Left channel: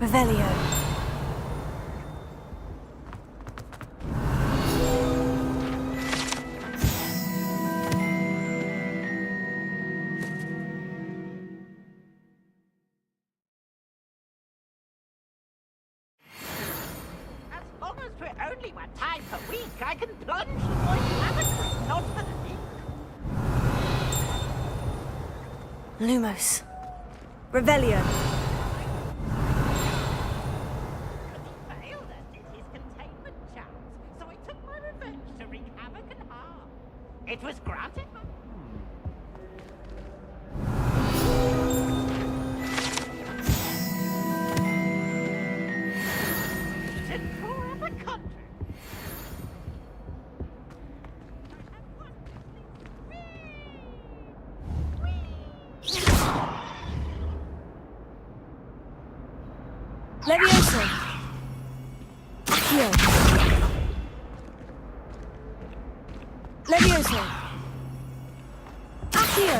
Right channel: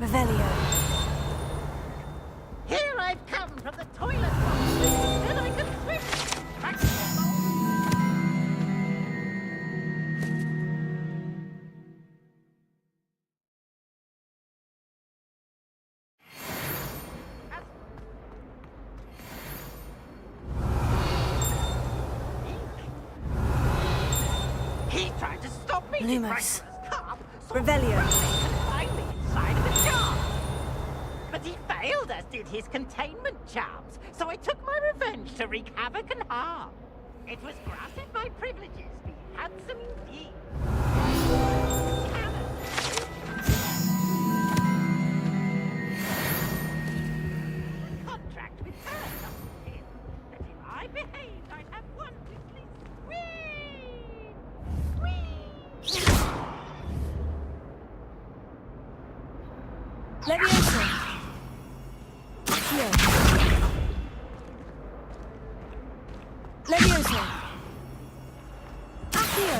Revelio. Here I've come from the toilet. And I can as long as we're only 1 time per week, I can plunge onto the deep. He tried to stop me. Lumos. Revelio. His containment charms, so I took my revenge to wreak havoc and harm. It was granted my privileges, handsome indeed. And for the contract with Paradox here, that if I behaved, I'd have one Whee! Leviosa. Leviosa. Accio.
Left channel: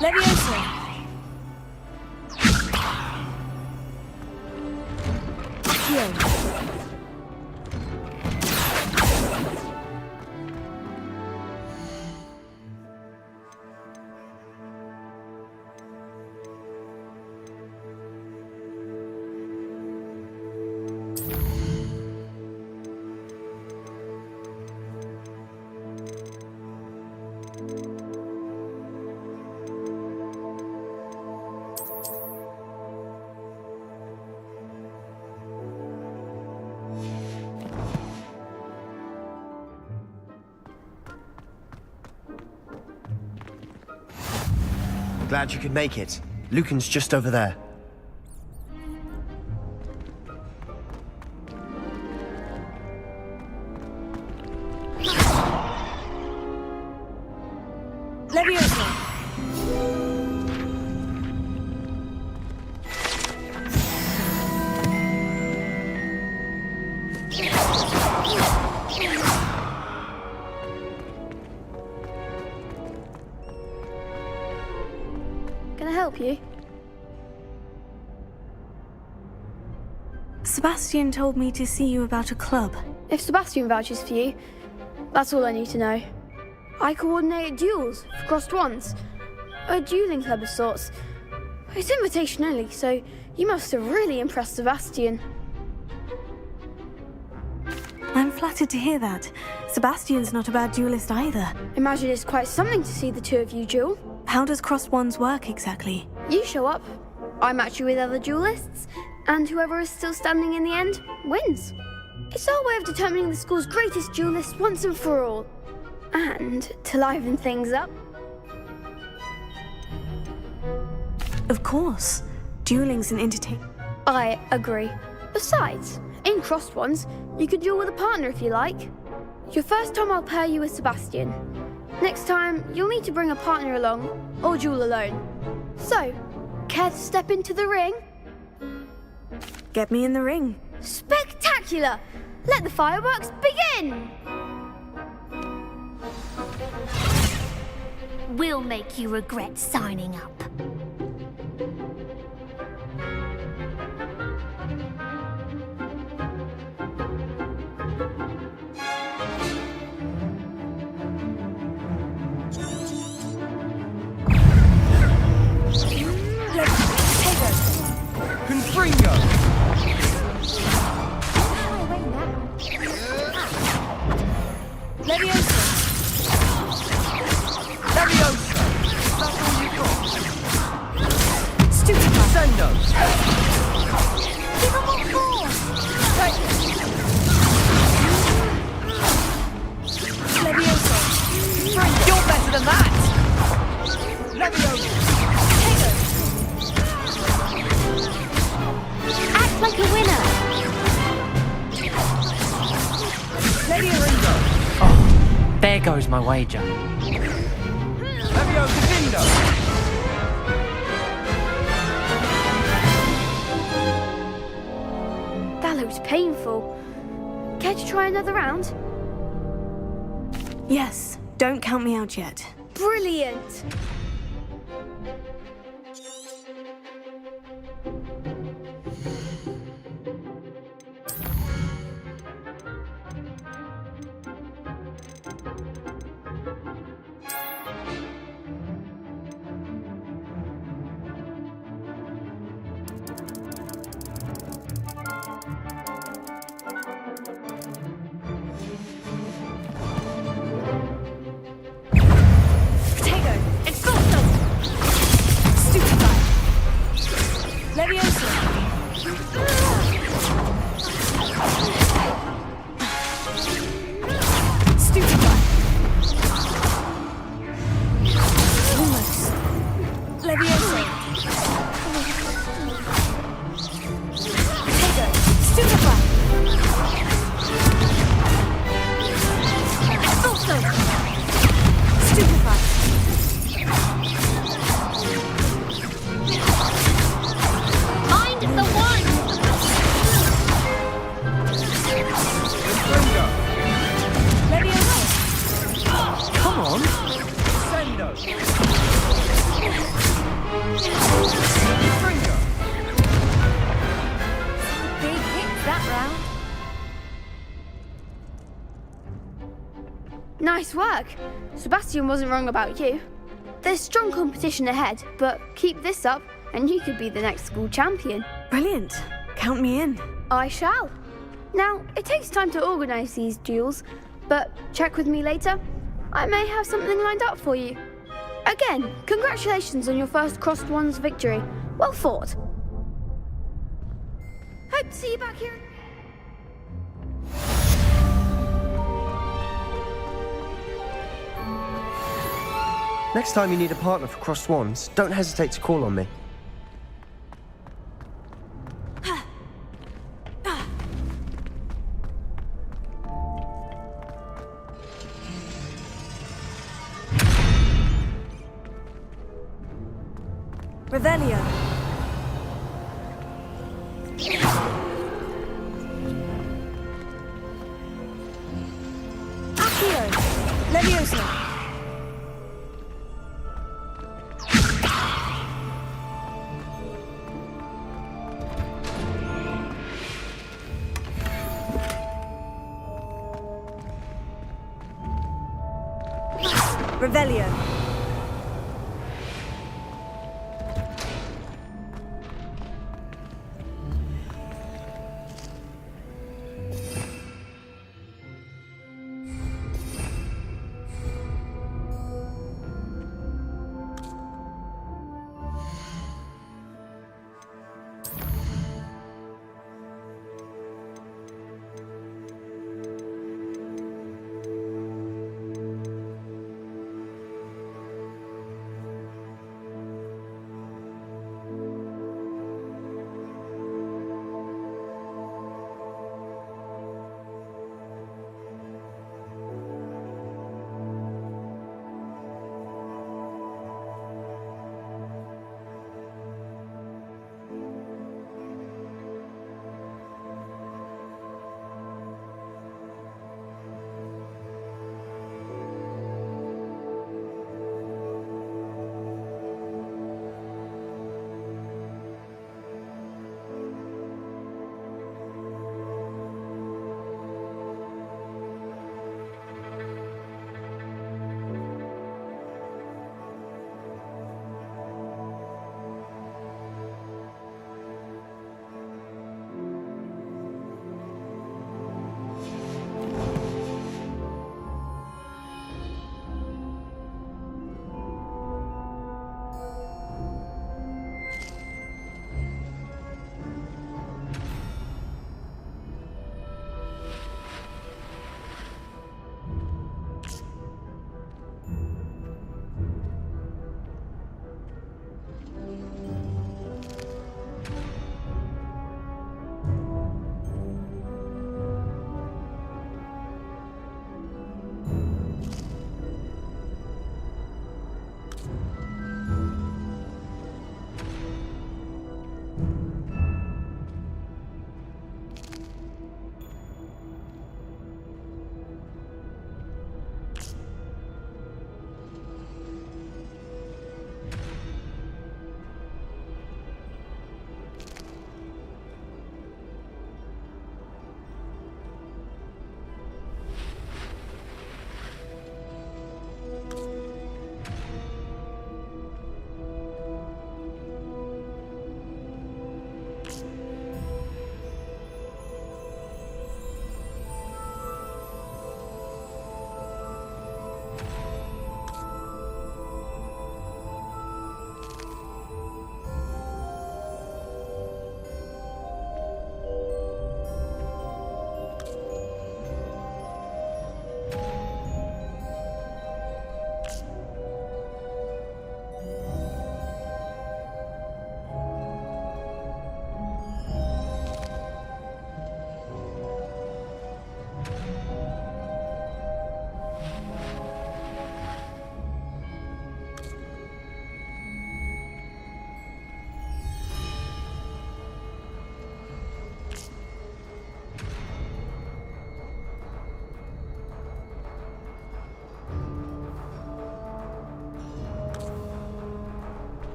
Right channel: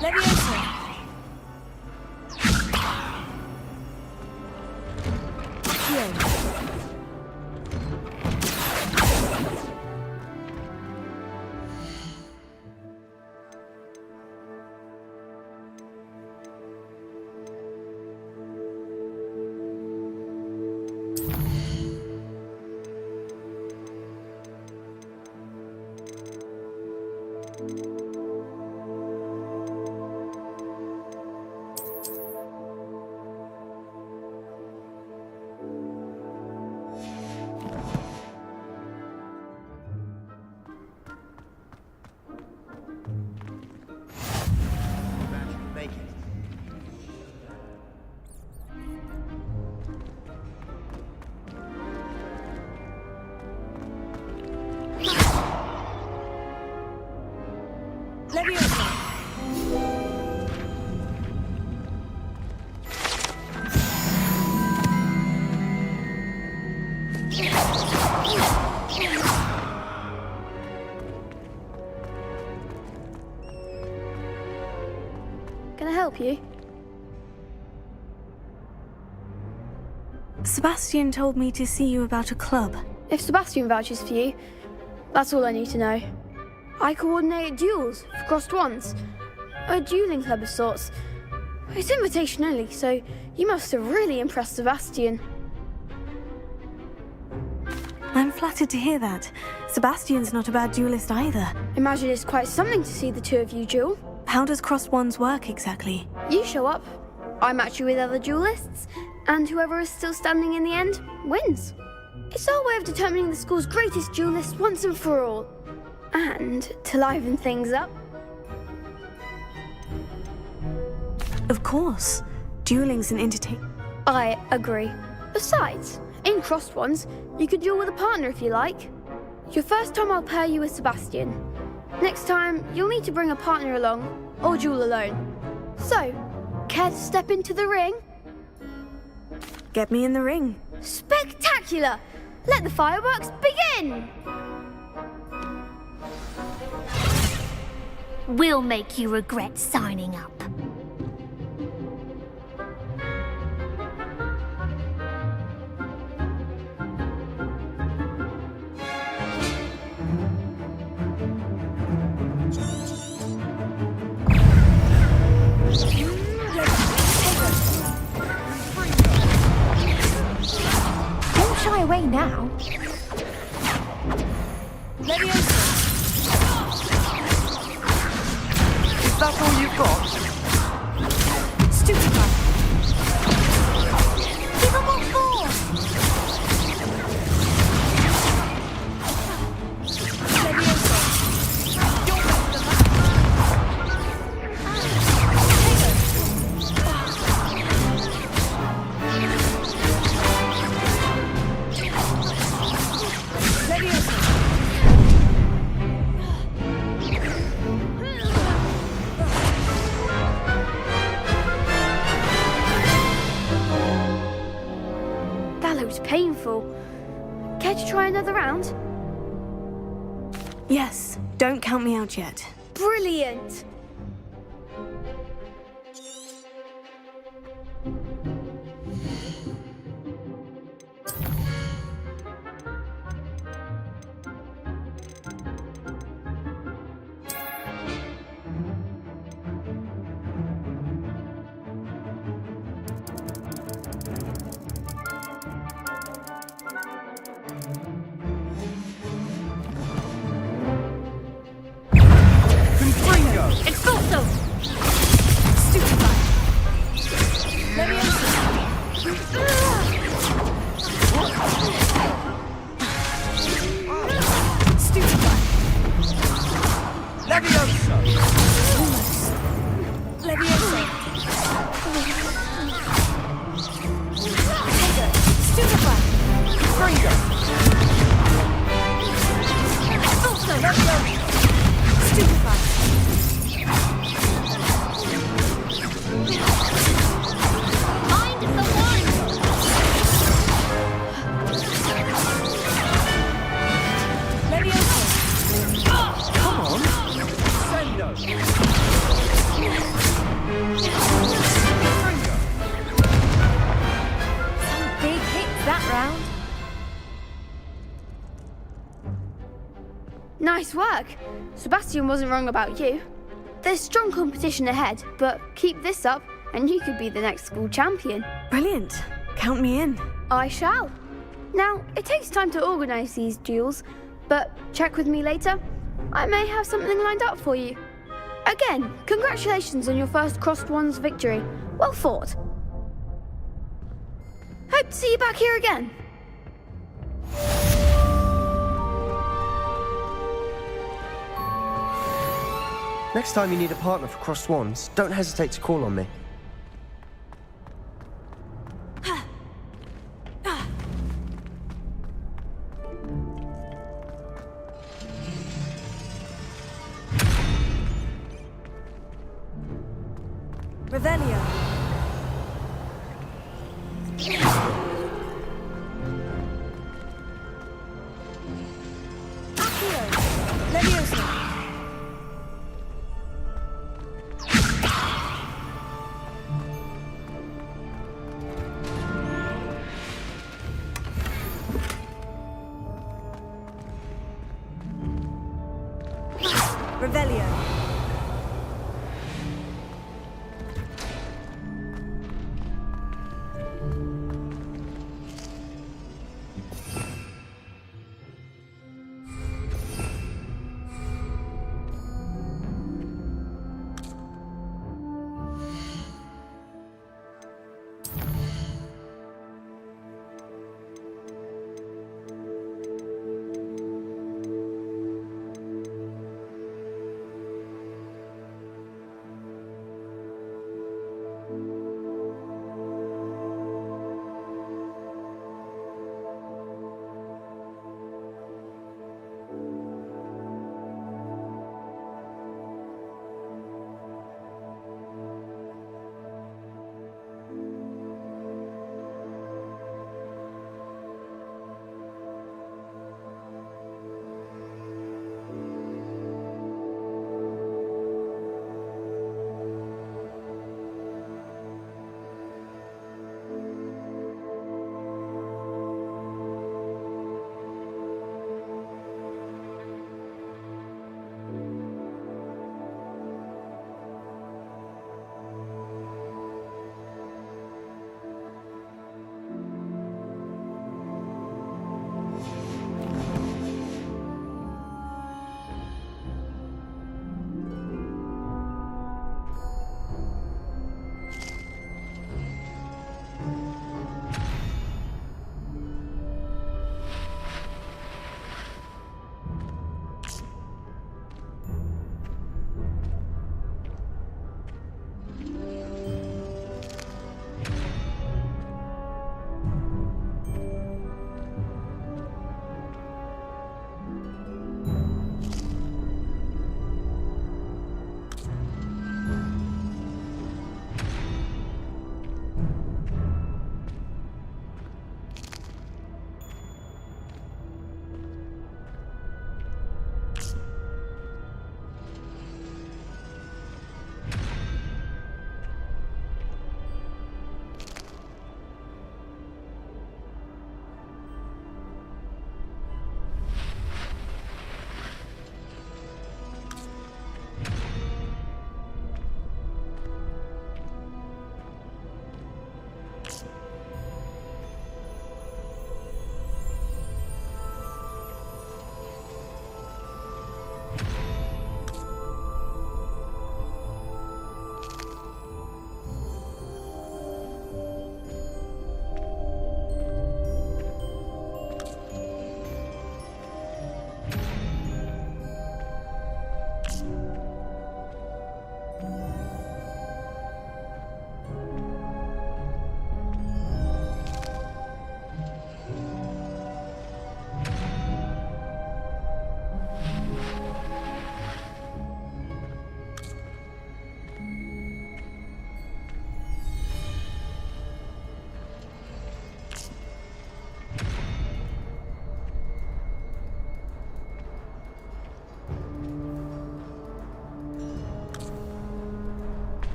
Leviosa. Accio. Glad you could make it. Lucan's just over there. Leviosa. Can I help you? Sebastian told me to see you about a club. If Sebastian vouches for you, that's all I need to know. I coordinate duels for crossed ones. A dueling club of sorts. It's invitation only, so you must have really impressed Sebastian. I'm flattered to hear that. Sebastian's not a bad duelist either. Imagine it's quite something to see the two of you duel. How does crossed wands work exactly? You show up, I match you with other duelists, and whoever is still standing in the end wins. It's our way of determining the school's greatest duelist once and for all. And to liven things up. Of course. Dueling's an entertainment. I agree. Besides, in crossed ones, you could duel with a partner if you like. Your first time I'll pair you with Sebastian. Next time, you'll need to bring a partner along, or duel alone. So, care to step into the ring? Get me in the ring. Spectacular! Let the fireworks begin! We'll make you regret signing up. Don't shy away now. Leviosa. Is that all you've got? painful. Care to try another round? Yes, don't count me out yet. Brilliant! Nice work! Sebastian wasn't wrong about you. There's strong competition ahead, but keep this up and you could be the next school champion. Brilliant. Count me in. I shall. Now, it takes time to organise these duels, but check with me later. I may have something lined up for you. Again, congratulations on your first Crossed Wands victory. Well fought. Hope to see you back here again. Next time you need a partner for Crossed Wands, don't hesitate to call on me. Revelio. Accio. Leviosa. Revelio.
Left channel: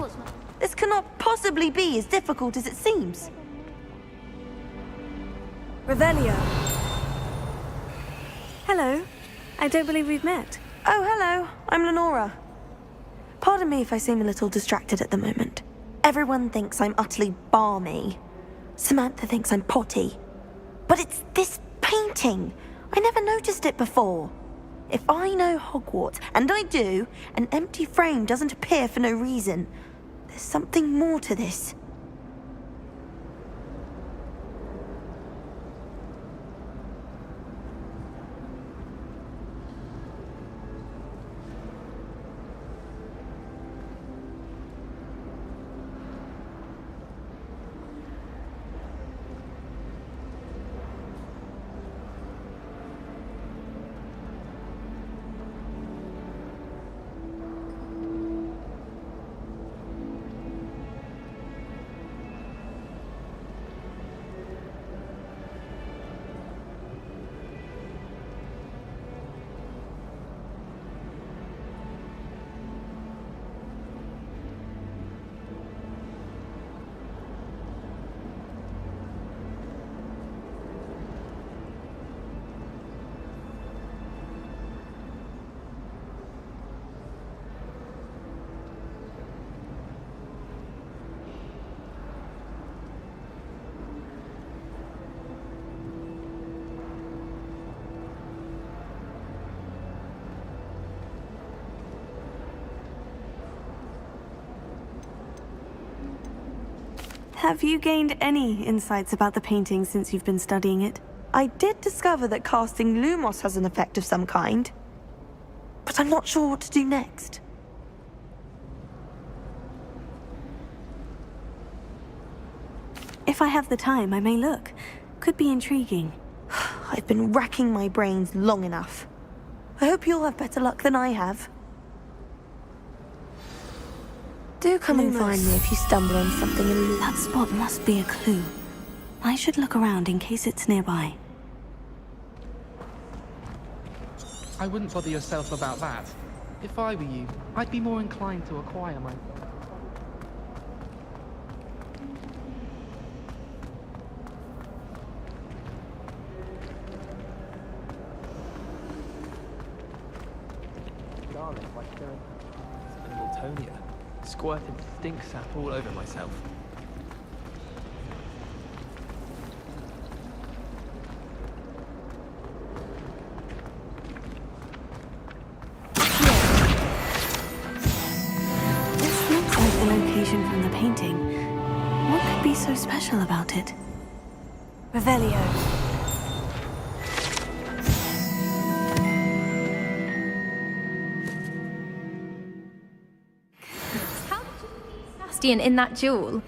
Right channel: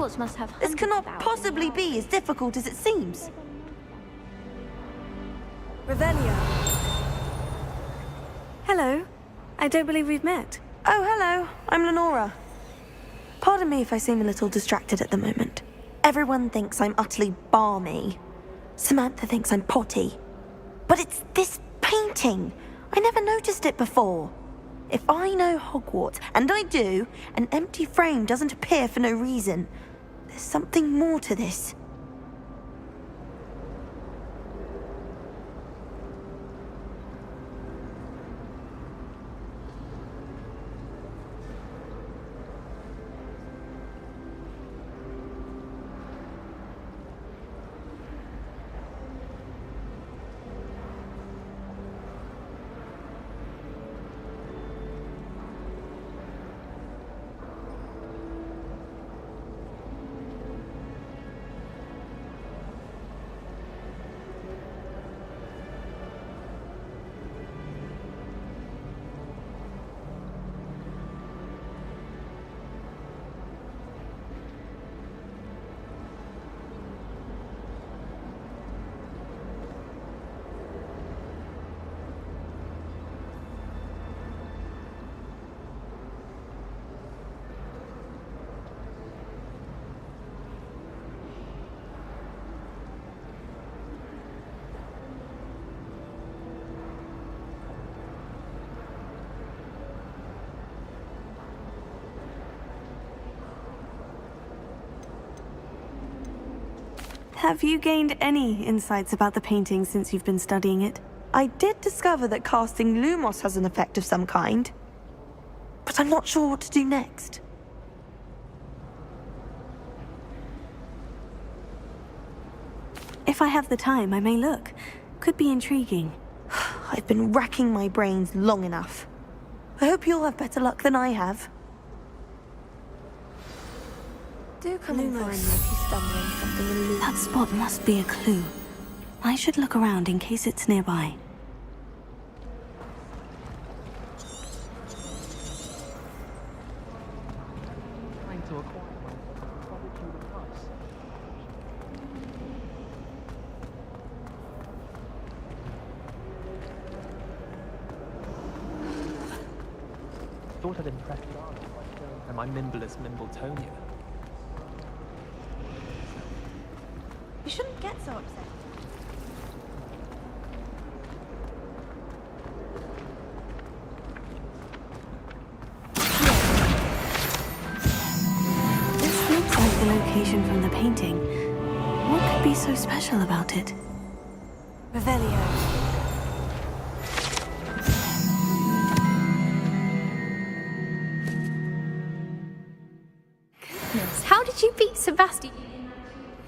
Hogwarts must have... This cannot possibly be as difficult as it seems. Revelio. Hello. I don't believe we've met. Oh, hello. I'm Lenora. Pardon me if I seem a little distracted at the moment. Everyone thinks I'm utterly balmy. Samantha thinks I'm potty. But it's this painting. I never noticed it before. If I know Hogwarts, and I do, an empty frame doesn't appear for no reason. There's something more to this. Have you gained any insights about the painting since you've been studying it? I did discover that casting Lumos has an effect of some kind. But I'm not sure what to do next. If I have the time, I may look. Could be intriguing. I've been racking my brains long enough. I hope you'll have better luck than I have. Do come and find me if you stumble on something elusive. That spot must be a clue. I should look around in case it's nearby. I wouldn't bother yourself about that. If I were you, I'd be more inclined to acquire my... Thought I'd impress Darling by showing her my nimblest Mimbletonia. Squirting stink sap all over myself. You shouldn't get so upset. This looks like the location from the painting. What could be so special about it? Revelio. How did you beat Sebastian in that duel?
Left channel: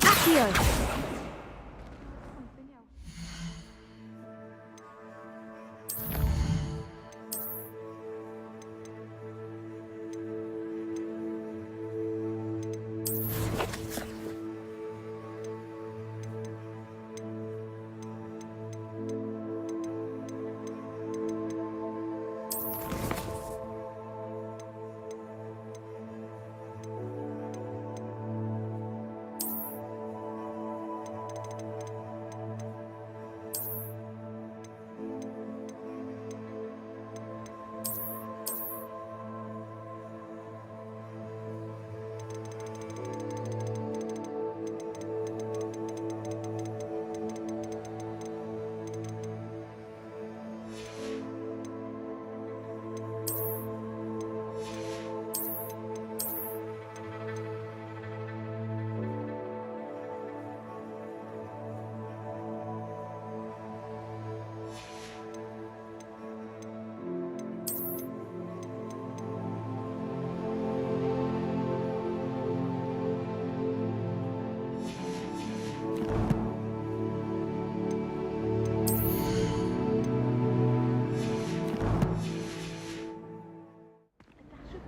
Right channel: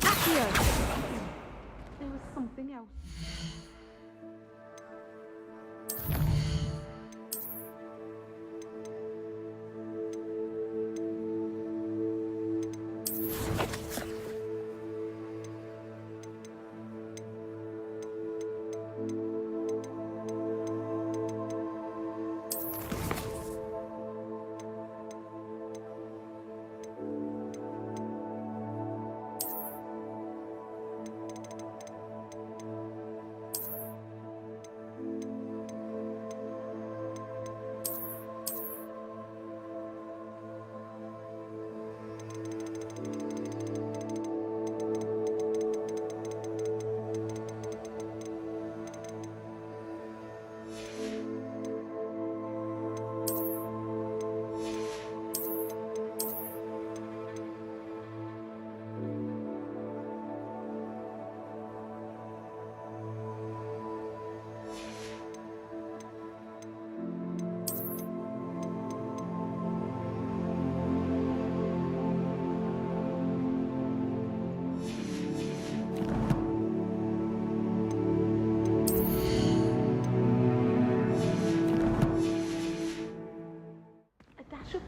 Accio! There was something else.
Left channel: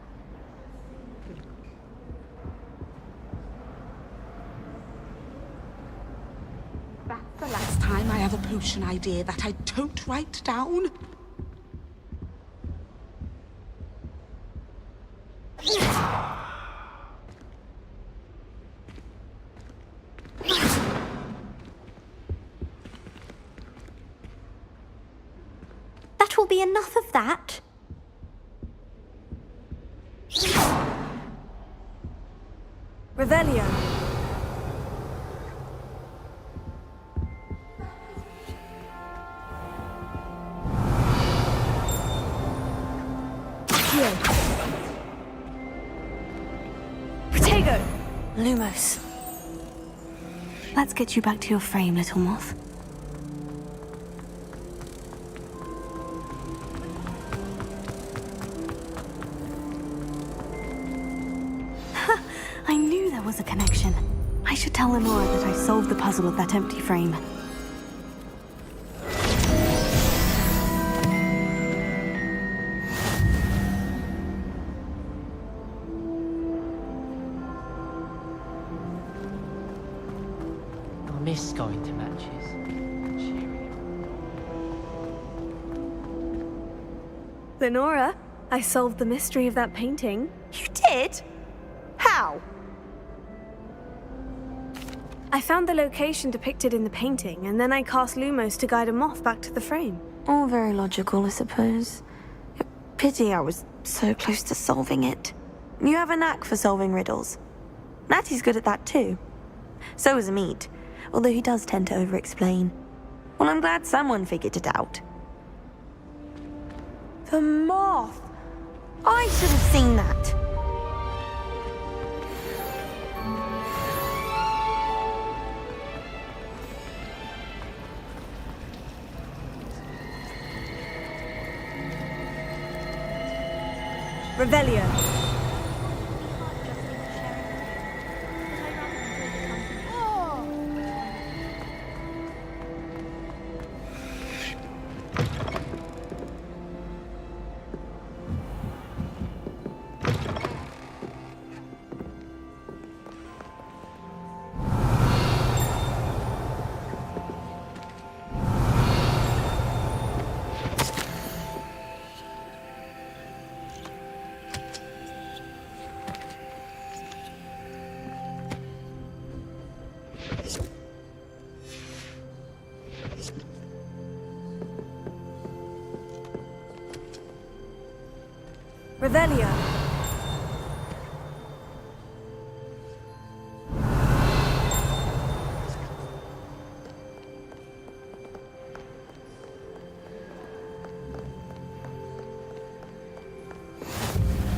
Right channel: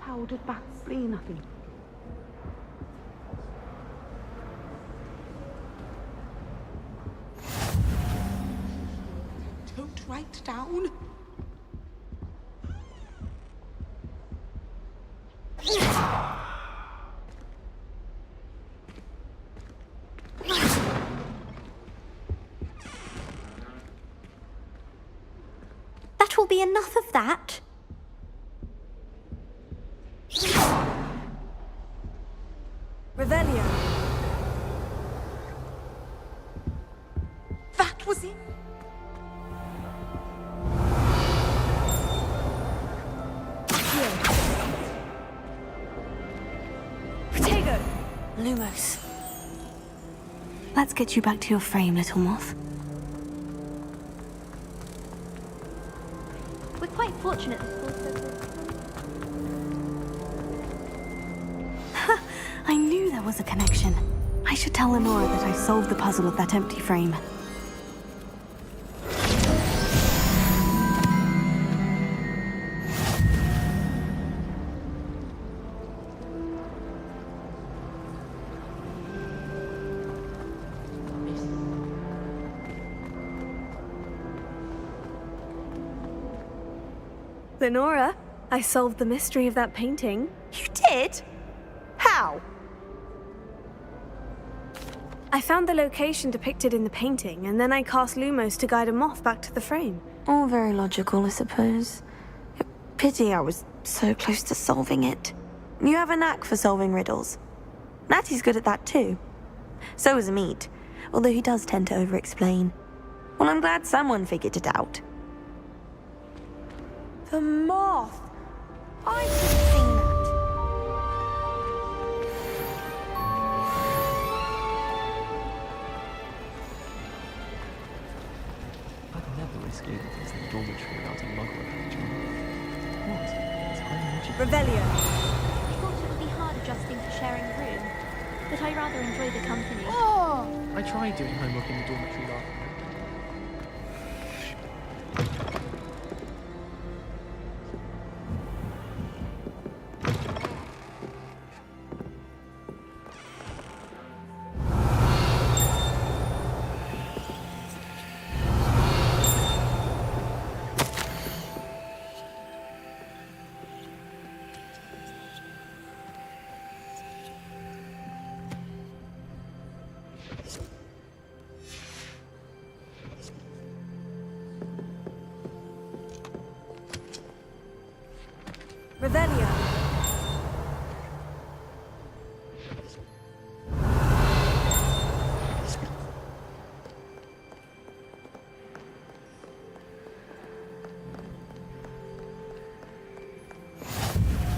Powdered bat spleen, I think. That's the last time I have a pollution idea that I don't write down. there'll be enough of that. Revelio. That was it. Protego! Lumos. Let's get you back to your frame, little moth. We're quite fortunate. I knew there was a connection. I should tell Lenora that I solved the puzzle of that empty frame. I miss going to matches. Lenora, I solved the mystery of that painting. You did? How? I found the location depicted in the painting, and then I cast Lumos to guide a moth back to the frame. All very logical, I suppose. Pity I was so close to solving it. You have a knack for solving riddles. Natty's good at that too. So is Amit, although he does tend to over-explain. Well, I'm glad someone figured it out. The moth! I should have seen that. I'd never risk leaving this dormitory without a mug of Revelio. I thought it would be hard adjusting to sharing a room, but I rather enjoy the company. I tried doing my mug in the dormitory. Revelio.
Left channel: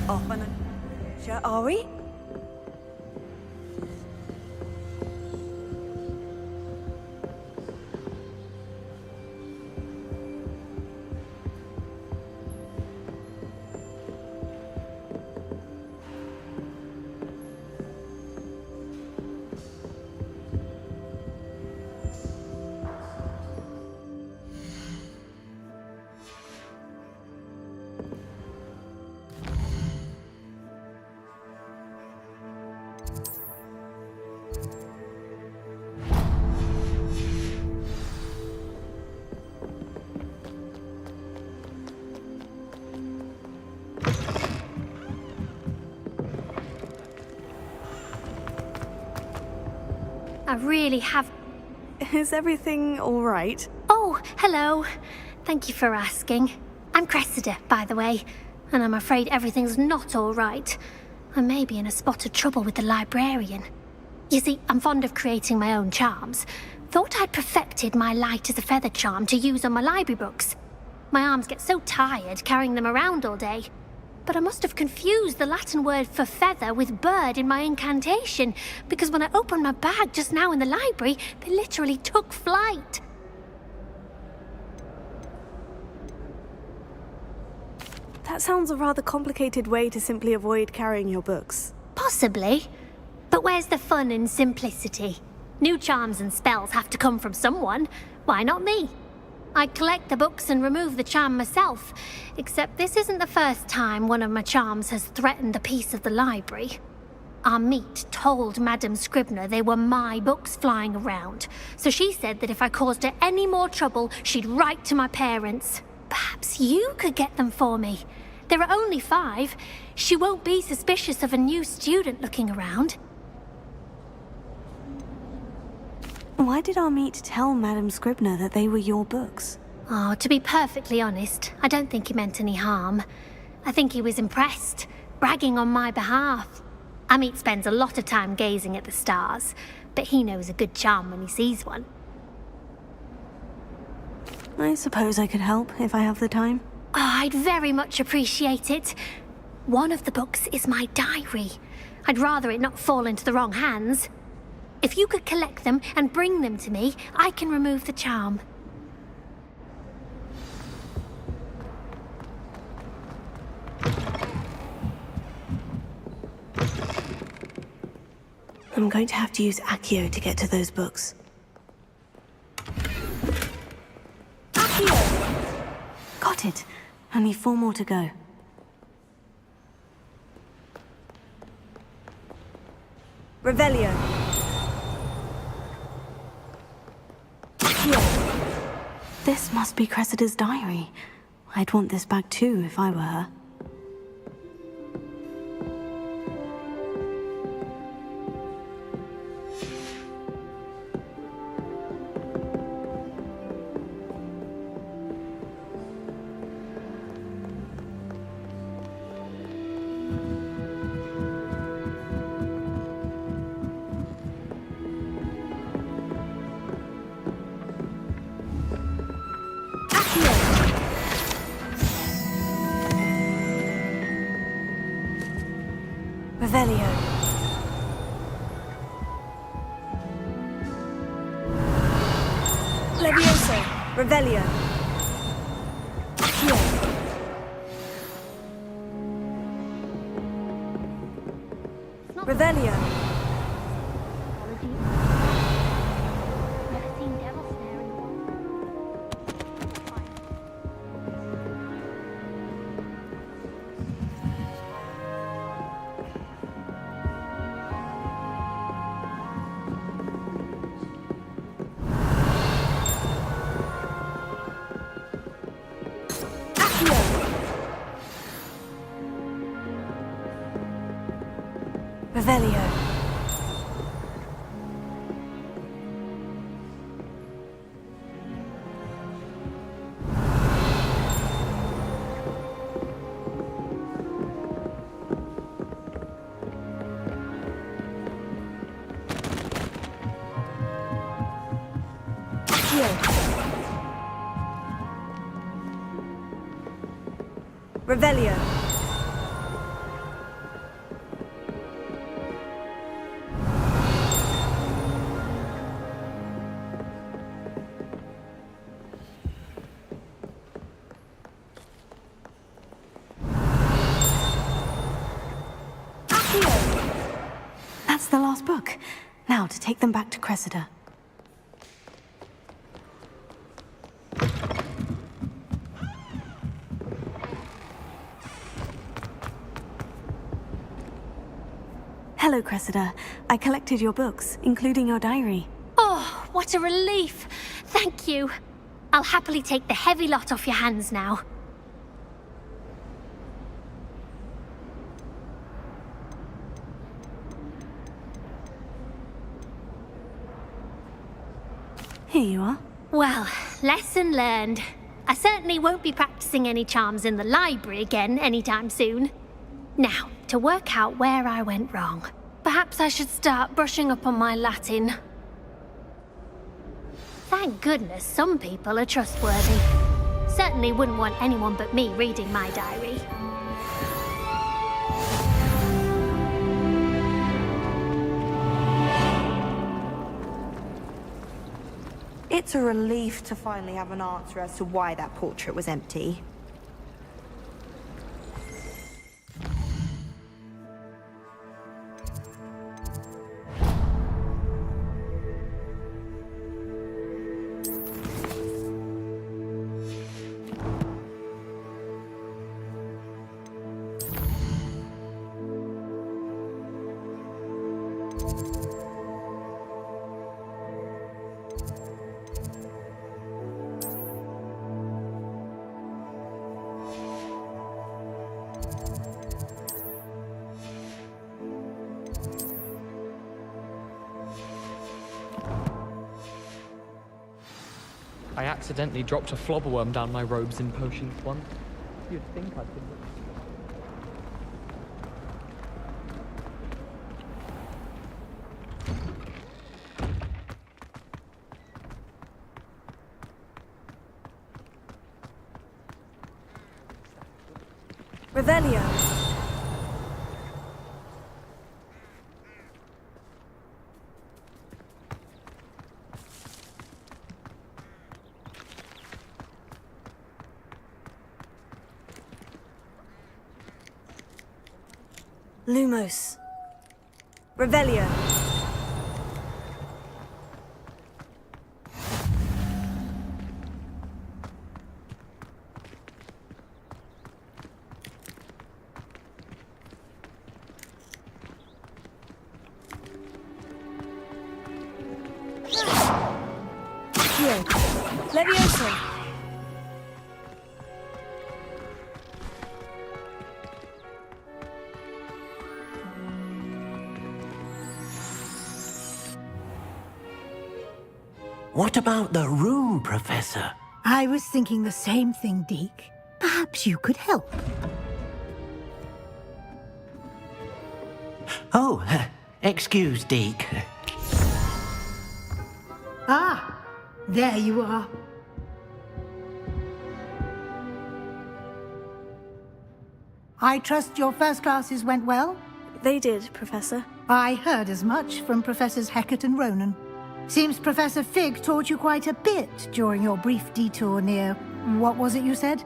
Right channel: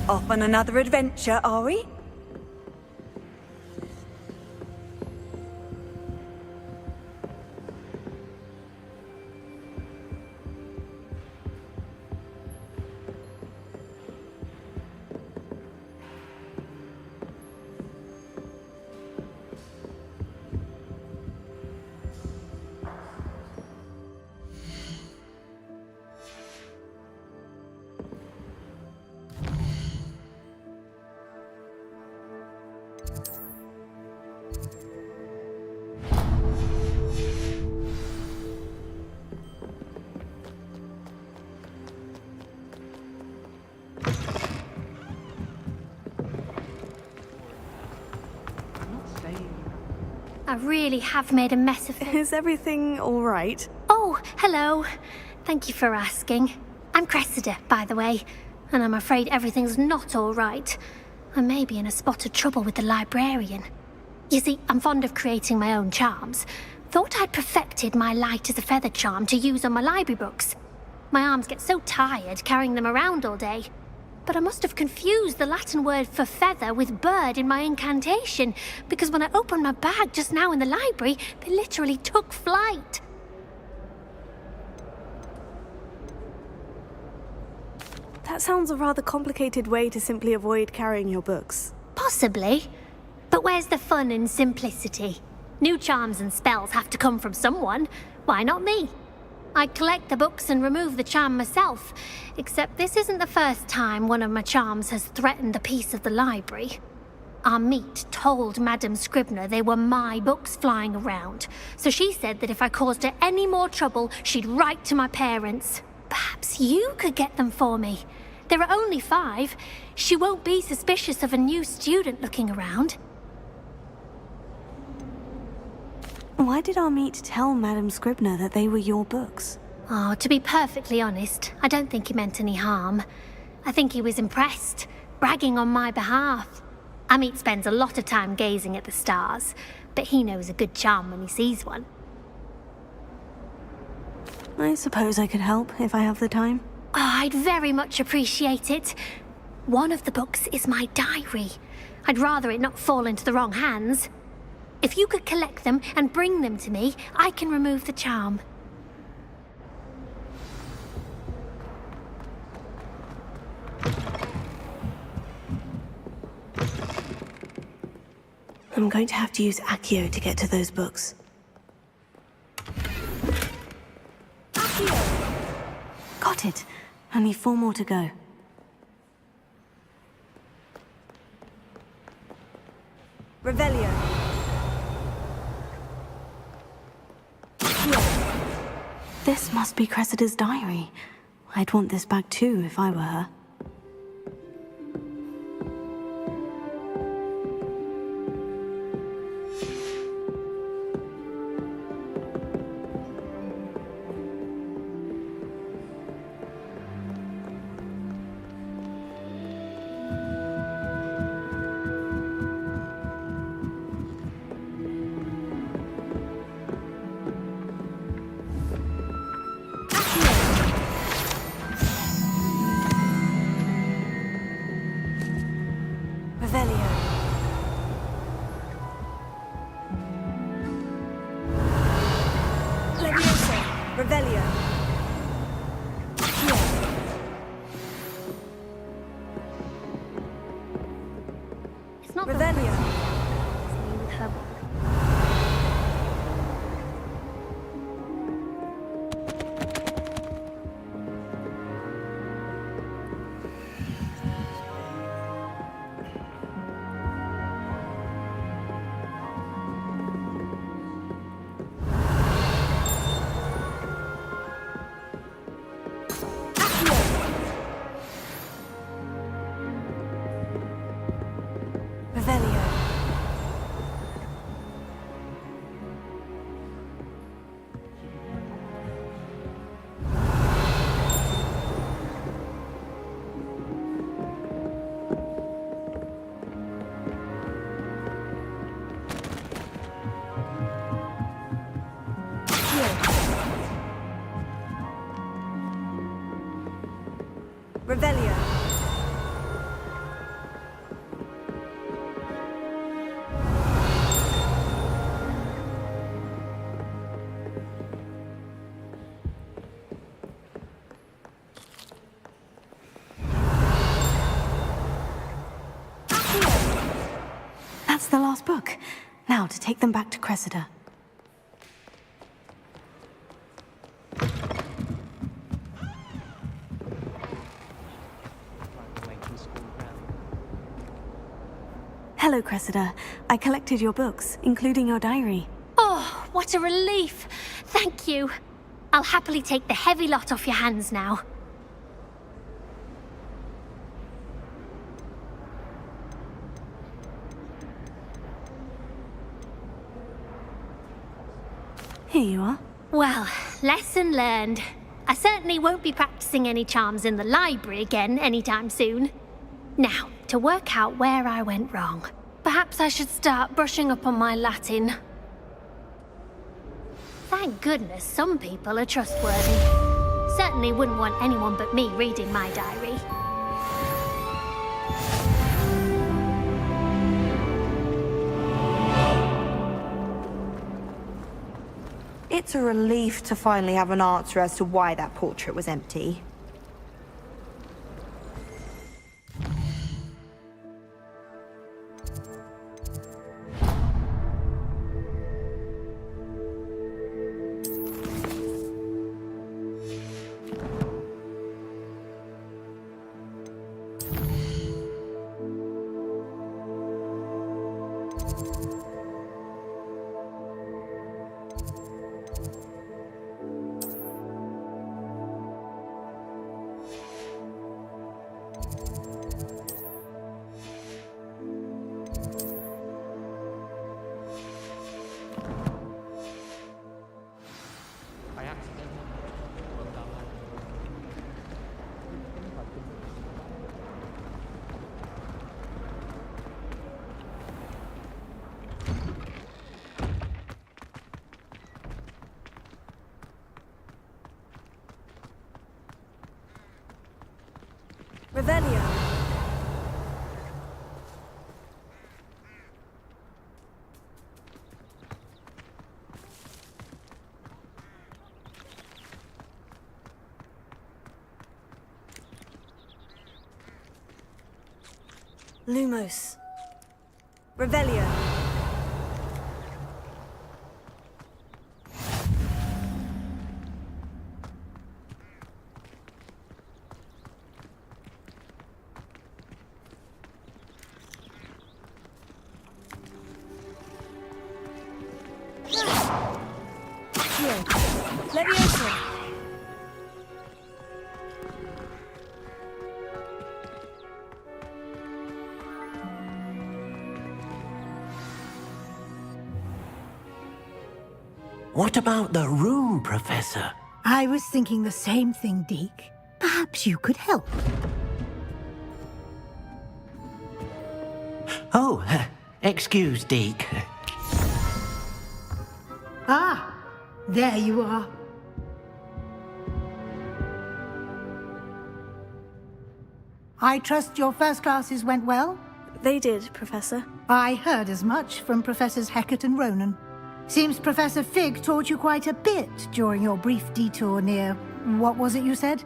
Off on another adventure, are we? I really have made a mess of it. Is everything all right? Oh, hello. Thank you for asking. I'm Cressida, by the way, and I'm afraid everything's not all right. I may be in a spot of trouble with the librarian. You see, I'm fond of creating my own charms. Thought I'd perfected my light as a feather charm to use on my library books. My arms get so tired carrying them around all day. But I must have confused the Latin word for feather with bird in my incantation, because when I opened my bag just now in the library, they literally took flight. That sounds a rather complicated way to simply avoid carrying your books. Possibly. But where's the fun in simplicity? New charms and spells have to come from someone. Why not me? I'd collect the books and remove the charm myself, except this isn't the first time one of my charms has threatened the peace of the library. Amit told Madame Scribner they were my books flying around, so she said that if I caused her any more trouble, she'd write to my parents. Perhaps you could get them for me. There are only 5. She won't be suspicious of a new student looking around. Why did Amit tell Madame Scribner that they were your books? Oh, to be perfectly honest, I don't think he meant any harm. I think he was impressed, bragging on my behalf. Amit spends a lot of time gazing at the stars, but he knows a good charm when he sees one. I suppose I could help if I have the time. Oh, I'd very much appreciate it. One of the books is my diary. I'd rather it not fall into the wrong hands. If you could collect them and bring them to me, I can remove the charm. I'm going to have to use Accio to get to those books. Accio! Got it. Only 4 more to go. Revelio. Accio! This must be Cressida's diary. I'd want this back too if I were her. Revelio. Levioso. Revelio. Accio. It's not Revelio. Revelio. Revelio. That's the last book. Now to take them back to Cressida. Hello, Cressida. I collected your books, including your diary. Oh, what a relief! Thank you. I'll happily take the heavy lot off your hands now. Here you are. Well, lesson learned. I certainly won't be practicing any charms in the library again anytime soon. Now, to work out where I went wrong. Perhaps I should start brushing up on my Latin. Thank goodness some people are trustworthy. Certainly wouldn't want anyone but me reading my diary. It's a relief to finally have an answer as to why that portrait was empty. I accidentally dropped a flobberworm down my robes in potions once. You'd think I'd been... Revelio. Lumos. Revelio. Here. Levioso. What about the room, Professor? I was thinking the same thing, Deke. Perhaps you could help. Oh, excuse, Deke. Ah, there you are. I trust your first classes went well? They did, Professor. I heard as much from Professors Hecat and Ronan. Seems Professor Fig taught you quite a bit during your brief detour near... what was it you said?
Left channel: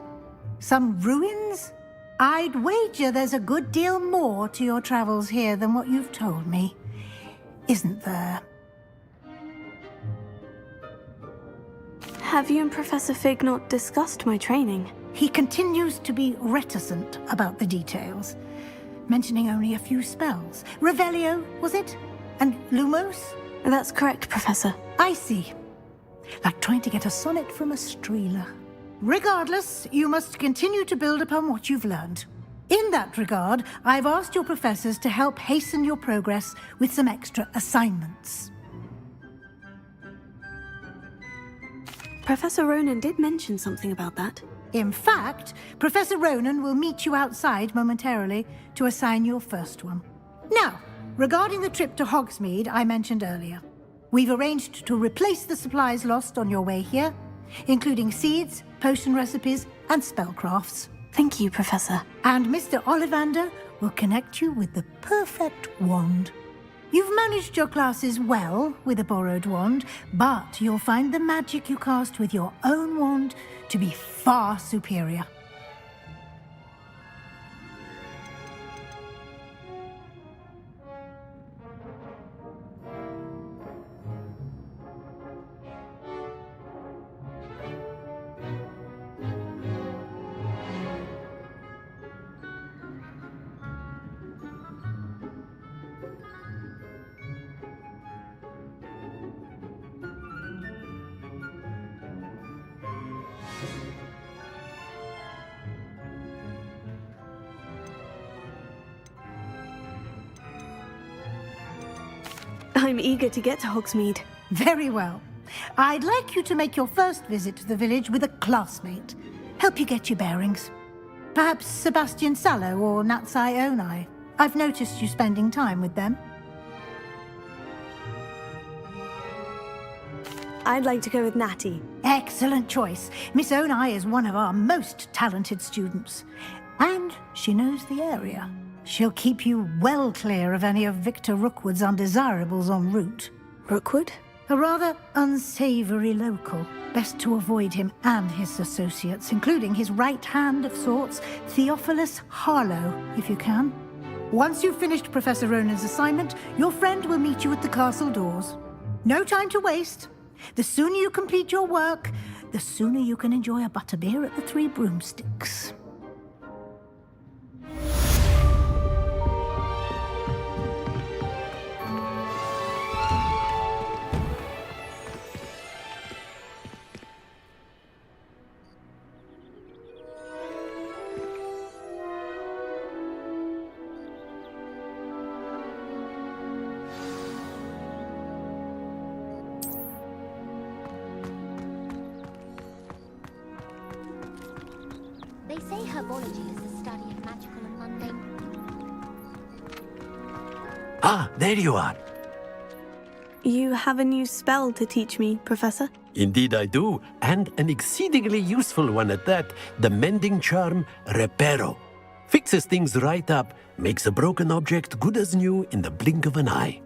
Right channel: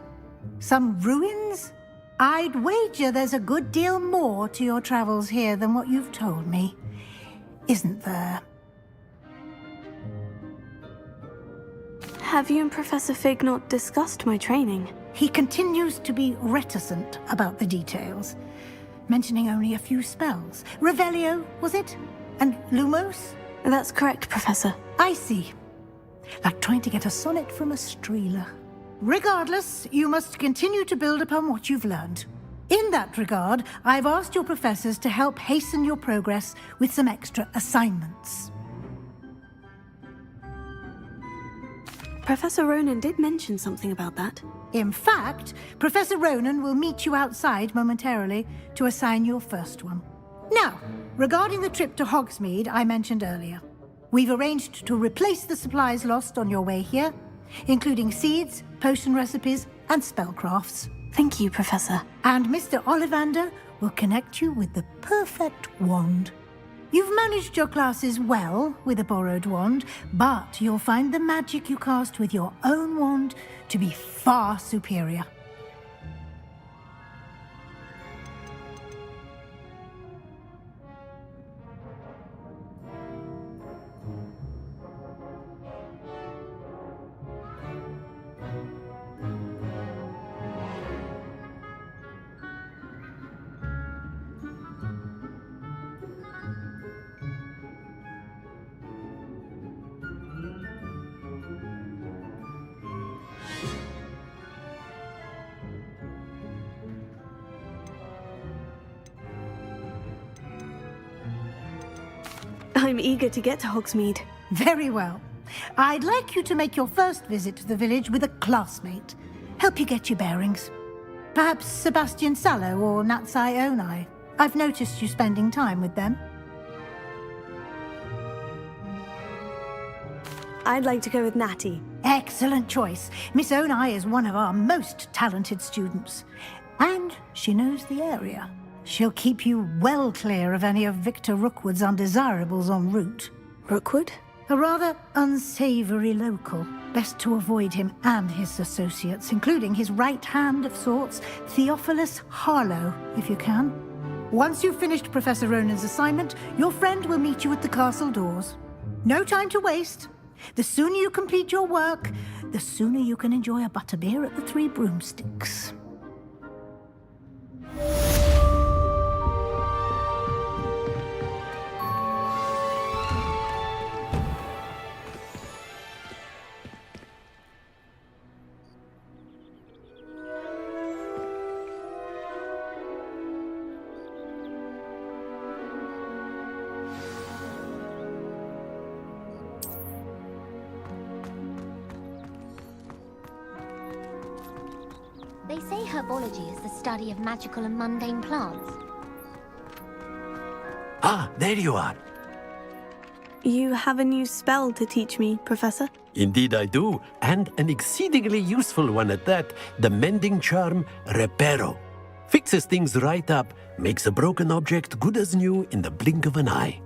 Some ruins? I'd wager there's a good deal more to your travels here than what you've told me. Isn't there? Have you and Professor Fig not discussed my training? He continues to be reticent about the details, mentioning only a few spells. Revelio, was it? And Lumos? That's correct, Professor. I see. Like trying to get a sonnet from a streeler. Regardless, you must continue to build upon what you've learned. In that regard, I've asked your professors to help hasten your progress with some extra assignments. Professor Ronan did mention something about that. In fact, Professor Ronan will meet you outside momentarily to assign your first one. Now, regarding the trip to Hogsmeade I mentioned earlier, we've arranged to replace the supplies lost on your way here, including seeds, potion recipes, and spellcrafts. Thank you, Professor. And Mr. Ollivander will connect you with the perfect wand. You've managed your classes well with a borrowed wand, but you'll find the magic you cast with your own wand to be far superior. I'm eager to get to Hogsmeade. Very well. I'd like you to make your first visit to the village with a classmate. Help you get your bearings. Perhaps Sebastian Sallow or Natsai Onai. I've noticed you spending time with them. I'd like to go with Natty. Excellent choice. Miss Onai is one of our most talented students. And she knows the area. She'll keep you well clear of any of Victor Rookwood's undesirables en route. Rookwood? A rather unsavory local. Best to avoid him and his associates, including his right hand of sorts, Theophilus Harlow, if you can. Once you've finished Professor Ronan's assignment, your friend will meet you at the castle doors. No time to waste. The sooner you complete your work, the sooner you can enjoy a butterbeer at the Three Broomsticks. They say herbology is the study of magical and mundane plants. Ah, there you are. You have a new spell to teach me, Professor? Indeed I do, and an exceedingly useful one at that. The mending charm, Reparo. Fixes things right up, makes a broken object good as new in the blink of an eye.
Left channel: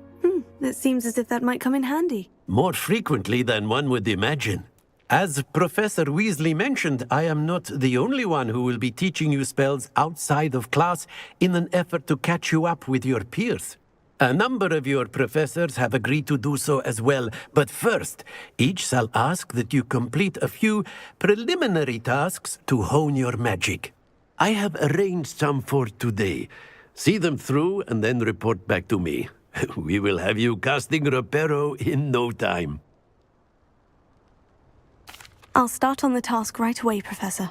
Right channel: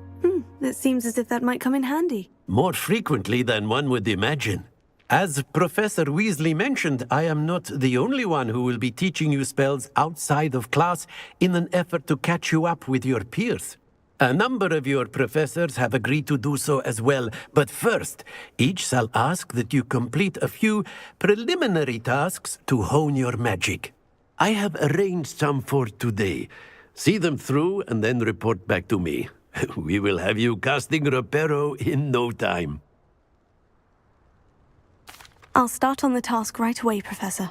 It seems as if that might come in handy. More frequently than one would imagine. As Professor Weasley mentioned, I am not the only one who will be teaching you spells outside of class in an effort to catch you up with your peers. A number of your professors have agreed to do so as well, but first, each shall ask that you complete a few preliminary tasks to hone your magic. I have arranged some for today. See them through and then report back to me. We will have you casting Reparo in no time. I'll start on the task right away, Professor.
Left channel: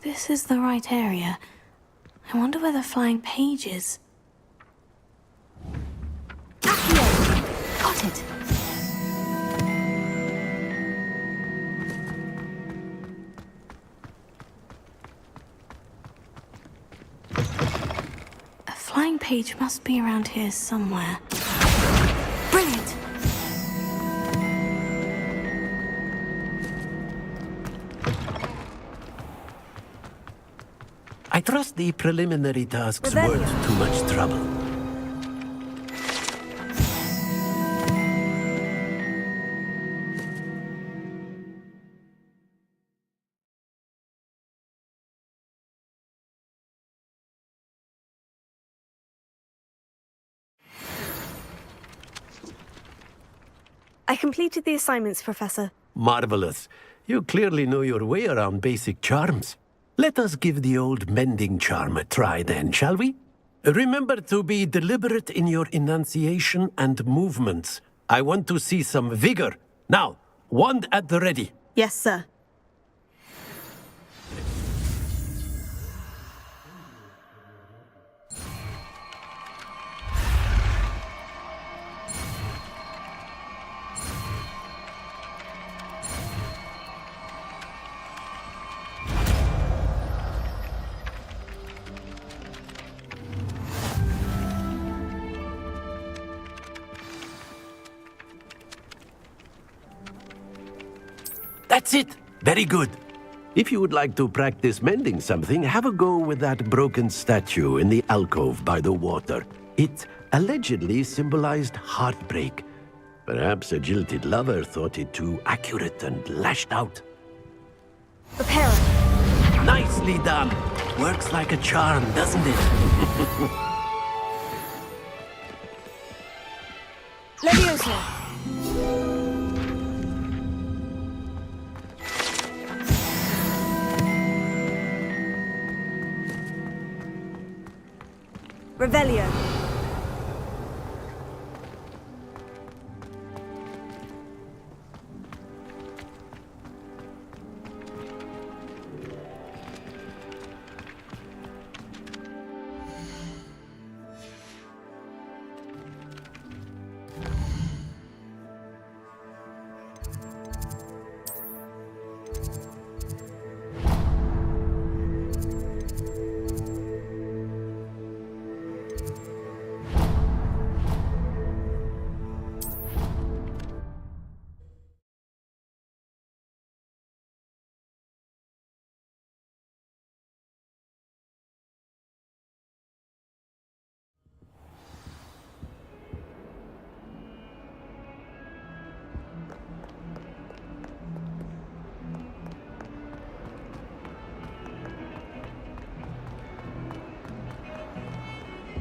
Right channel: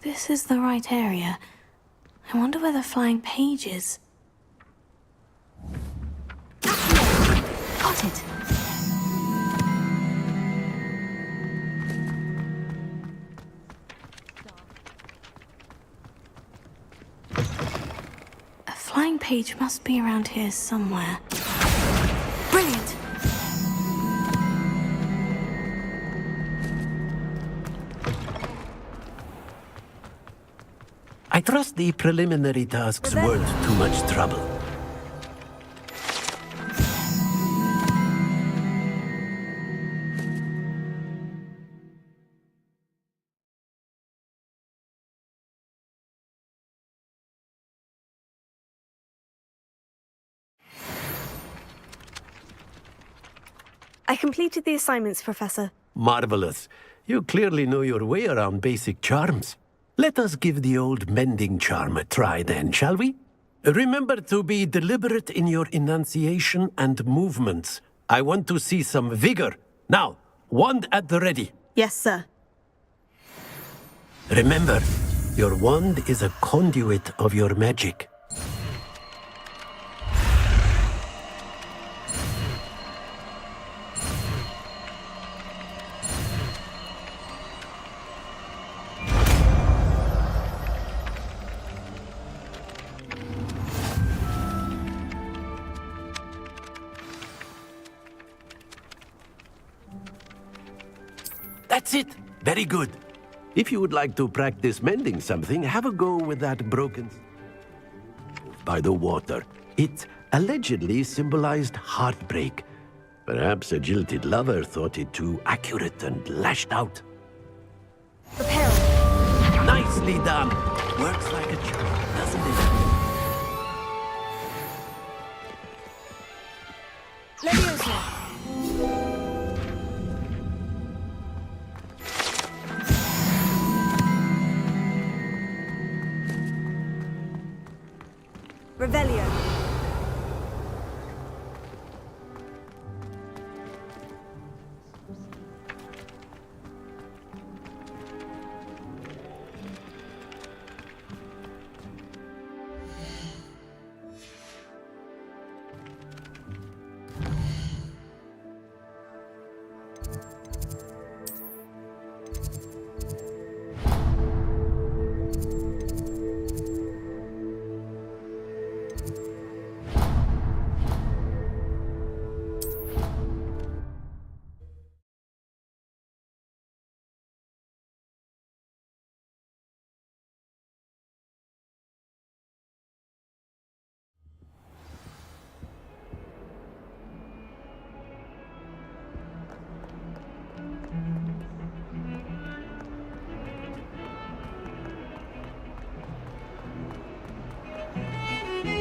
This is the right area. I wonder where the flying page is. Got it. A flying page must be around here somewhere. Brilliant! I trust the preliminary tasks weren't too much trouble. I completed the assignments, Professor. Marvelous. You clearly know your way around basic charms. Let us give the old mending charm a try then, shall we? Remember to be deliberate in your enunciation and movements. I want to see some vigor. Now, wand at the ready. Yes, sir. Remember, your wand is a conduit of your magic. That's it! Very good. If you would like to practice mending something, have a go with that broken statue in the alcove by the water. It allegedly symbolized heartbreak. Perhaps a jilted lover thought it too accurate and lashed out. Prepare. Nicely done! Works like a charm, doesn't it? Leviosa! Revelio.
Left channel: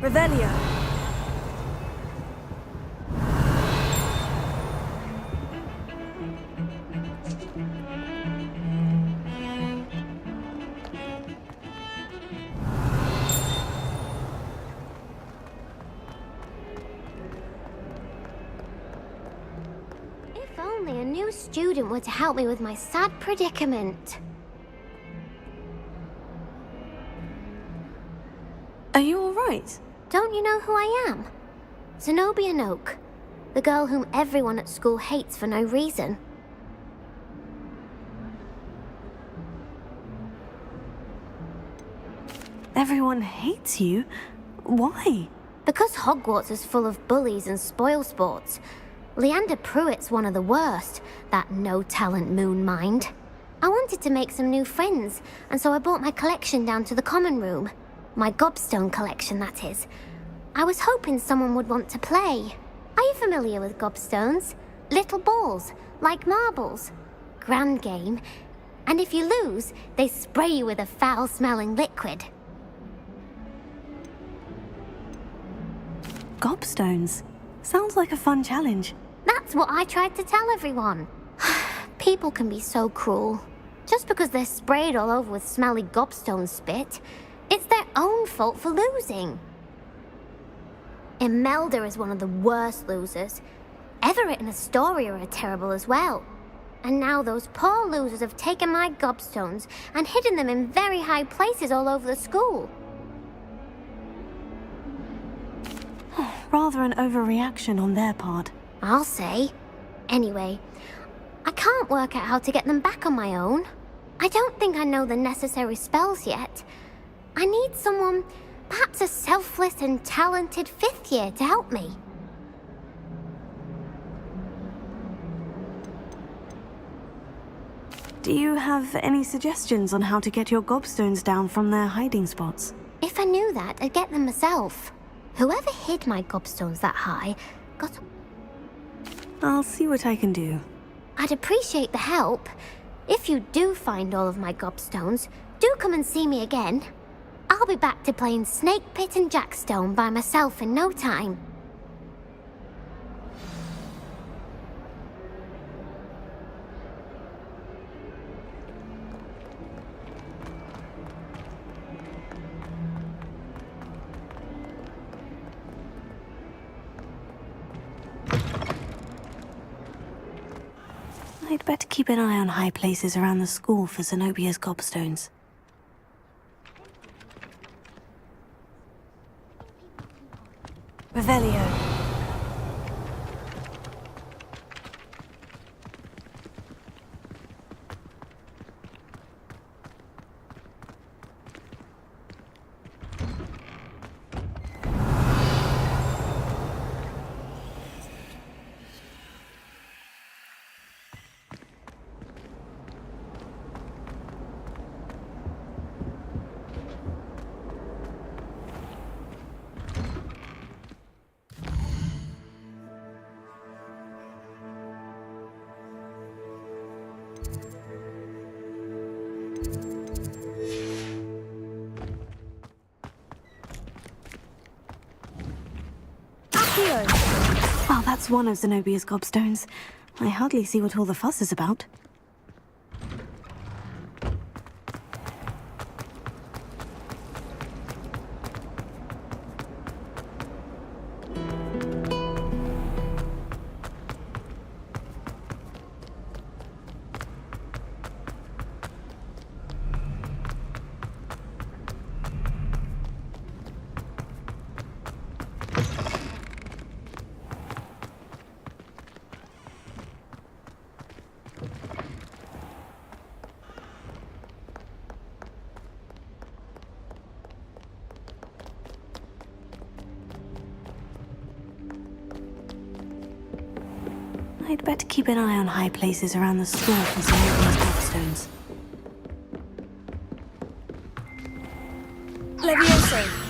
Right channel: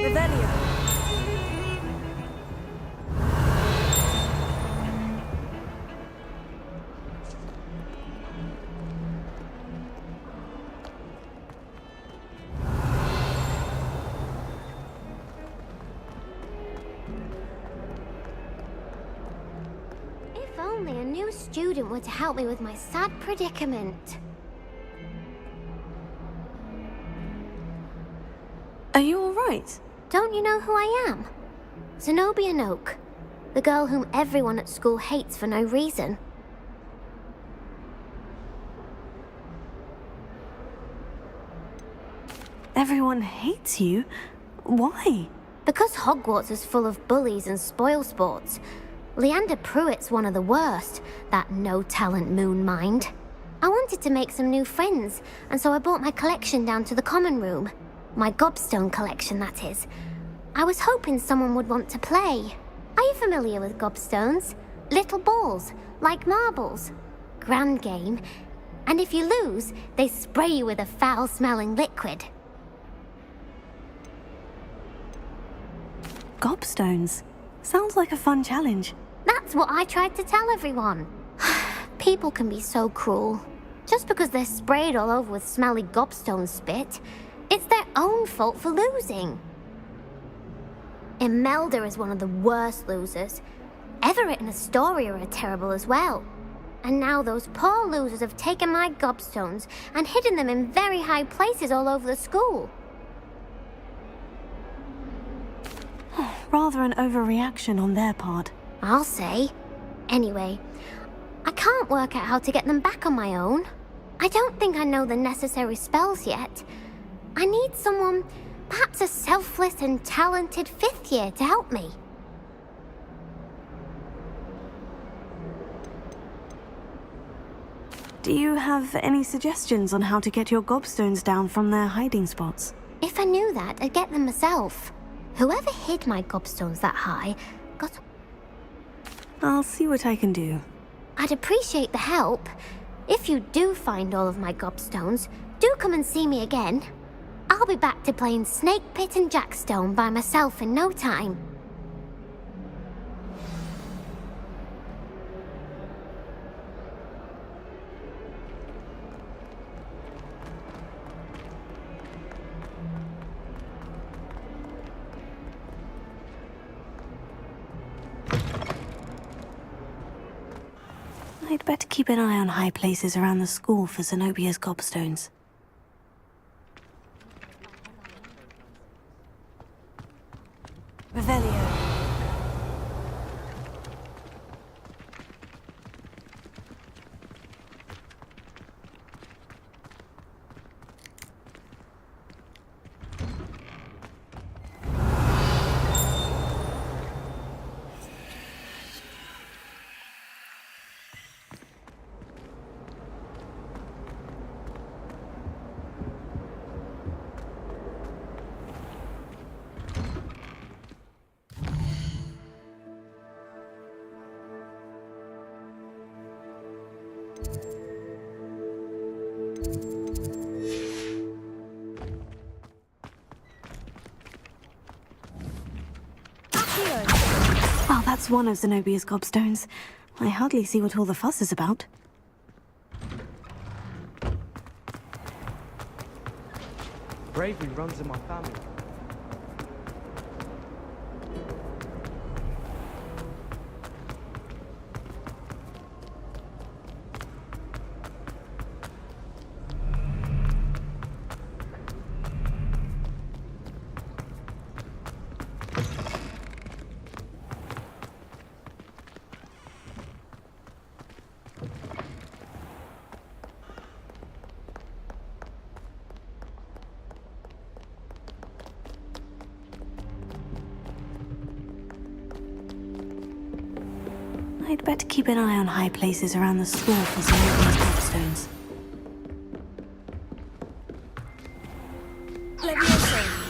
Revelio. If only a new student were to help me with my sad predicament. Are you all right? Don't you know who I am? Zenobia Noak, the girl whom everyone at school hates for no reason. Everyone hates you? Why? Because Hogwarts is full of bullies and spoilsports. Leander Pruitt's one of the worst, that no-talent moon mind. I wanted to make some new friends, and so I brought my collection down to the common room. My gobstone collection, that is. I was hoping someone would want to play. Are you familiar with gobstones? Little balls, like marbles. Grand game. And if you lose, they spray you with a foul-smelling liquid. Gobstones. Sounds like a fun challenge. That's what I tried to tell everyone. People can be so cruel. Just because they're sprayed all over with smelly gobstone spit, it's their own fault for losing. Imelda is one of the worst losers. Everett and Astoria are terrible as well. And now those poor losers have taken my gobstones and hidden them in very high places all over the school. Rather an overreaction on their part. I'll say. Anyway, I can't work out how to get them back on my own. I don't think I know the necessary spells yet. I need someone, perhaps a selfless and talented 5th year to help me. Do you have any suggestions on how to get your gobstones down from their hiding spots? If I knew that, I'd get them myself. Whoever hid my gobstones that high got... I'll see what I can do. I'd appreciate the help. If you do find all of my gobstones, do come and see me again. I'll be back to playing Snake Pit and Jackstone by myself in no time. I'd better keep an eye on high places around the school for Zenobia's gobstones. Revelio. Well, that's one of Zenobia's gobstones. I hardly see what all the fuss is about. Bravery runs in my family. I'd better keep an eye on high places around the school for Zenobia's gobstones. Levioso.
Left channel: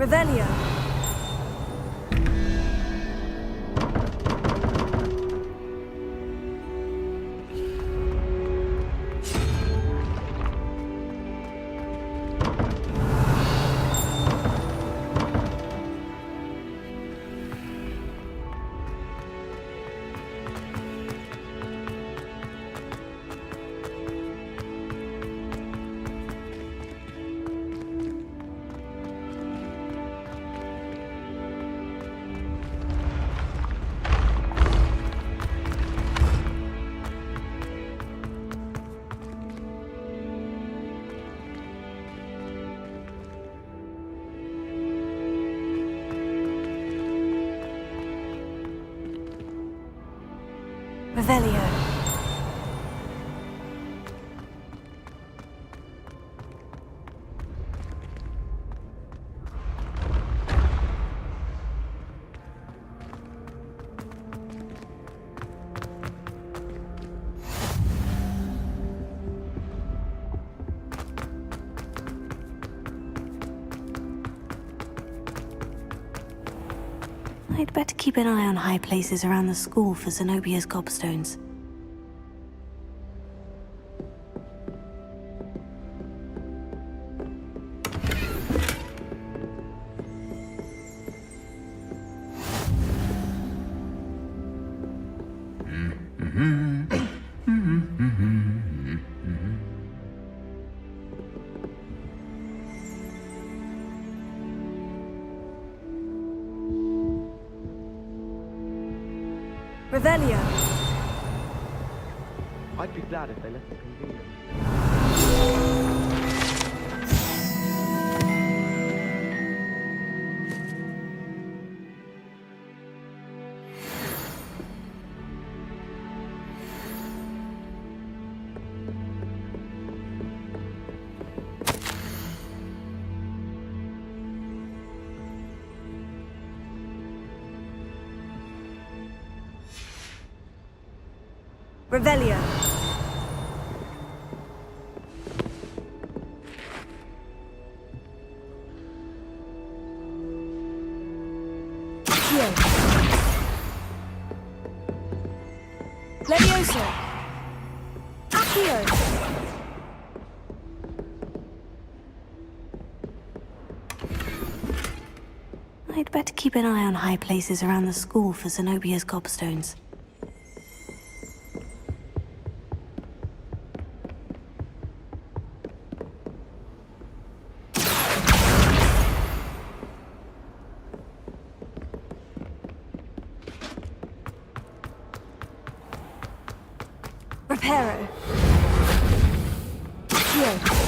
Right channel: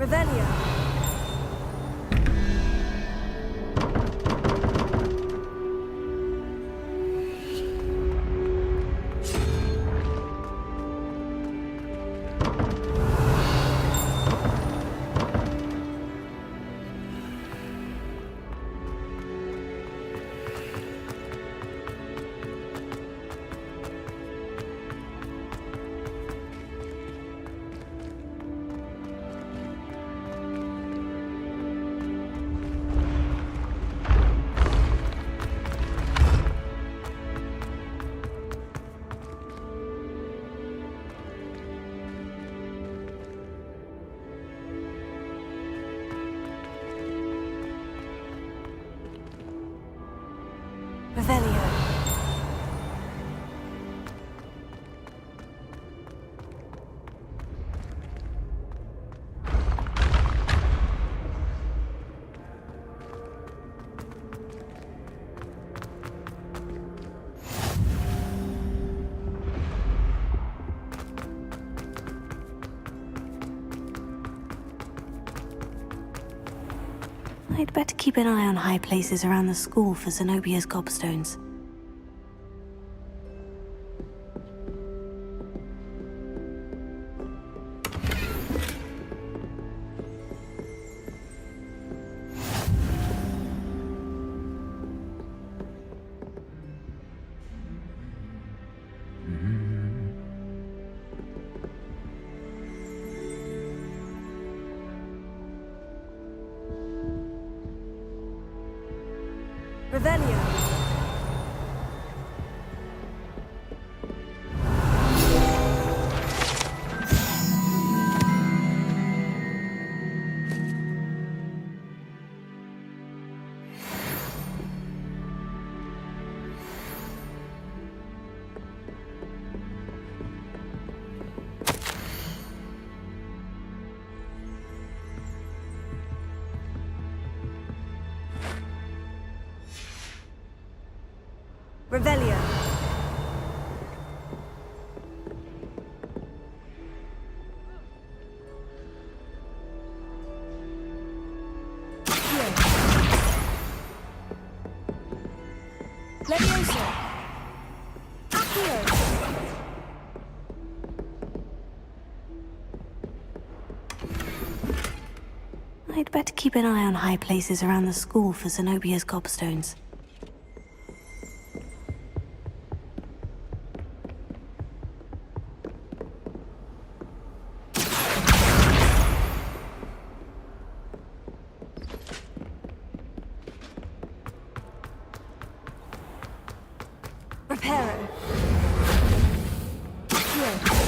Revelio. Revelio. I'd better keep an eye on high places around the school for Zenobia's gobstones. Revelio. I'd be glad if they let me read it. Revelio. Levioso. Accio. I'd better keep an eye on high places around the school for Zenobia's gobstones. Reparo. Accio.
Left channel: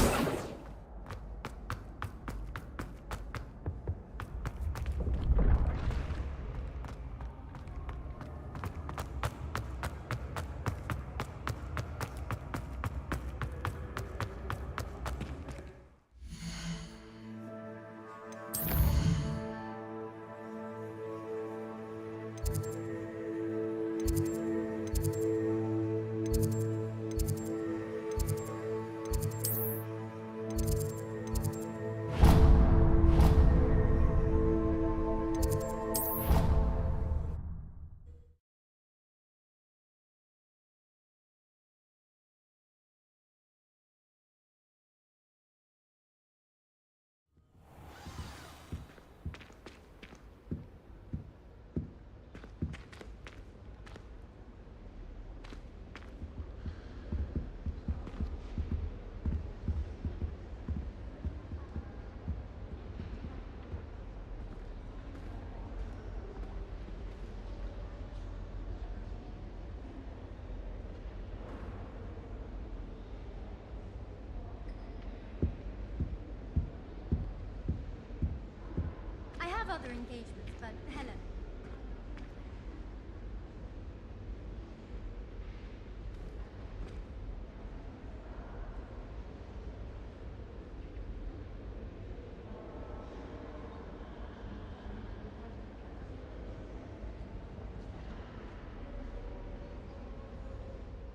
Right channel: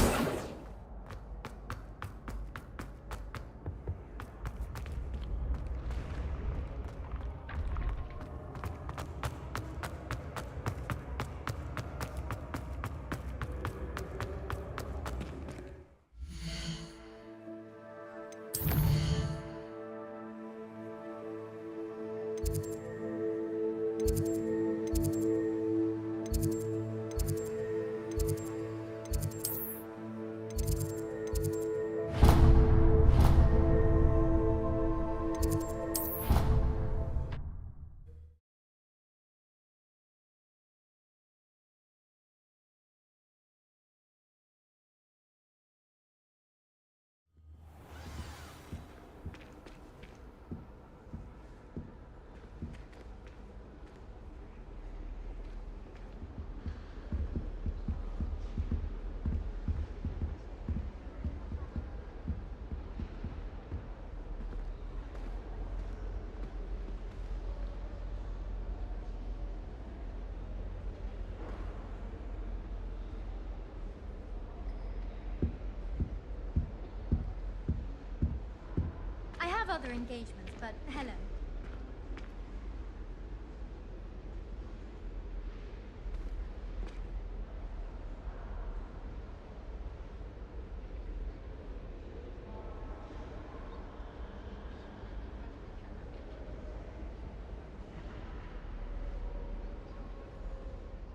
I have other engagements, but hello.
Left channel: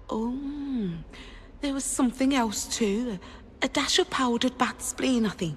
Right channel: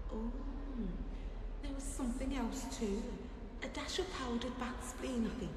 Oh, there was something else too. A dash of powdered bat spleen, I think.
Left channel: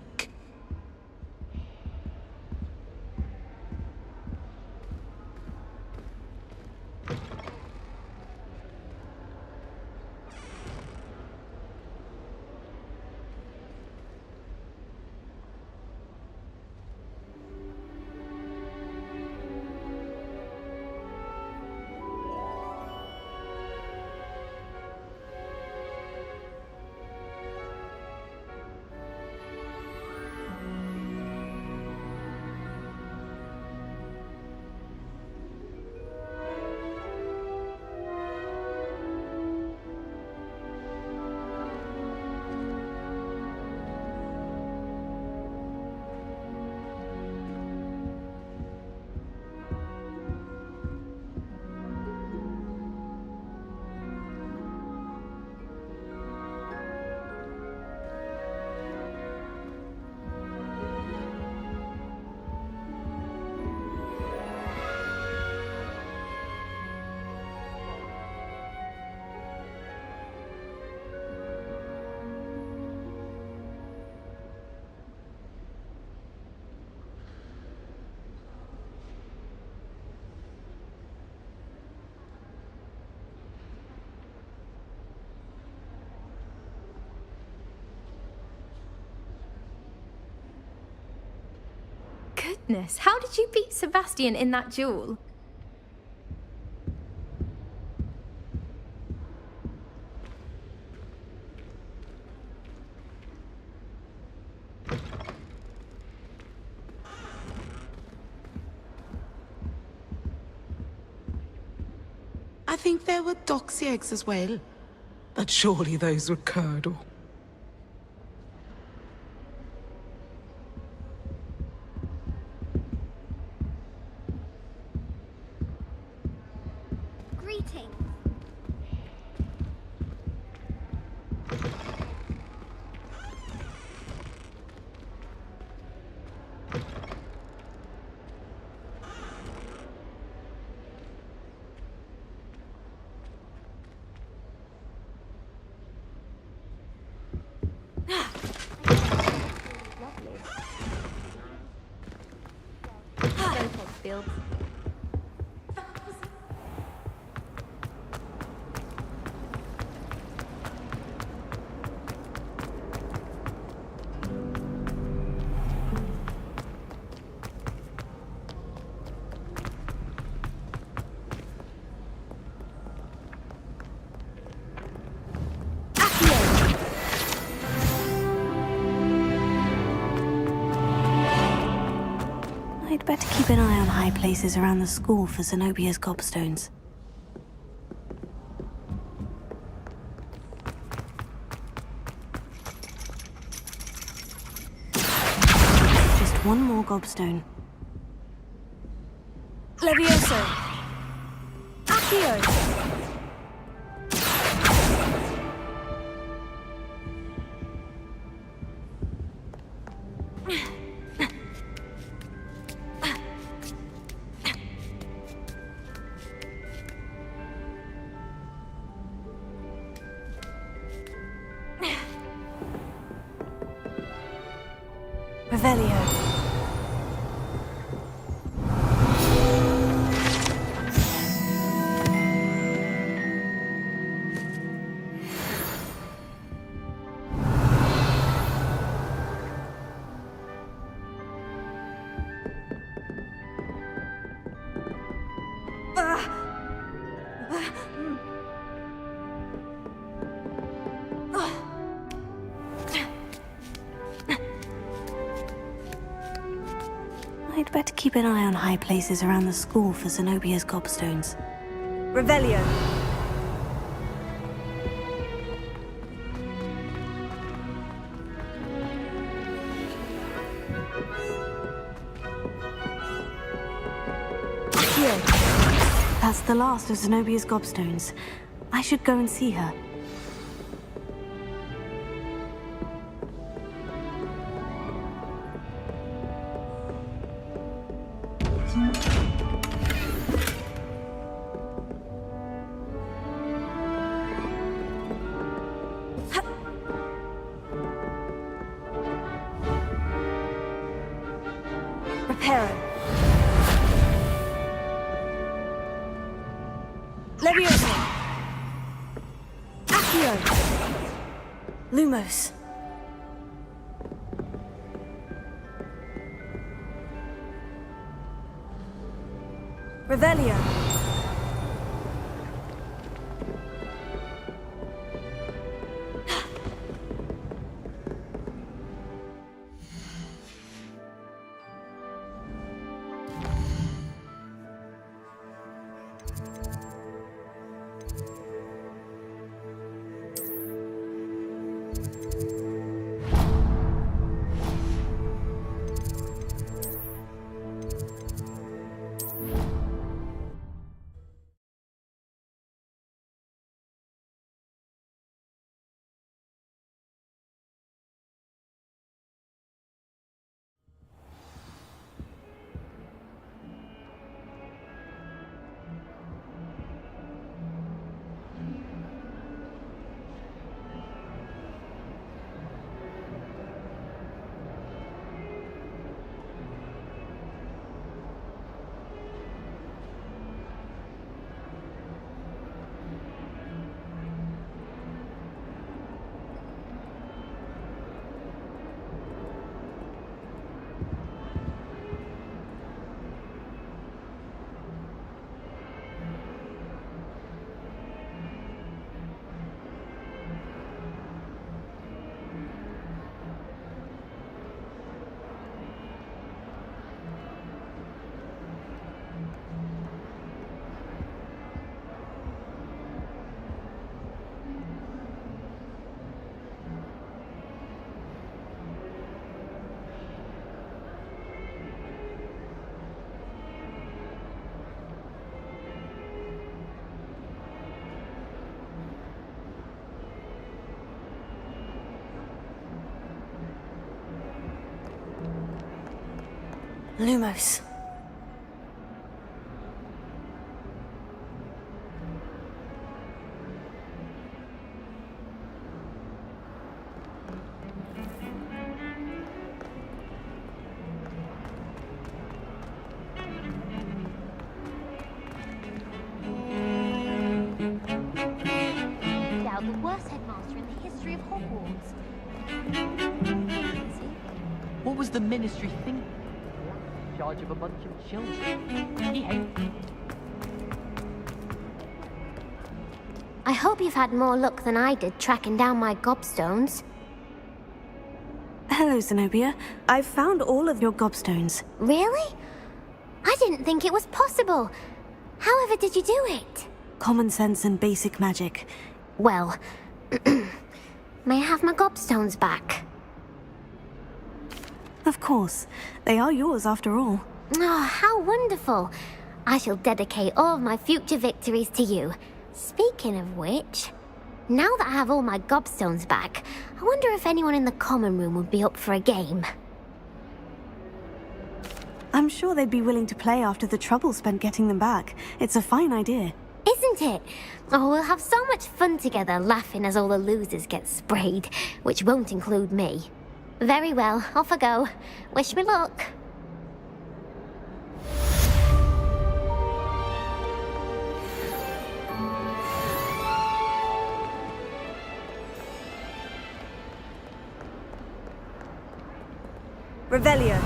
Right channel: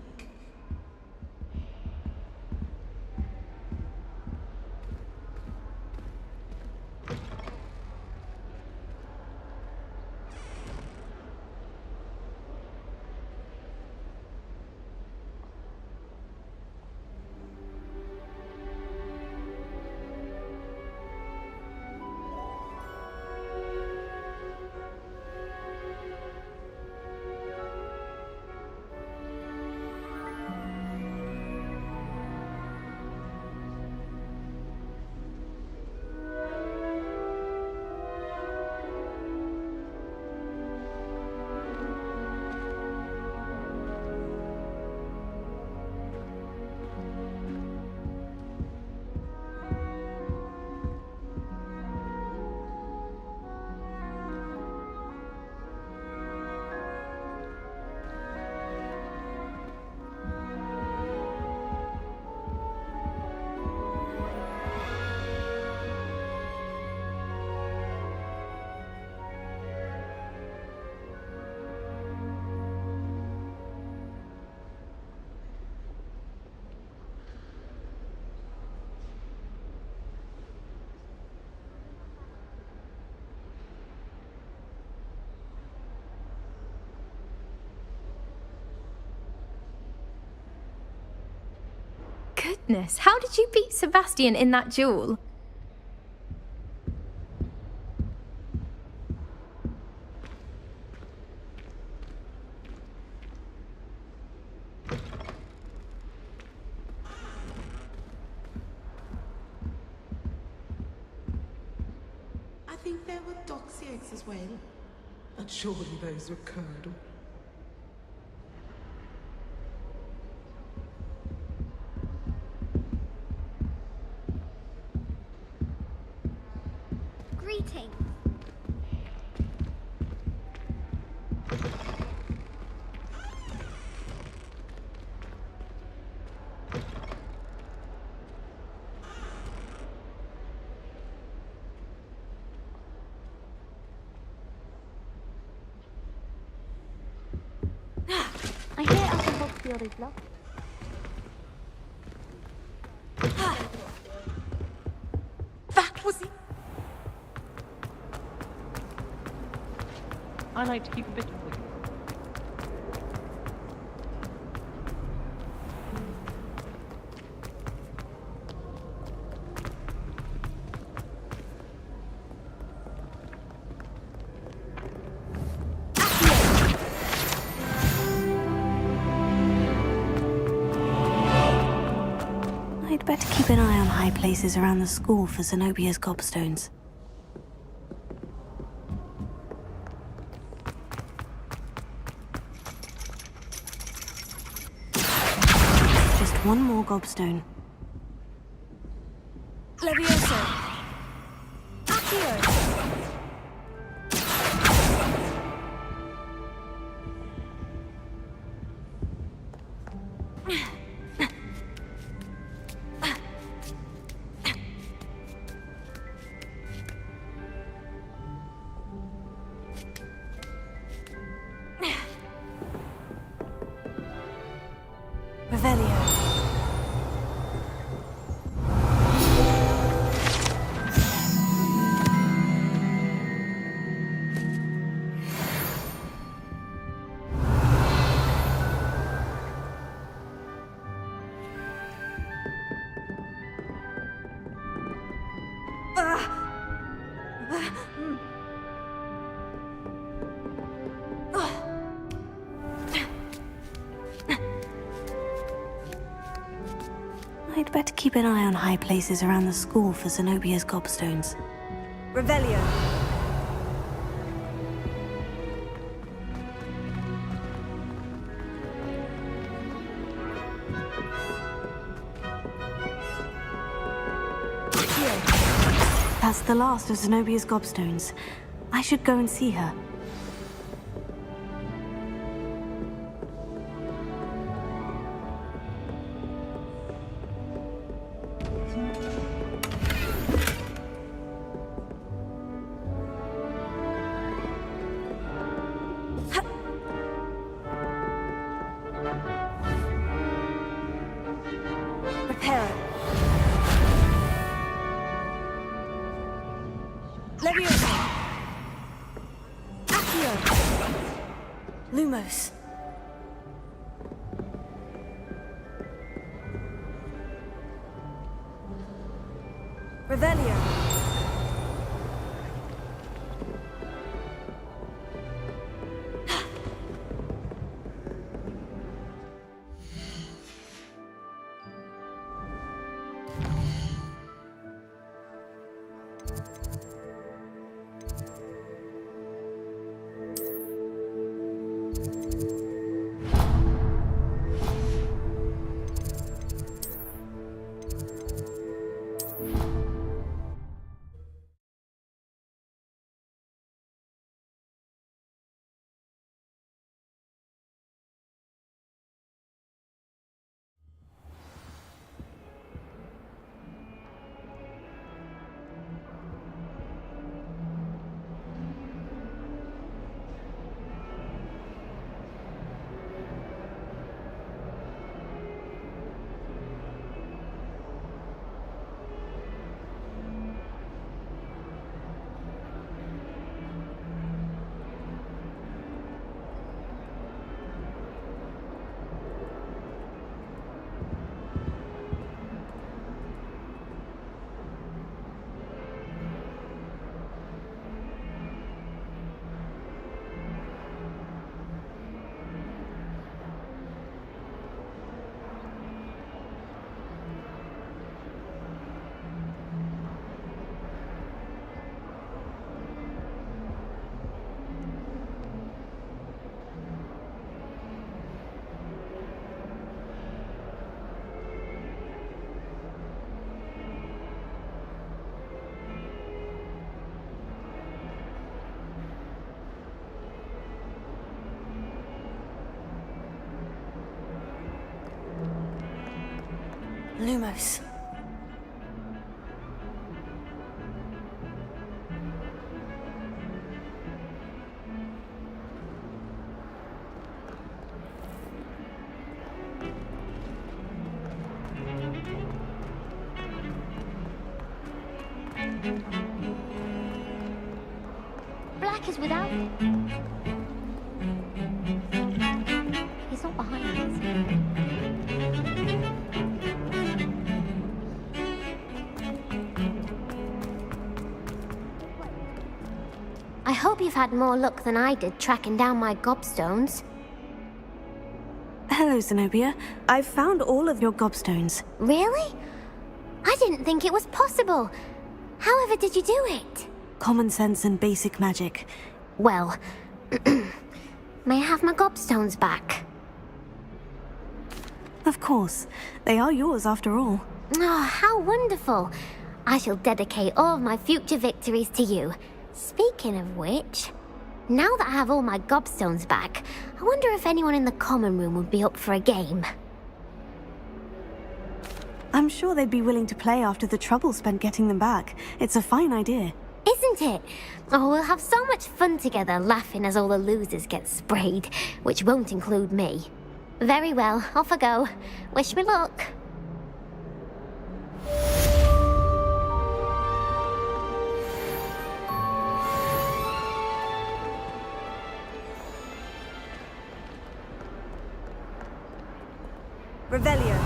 goodness, how did you beat Sebastian in that duel? I think there were doxy eggs as well. But surely those were curdle. Greetings. I hear Hogwarts is lovely. That was... I like to keep a bit. I'd better keep an eye on high places around the school for Zenobia's gobstones. Just one more gobstone. Levioso! Accio! Revelio. I'd better keep an eye on high places around the school for Zenobia's gobstones. Revelio. Accio. That's the last of Zenobia's gobstones. I should go and see her. Reparo. Levioso. Accio. Lumos. Revelio. Lumos. Black is without a doubt the worst headmaster in the history of Hogwarts. He's not behind it, is he? What was the ministry? In charge of a bunch of ships. He hated I hope you've had more luck than I did tracking down my gobstones. Hello, Zenobia. I've found all of your gobstones. Really? I didn't think it was possible. However did you do it? Common sense and basic magic. Well, may I have my gobstones back? Of course. They are yours after all. Oh, how wonderful. I shall dedicate all of my future victories to you. Speaking of which, now that I have all my gobstones back, I wonder if anyone in the common room would be up for a game. I'm sure they'd be willing to play after the trouble spent getting them back. It's a fine idea. Isn't it? Oh, we'll have so much fun together laughing as all the losers get sprayed, which won't include me. Very well, off I go. Wish me luck. Revelio.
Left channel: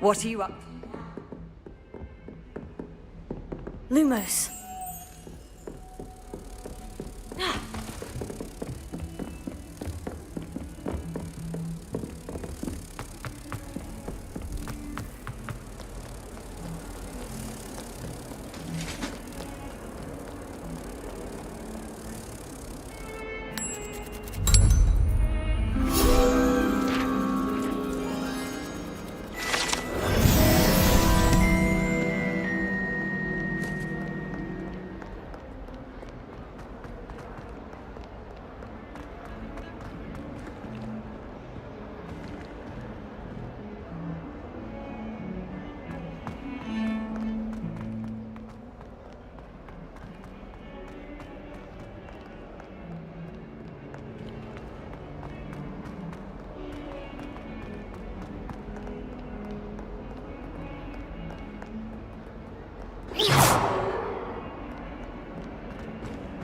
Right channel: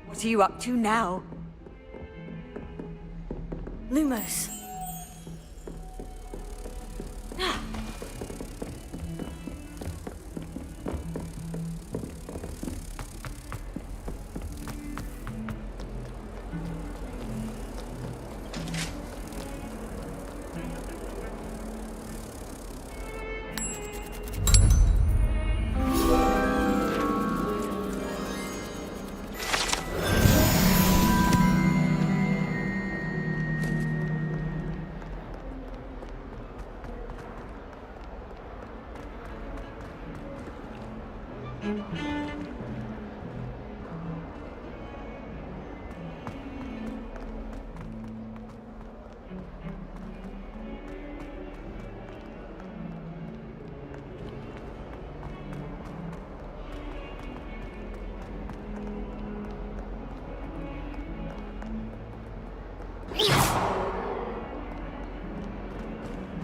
What are you up to now? Lumos.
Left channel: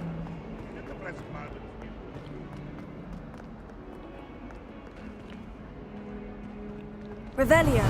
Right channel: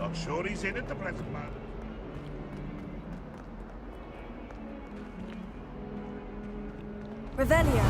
Not sure he's in at the present moment. Revelio.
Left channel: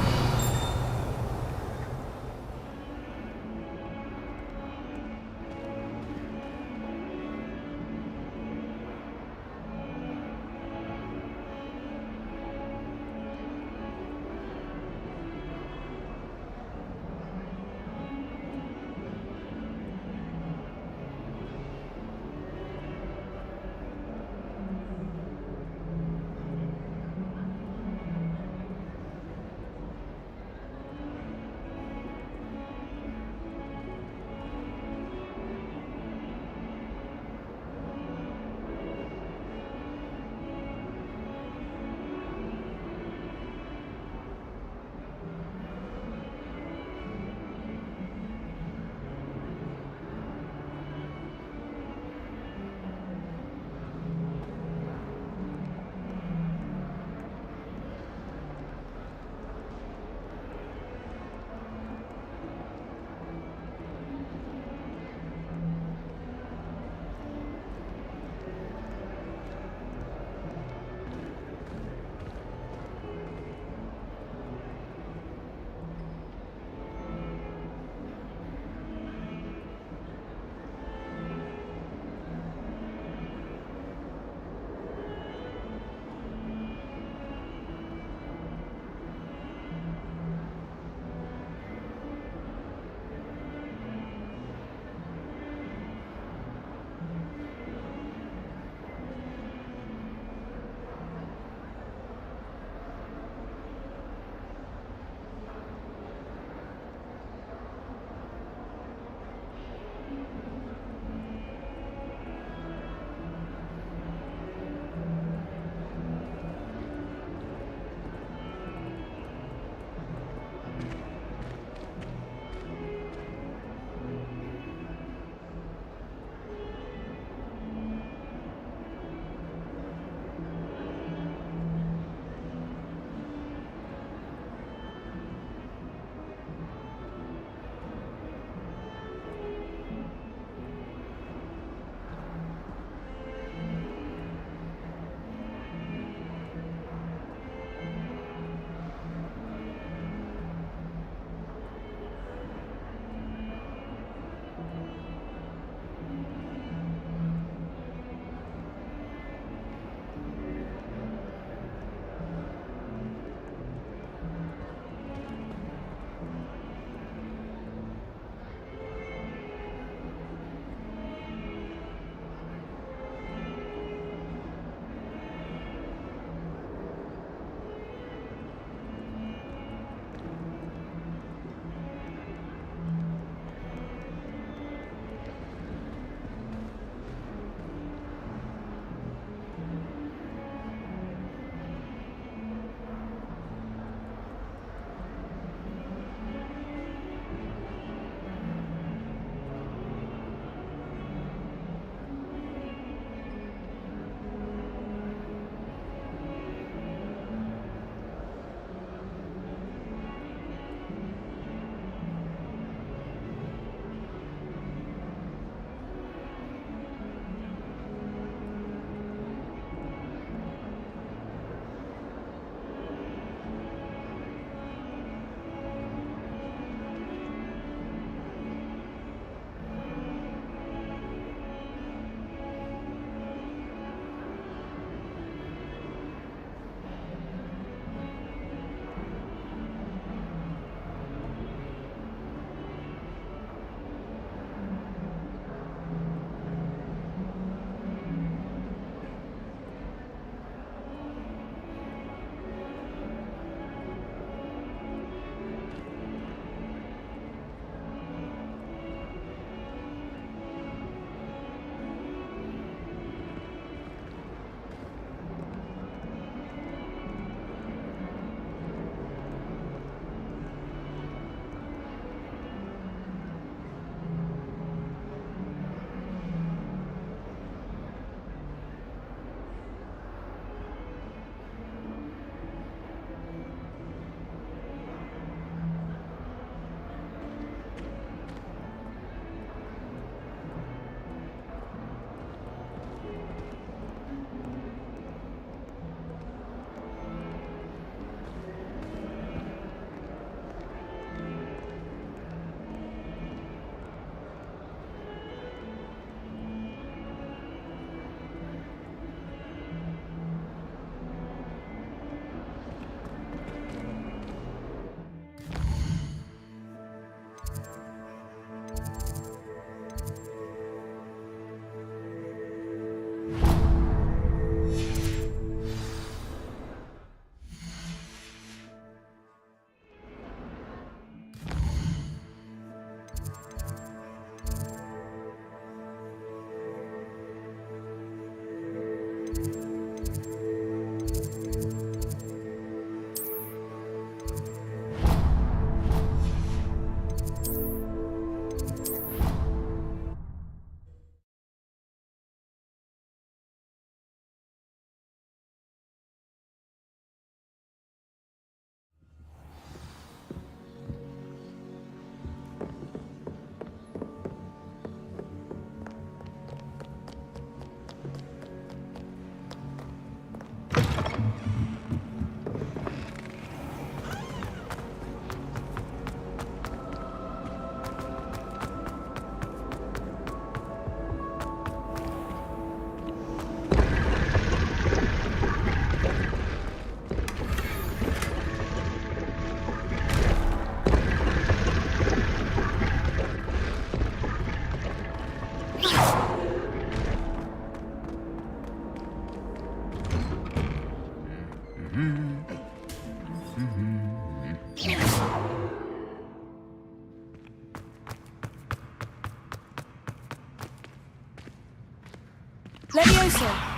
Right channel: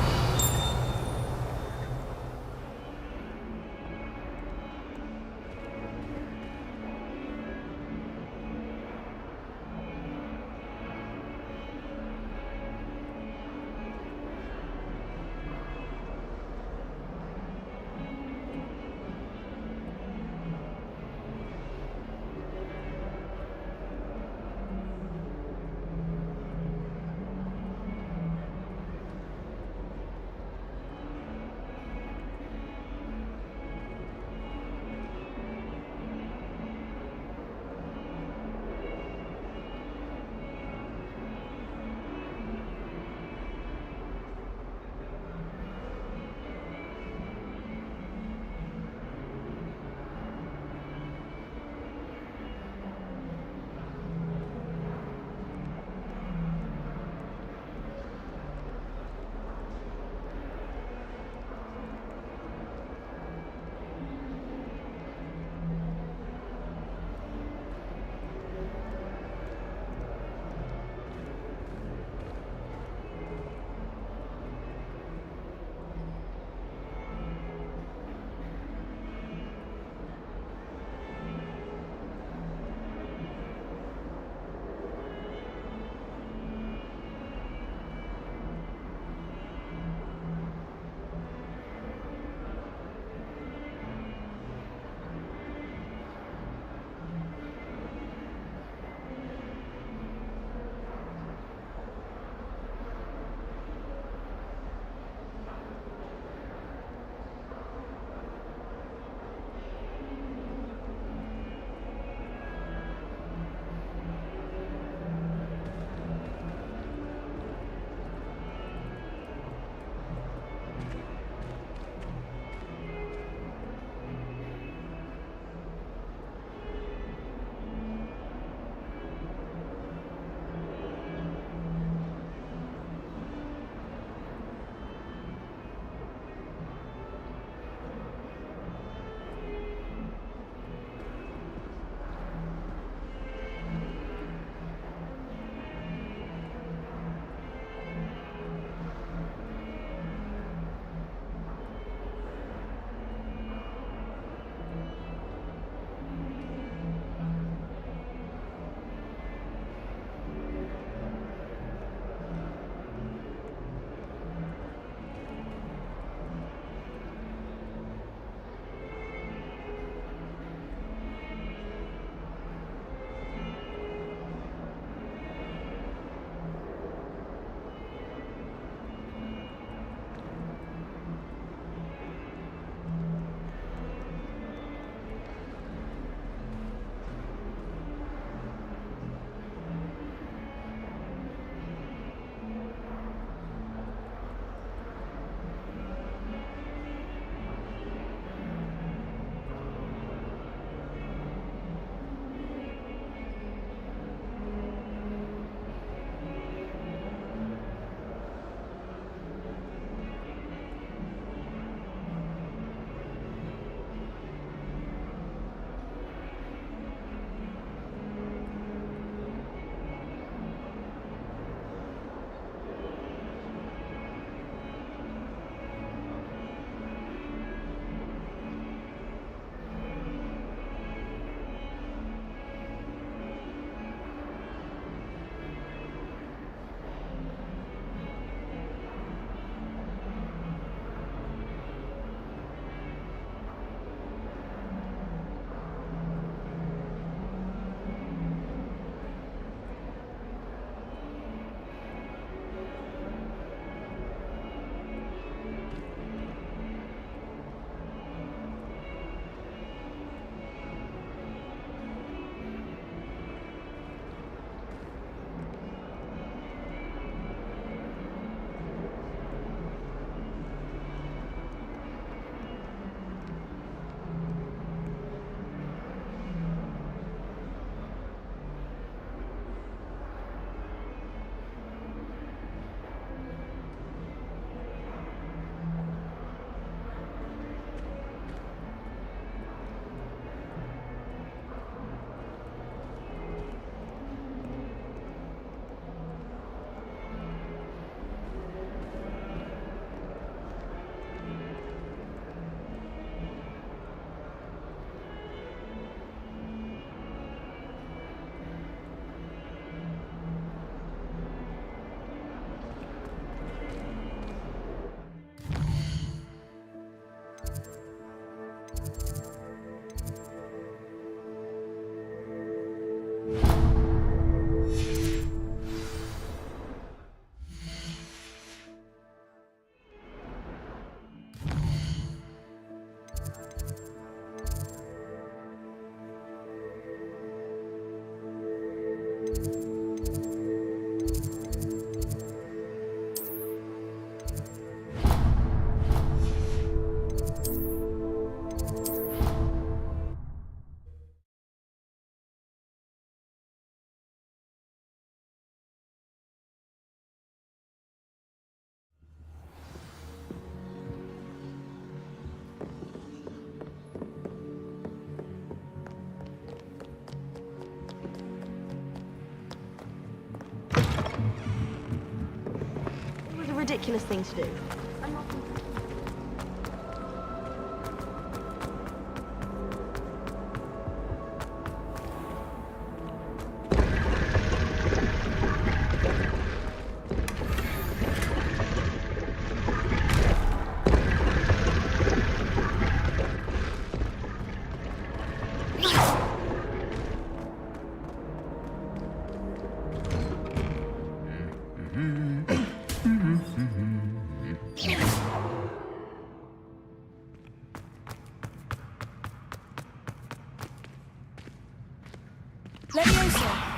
Levioso!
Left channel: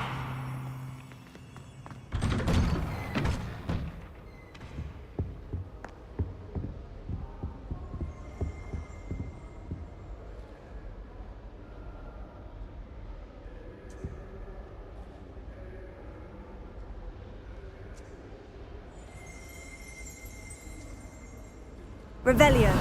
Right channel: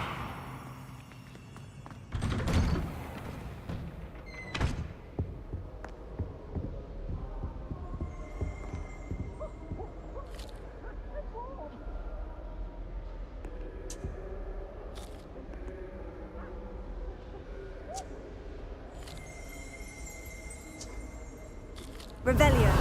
Revelio.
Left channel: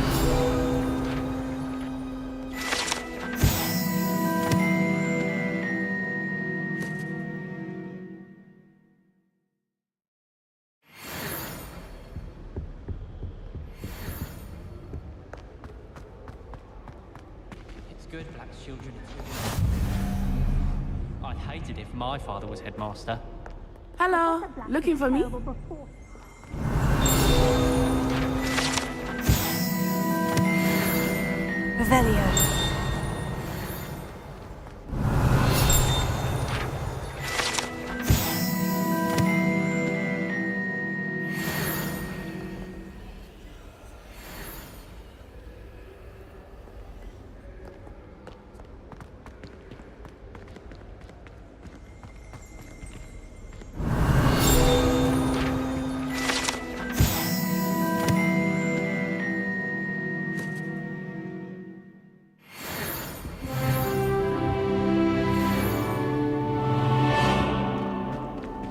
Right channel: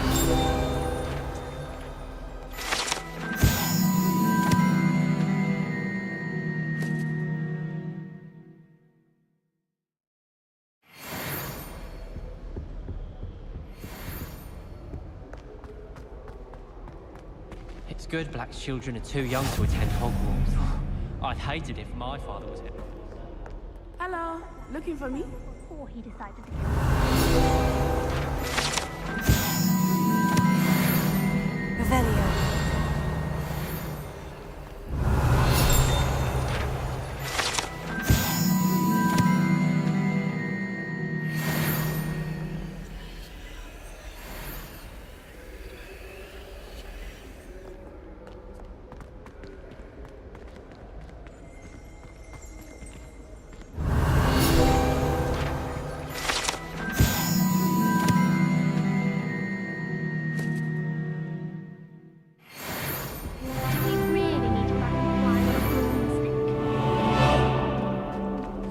It's good black children are too young to attend Hogwarts. I'd hate it if my father was headmaster. Hello, looking for me? Revelio.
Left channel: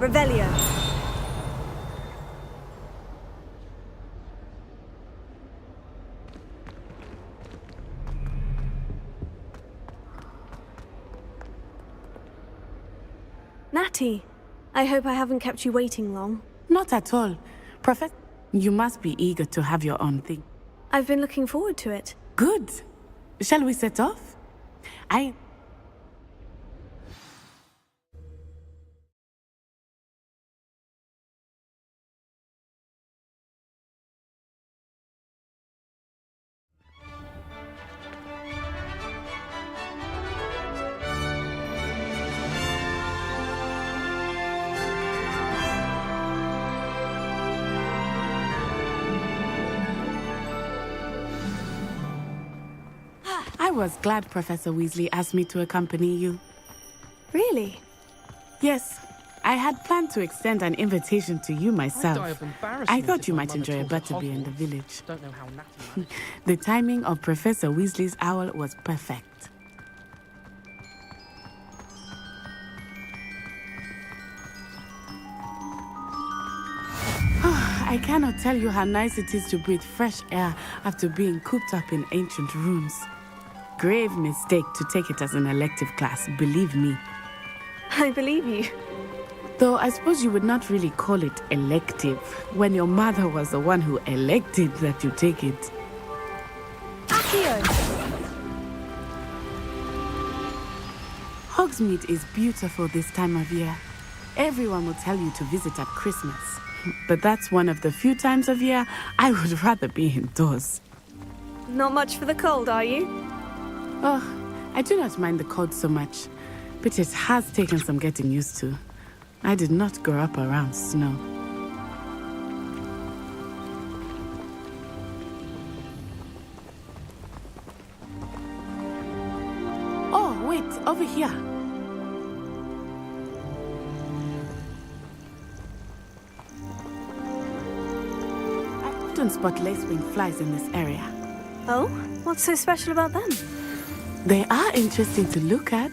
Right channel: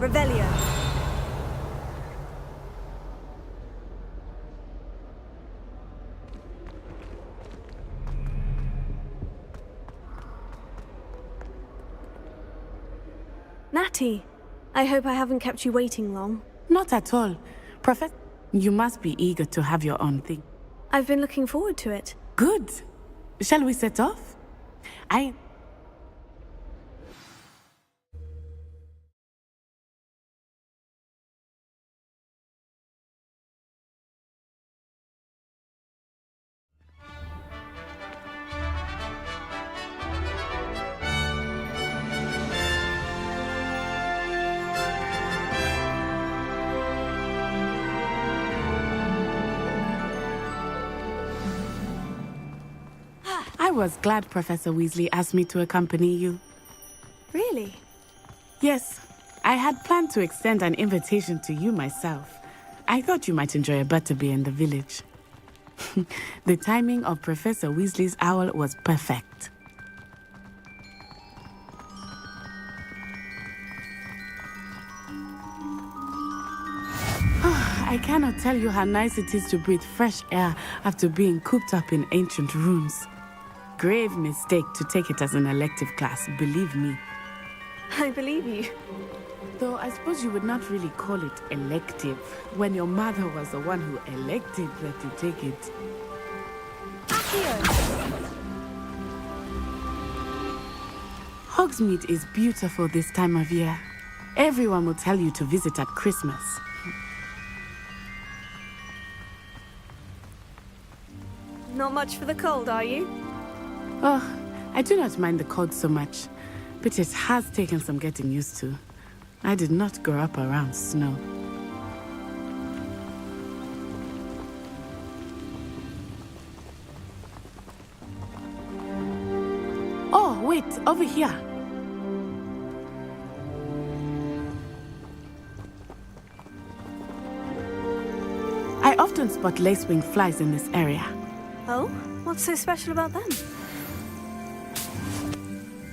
Revelio. Natty, I hope I haven't kept you waiting long. Not at all. Professor, you must be eager to have your own thing. I've been looking forward to it. Good. Shall we set off? I was glad Professor Weasley asked me to accompany you. Really? Yes. I had planned to extend an invitation to you myself. I thought you might enjoy a butterbeer in the village. The timing of Professor Weasley's owl was perfect. I cannot tell you how nice it is to breathe fresh air after being cooped up in ancient rooms. Grave mistake to take it as an elective class, believe me. I believe you. Though I suppose you would not really call it elective when your mother was the one who elected that you take it. Accio! Hogsmeade is beautiful this time of year. Everyone will tell you to visit at Christmas. But that's one of the few times of year I would rather be indoors. Not much for the cold, are you? Oh, I do not mind the cold so much, but it has taken some getting used to. I did not grow up around snow. Oh, wait, over here. I often spot lacewing flies in this area. Oh? What's so special about them? They are interesting to look at,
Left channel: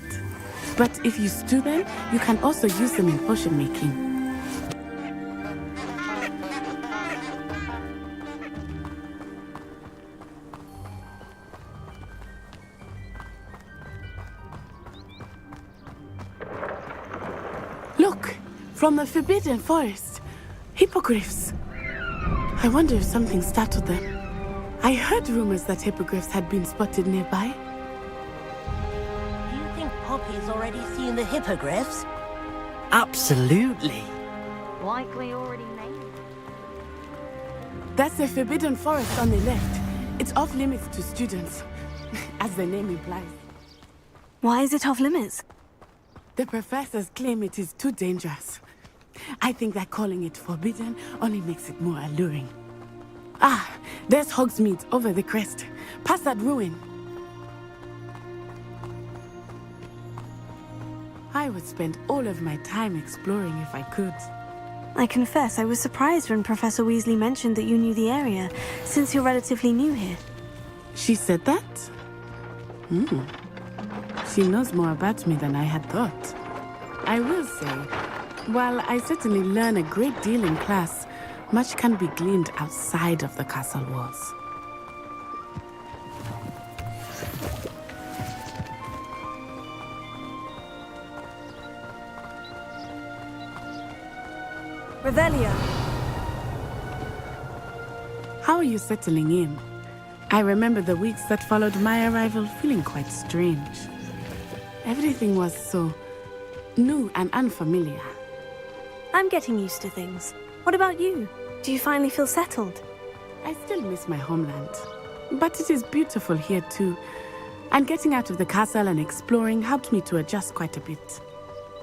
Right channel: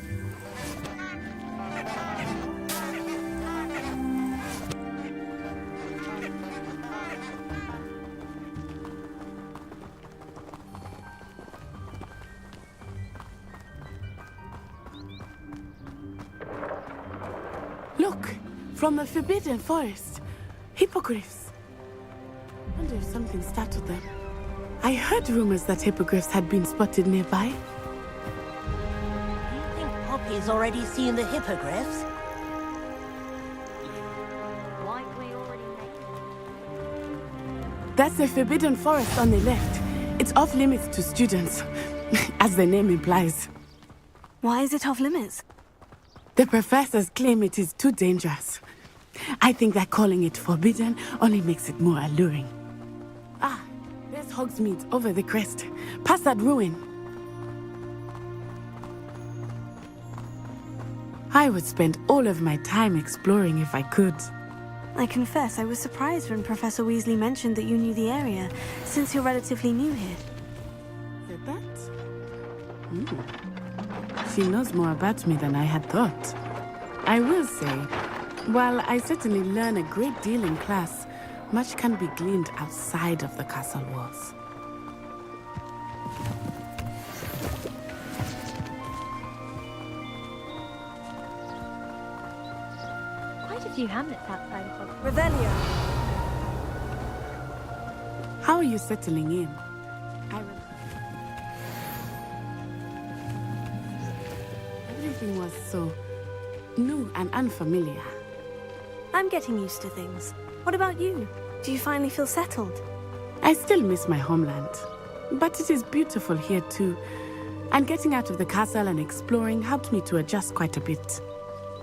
but if you stew them, you can also use them in potion making. Look, from the Forbidden Forest, hippogriffs. I wonder if something startled them. I heard rumors that hippogriffs had been spotted nearby. Do you think Poppy's already seen the hippogriffs? Absolutely. Likely already named. That's the Forbidden Forest on the left. It's off limits to students, as the name implies. Why is it off limits? The professors claim it is too dangerous. I think that calling it forbidden only makes it more alluring. Ah, there's Hogsmeade over the crest, past that ruin. I would spend all of my time exploring if I could. I confess, I was surprised when Professor Weasley mentioned that you knew the area, since you're relatively new here. She said that? She knows more about me than I had thought. I will say, while I certainly learn a great deal in class, much can be gleaned outside of the castle walls. Why did you hand it that way? Revelio! How are you settling in? I remember the weeks that followed my arrival feeling quite strange. Everything was so new and unfamiliar. I'm getting used to things. What about you? Do you finally feel settled? I still miss my homeland, but it is beautiful here too. And getting out of the castle and exploring helped me to adjust quite a bit.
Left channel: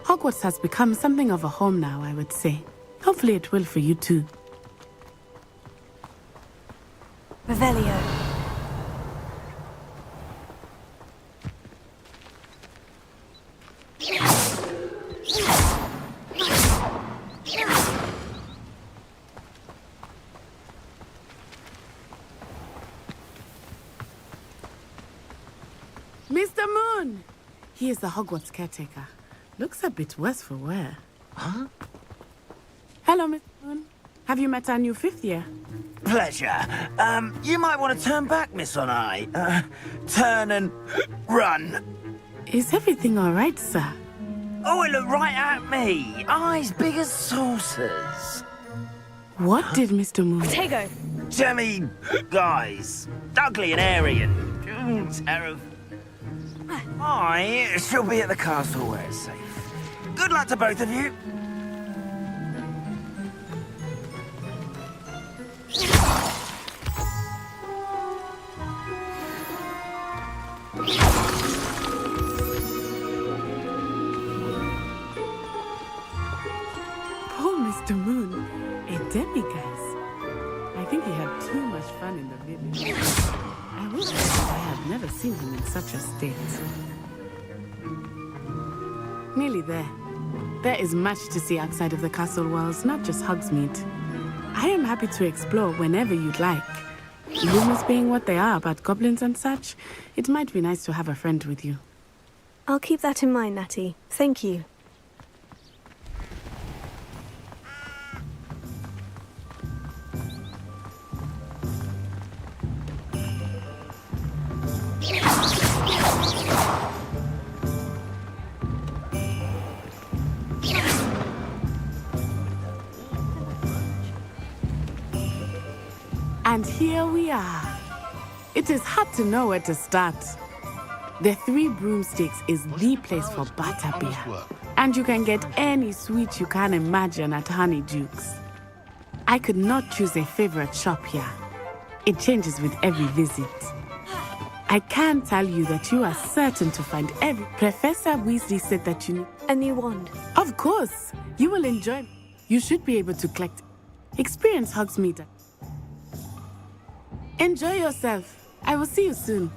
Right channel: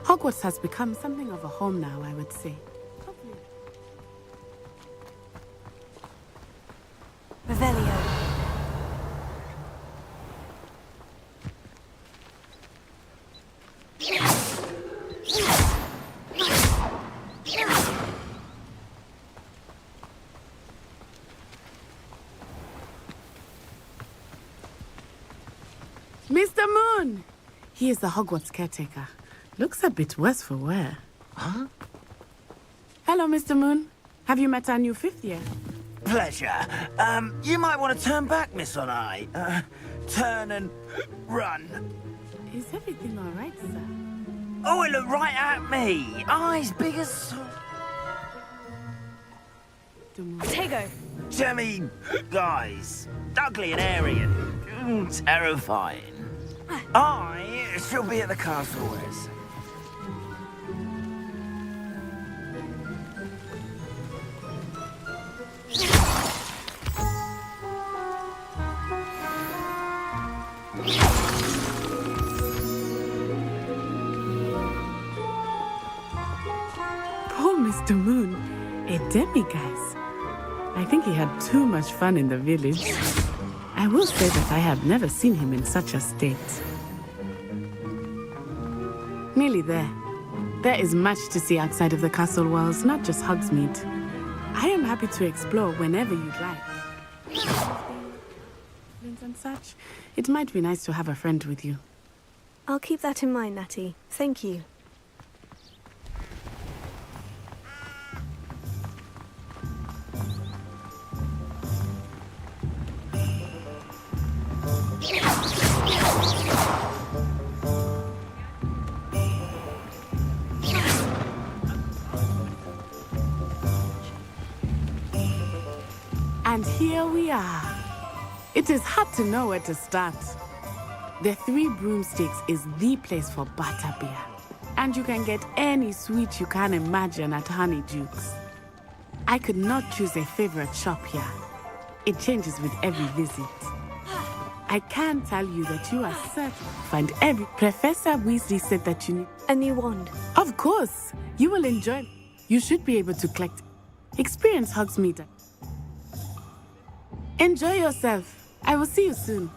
Hogwarts has become something of a home now, I would say. Hopefully it will for you too. Revelio. Mr. Moon! He is the Hogwarts caretaker. Looks a bit worse for wear. Huh? Hello, Mr. Moon. Have you met our new fifth year? Pleasure. You might want to turn back, Miss Onai. Turn and run. Is everything all right, sir? Oh, it looked right at me. Eyes big as saucers. What did Mr. Moon... Tego! Jemmy, guys. Ugly and airy and terrifying. I shall be at the castle where it's safe. Good luck to both of you. Poor Mr. Moon, a demiguise. I think he had too much fun in the village. I will say that I have never seen him in such a state. Nearly there. There is much to see outside of the castle walls, not just Hogsmeade. I am happy to explore whenever you'd like. Rumors being what they are about goblins and such, it might be nice to have a friend with you. I'll keep that in mind, Natty. Thank you. And here we are. It is hard to know where to start. The Three Broomsticks is the place for butterbeer. And you can get any sweet you can imagine at Honeydukes. I could not choose a favorite shop here. It changes with every visit. I can tell you that you are certain to find every... Professor Weasley said that you need... A new wand. Of course. You will enjoy... You should be able to collect... Experience Hogsmeade. Enjoy yourself. I will see you soon.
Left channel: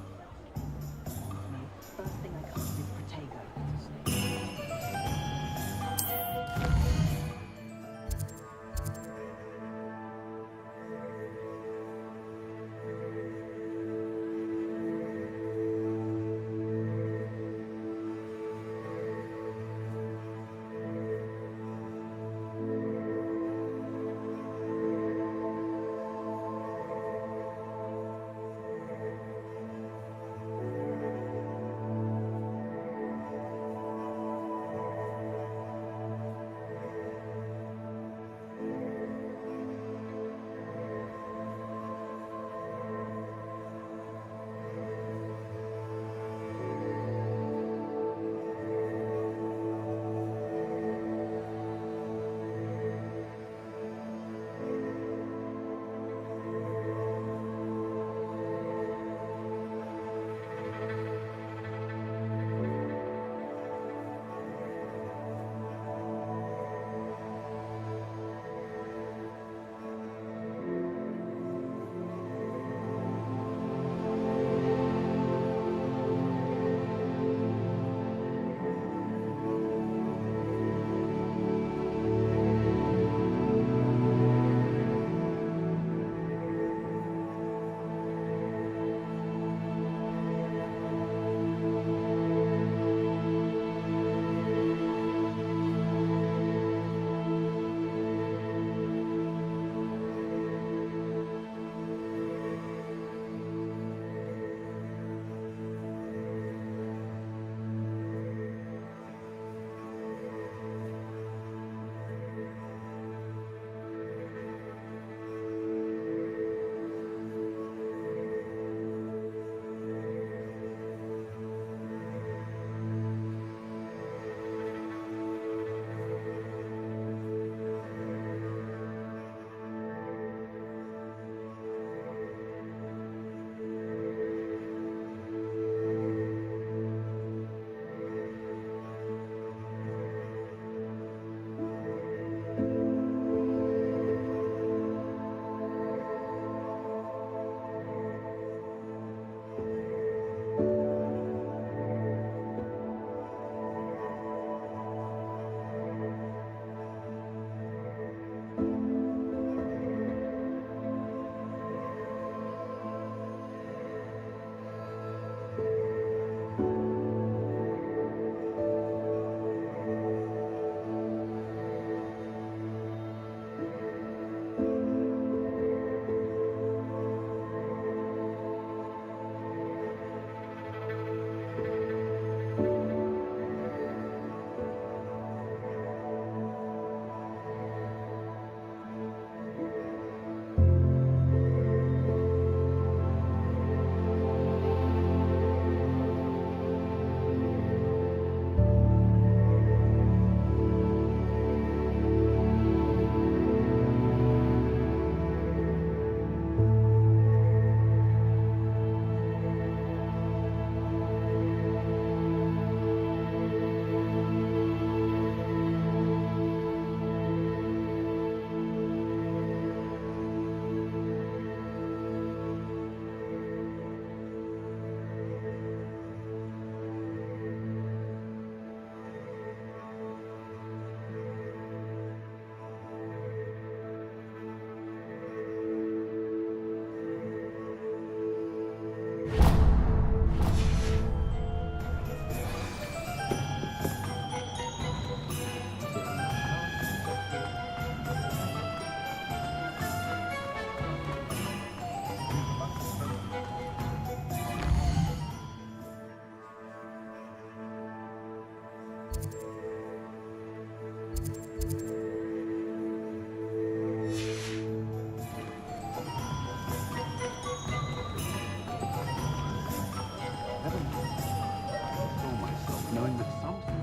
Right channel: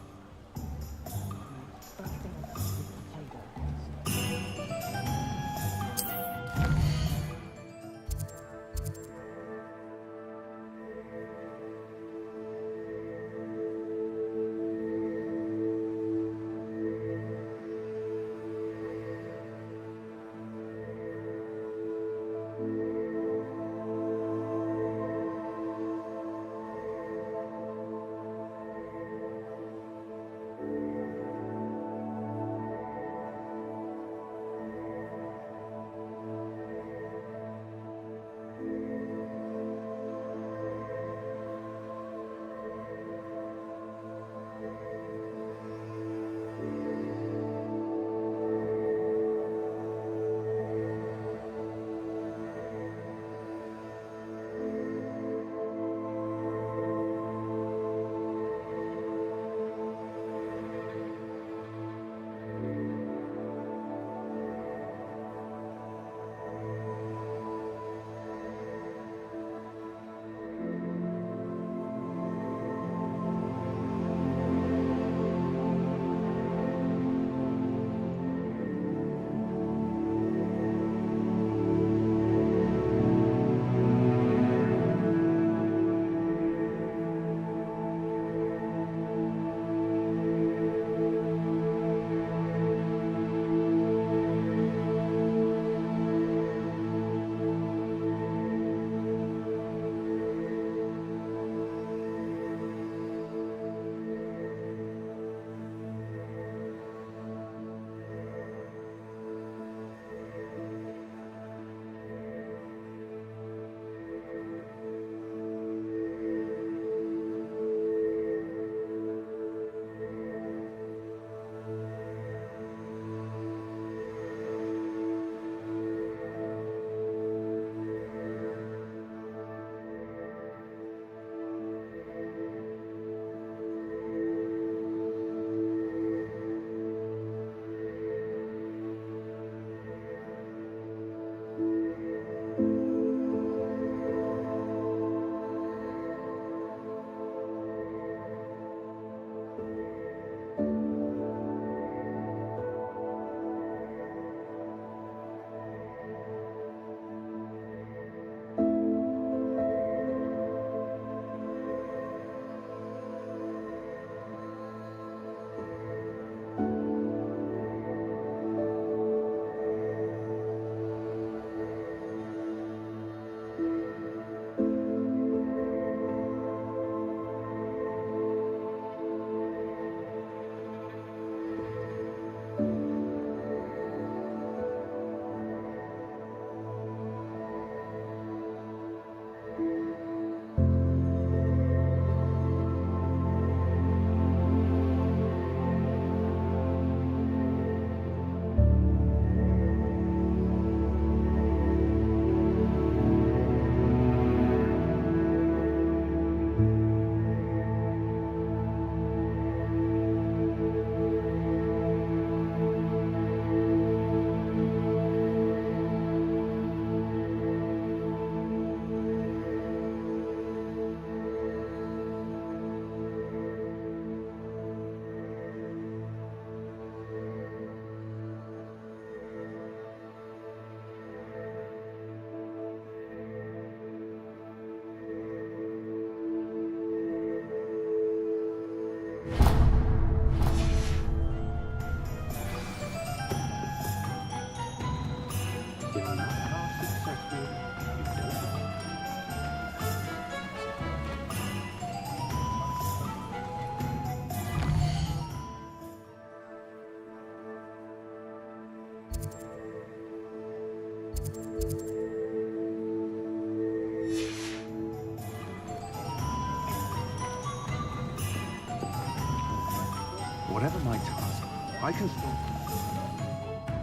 Whatever my task, I console myself knowing that something.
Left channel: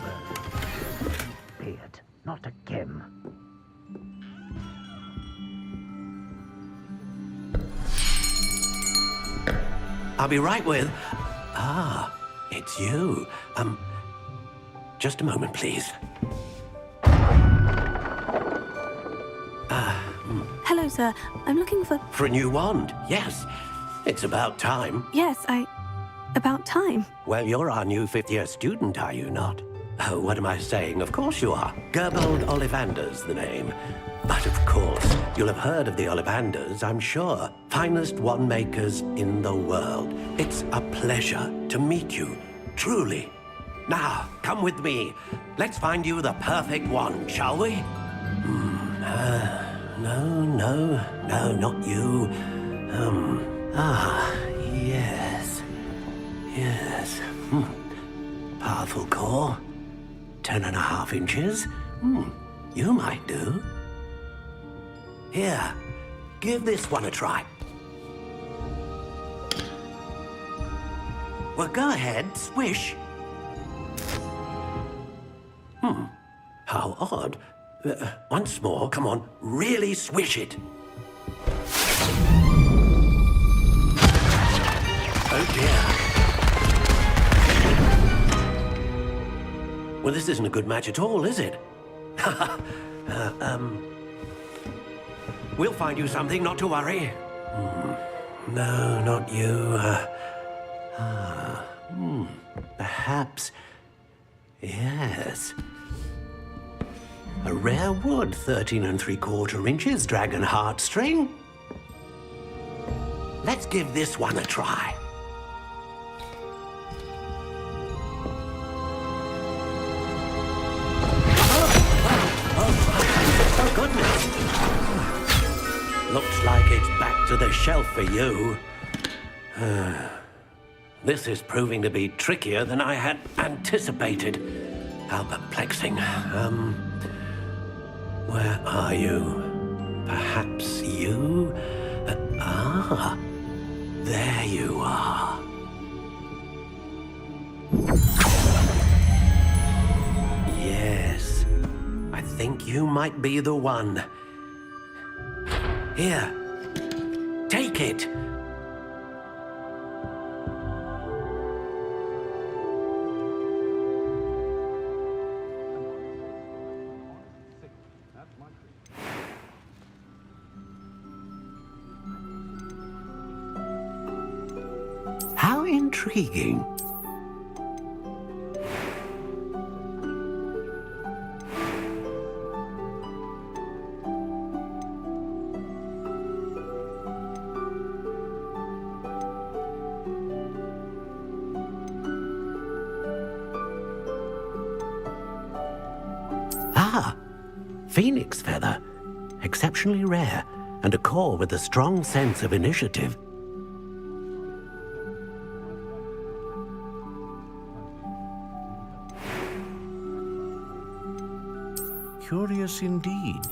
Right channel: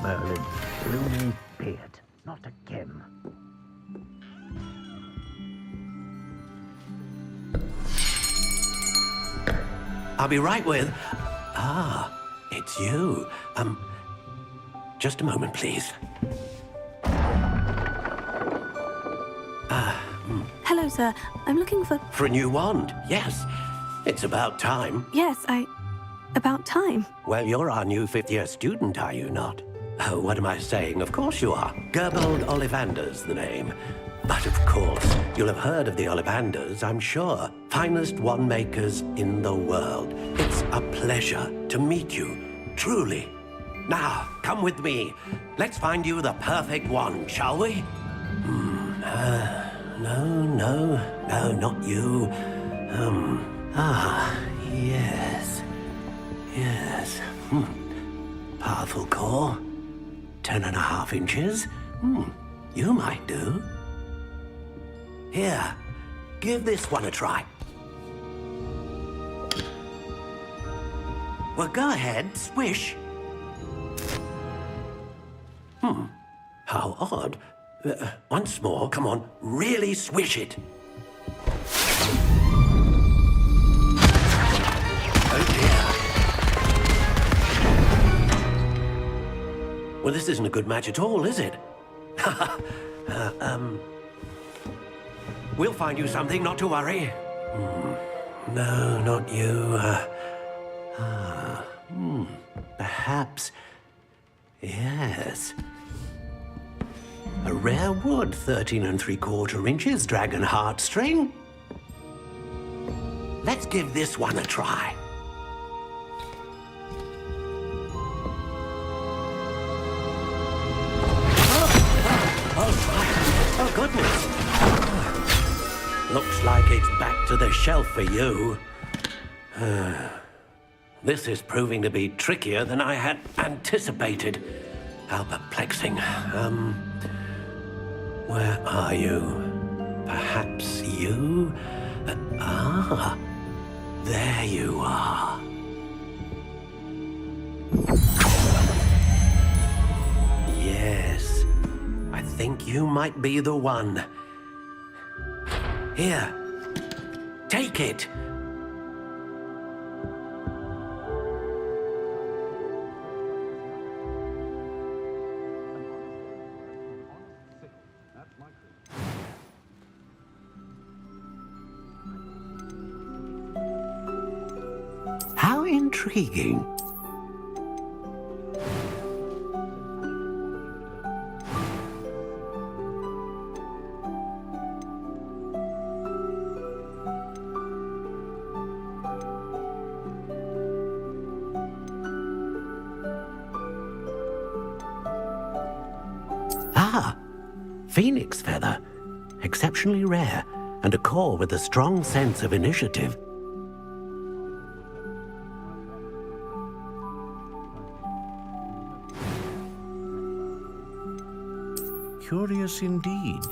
Merlin, beard, not a gem. I'll be right with... Ah, it's you. Just a moment, please. Hello, sir. I'm looking for... For a new wand, yes. It's about time. Yes, about time. Well, you're our new fifth-year student, are you not? Oh, what am I saying? Of course you are. Gerbold Ollivander's the name. But of course, you'll have heard of the Ollivanders, I'm sure. Finest wand makers in the world. It's a pleasure to meet you, truly. Now, come with me. Let's find you the perfect wand, shall we? No, not you. Yes. Powerful core. 10.5 inches. You might do. Here, give this one a try. Well, go ahead, swish. How odd. Once more, come on, really swish it. Oh dear. Well, this isn't a good match at all, is it? We'll find you something, not to worry. No, not you. Perhaps. Yes. A rare wood, 13 3/4 inches, dragon heartstring. Let's give this one a try. Oh, goodness. Looks like it's back to the shelf for you. This is proving to be trickier than I had anticipated. How perplexing. Where are you? Perhaps you? There you are. Yes, I think you might be the one. Here, take it. How intriguing. Ah, phoenix feather. Exceptionally rare, and a core with a strong sense of initiative. Curious indeed.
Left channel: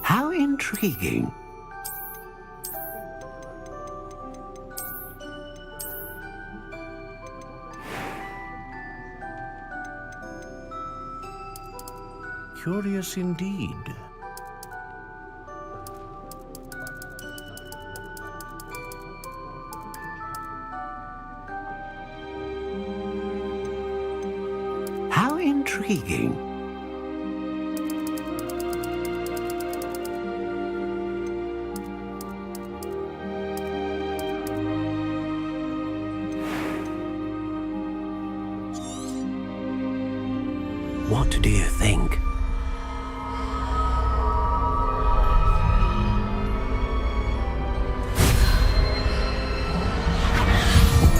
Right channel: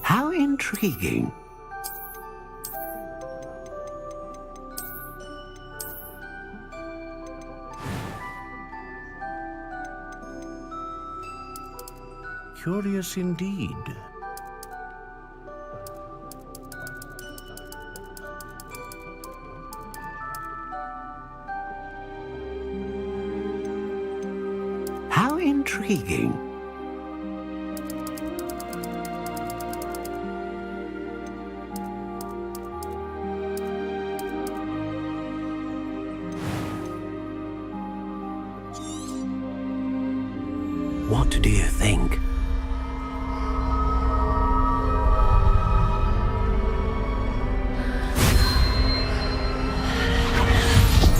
How intriguing. Curious indeed. How intriguing. What do you think?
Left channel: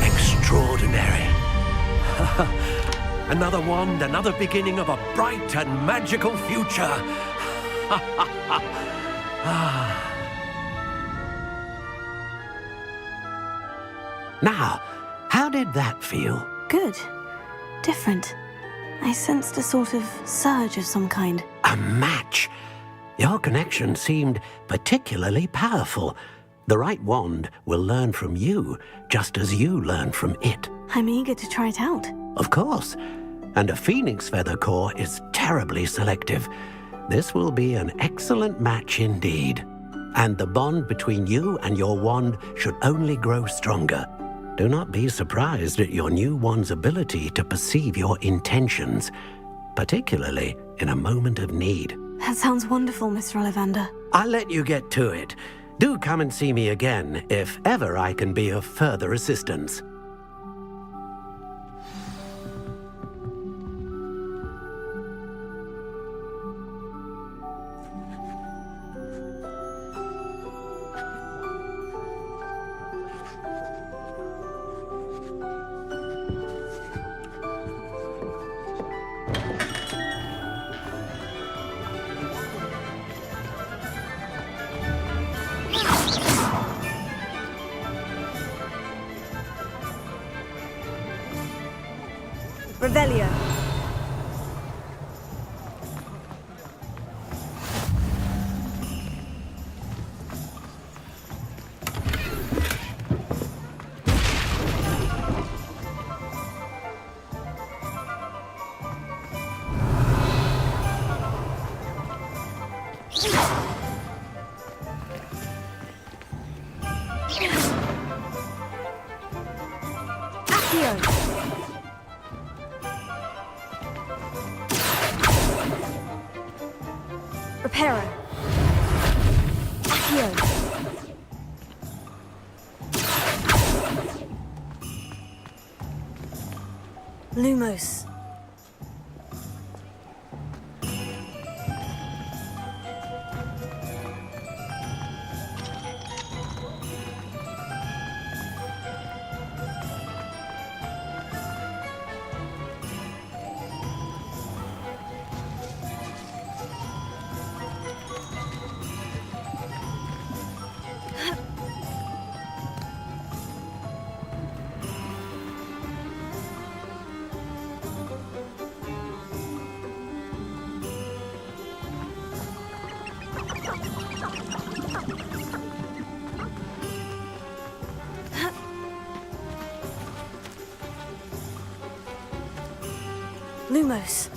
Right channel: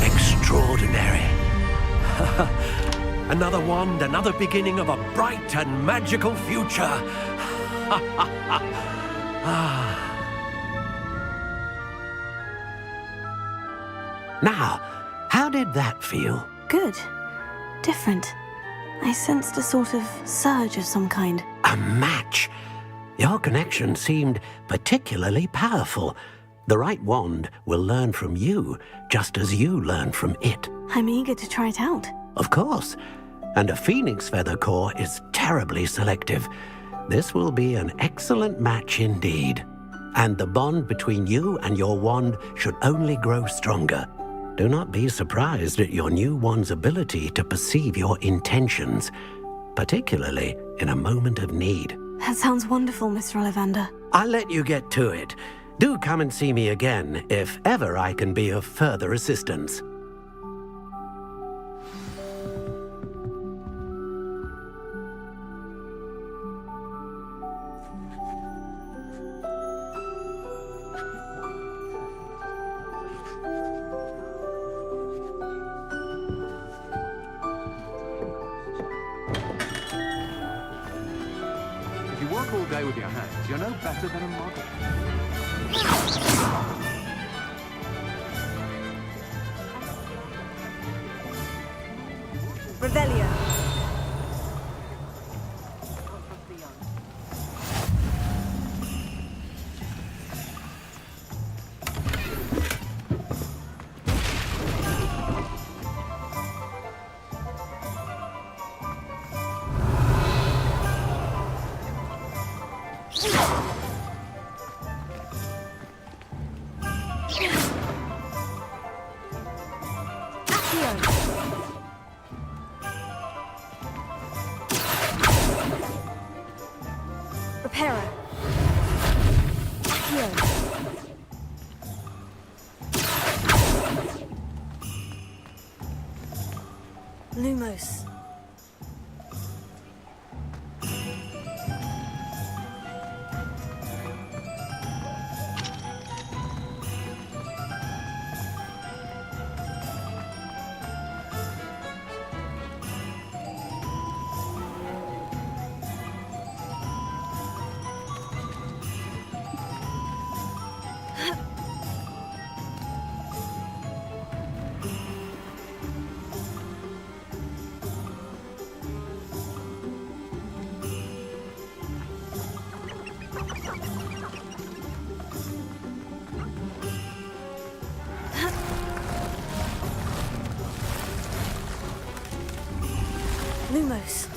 Extraordinary. Another wand, another beginning of a bright and magical future. Now, how did that feel? Good. Different. I sensed a sort of surge of some kind. A match. Your connection seemed particularly powerful. The right wand will learn from you, just as you learn from it. I'm eager to try it out. Of course. And a phoenix feather core is terribly selective. This will be an excellent match indeed. And the bond between you and your wand should only grow stronger. Do not be surprised at your new wand's ability to perceive your intentions, particularly in a moment of need. That sounds wonderful, Mr. Ollivander. I'll let you get to it. Do come and see me again if ever I can be of further assistance. If you work all day with your hands, you're no better than a model. Revelio. Reparo. Accio. Lumos. Lumos.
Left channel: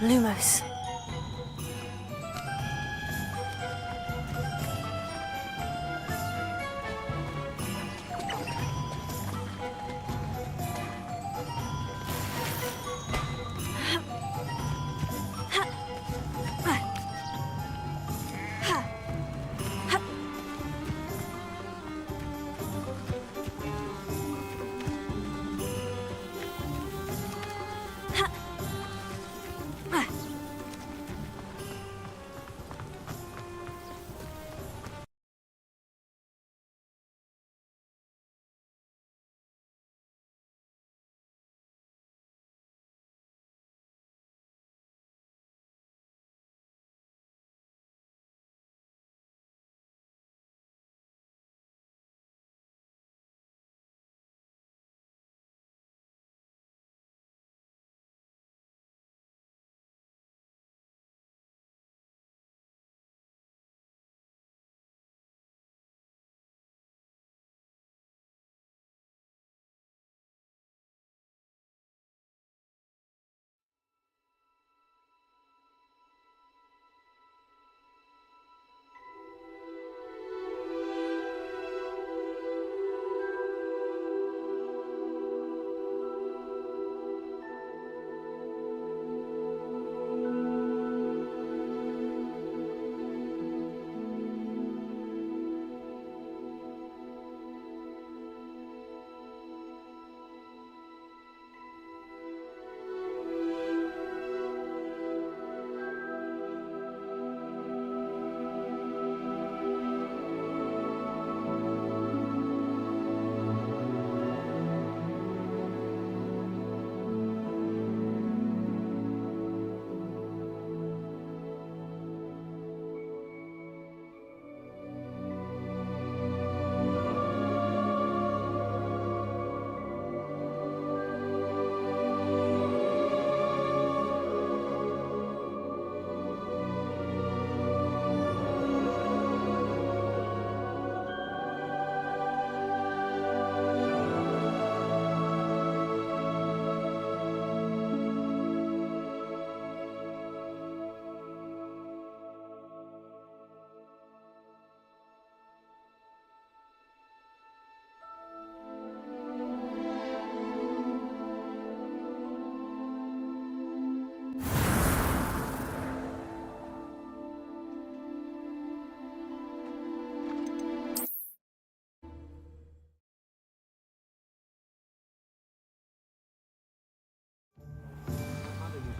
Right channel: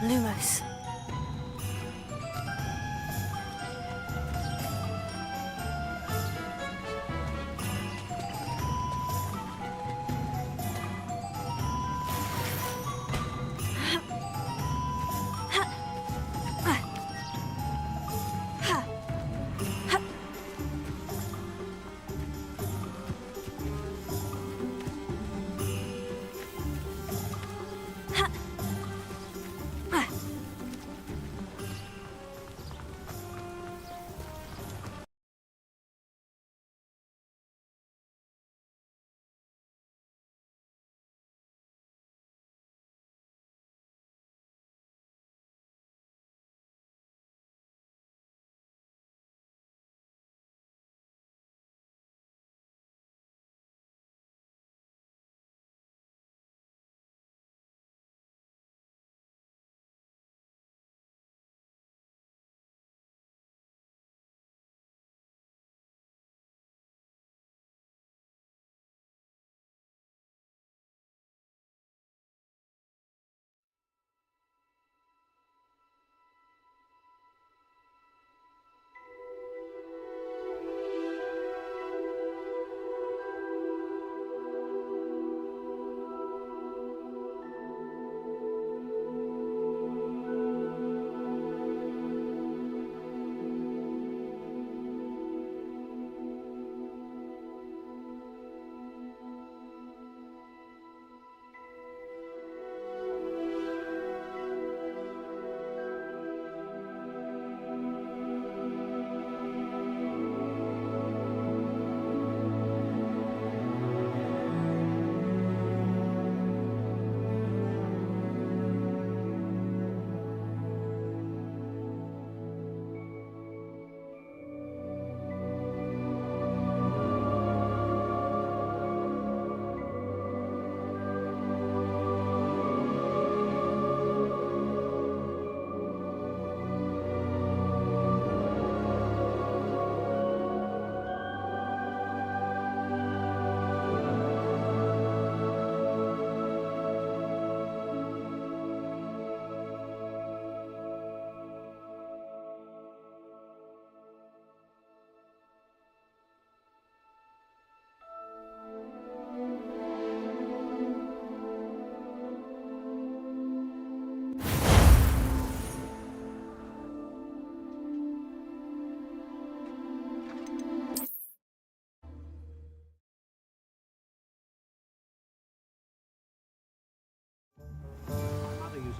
Lumos.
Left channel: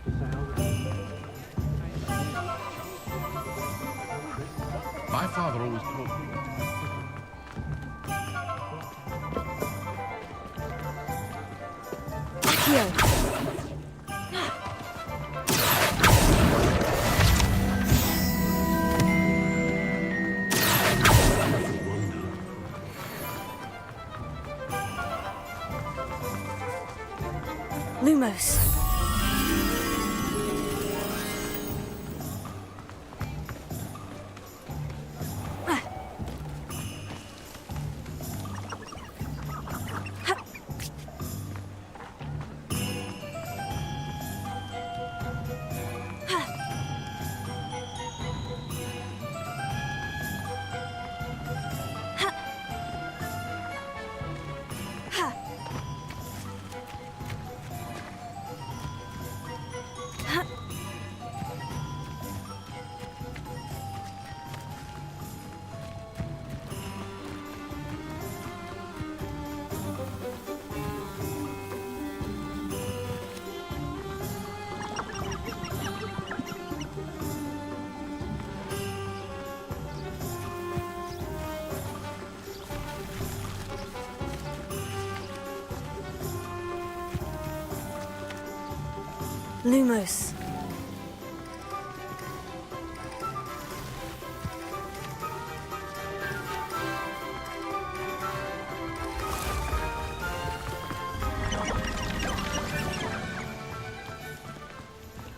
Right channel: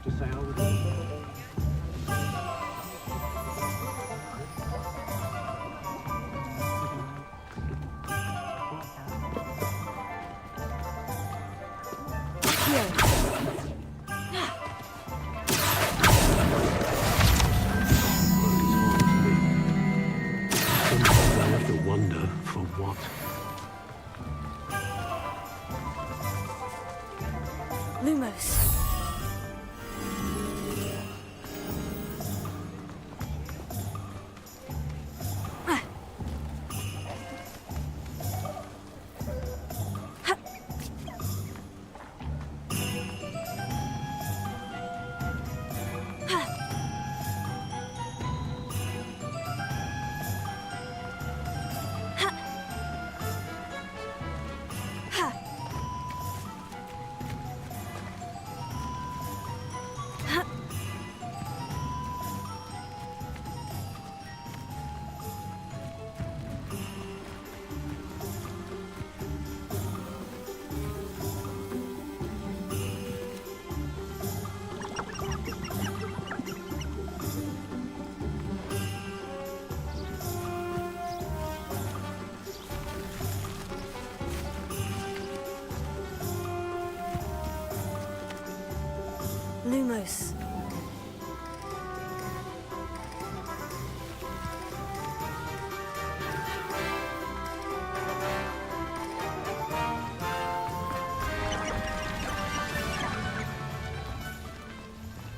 To say I was... My father always told The wonder from what? Lumos. Lumos.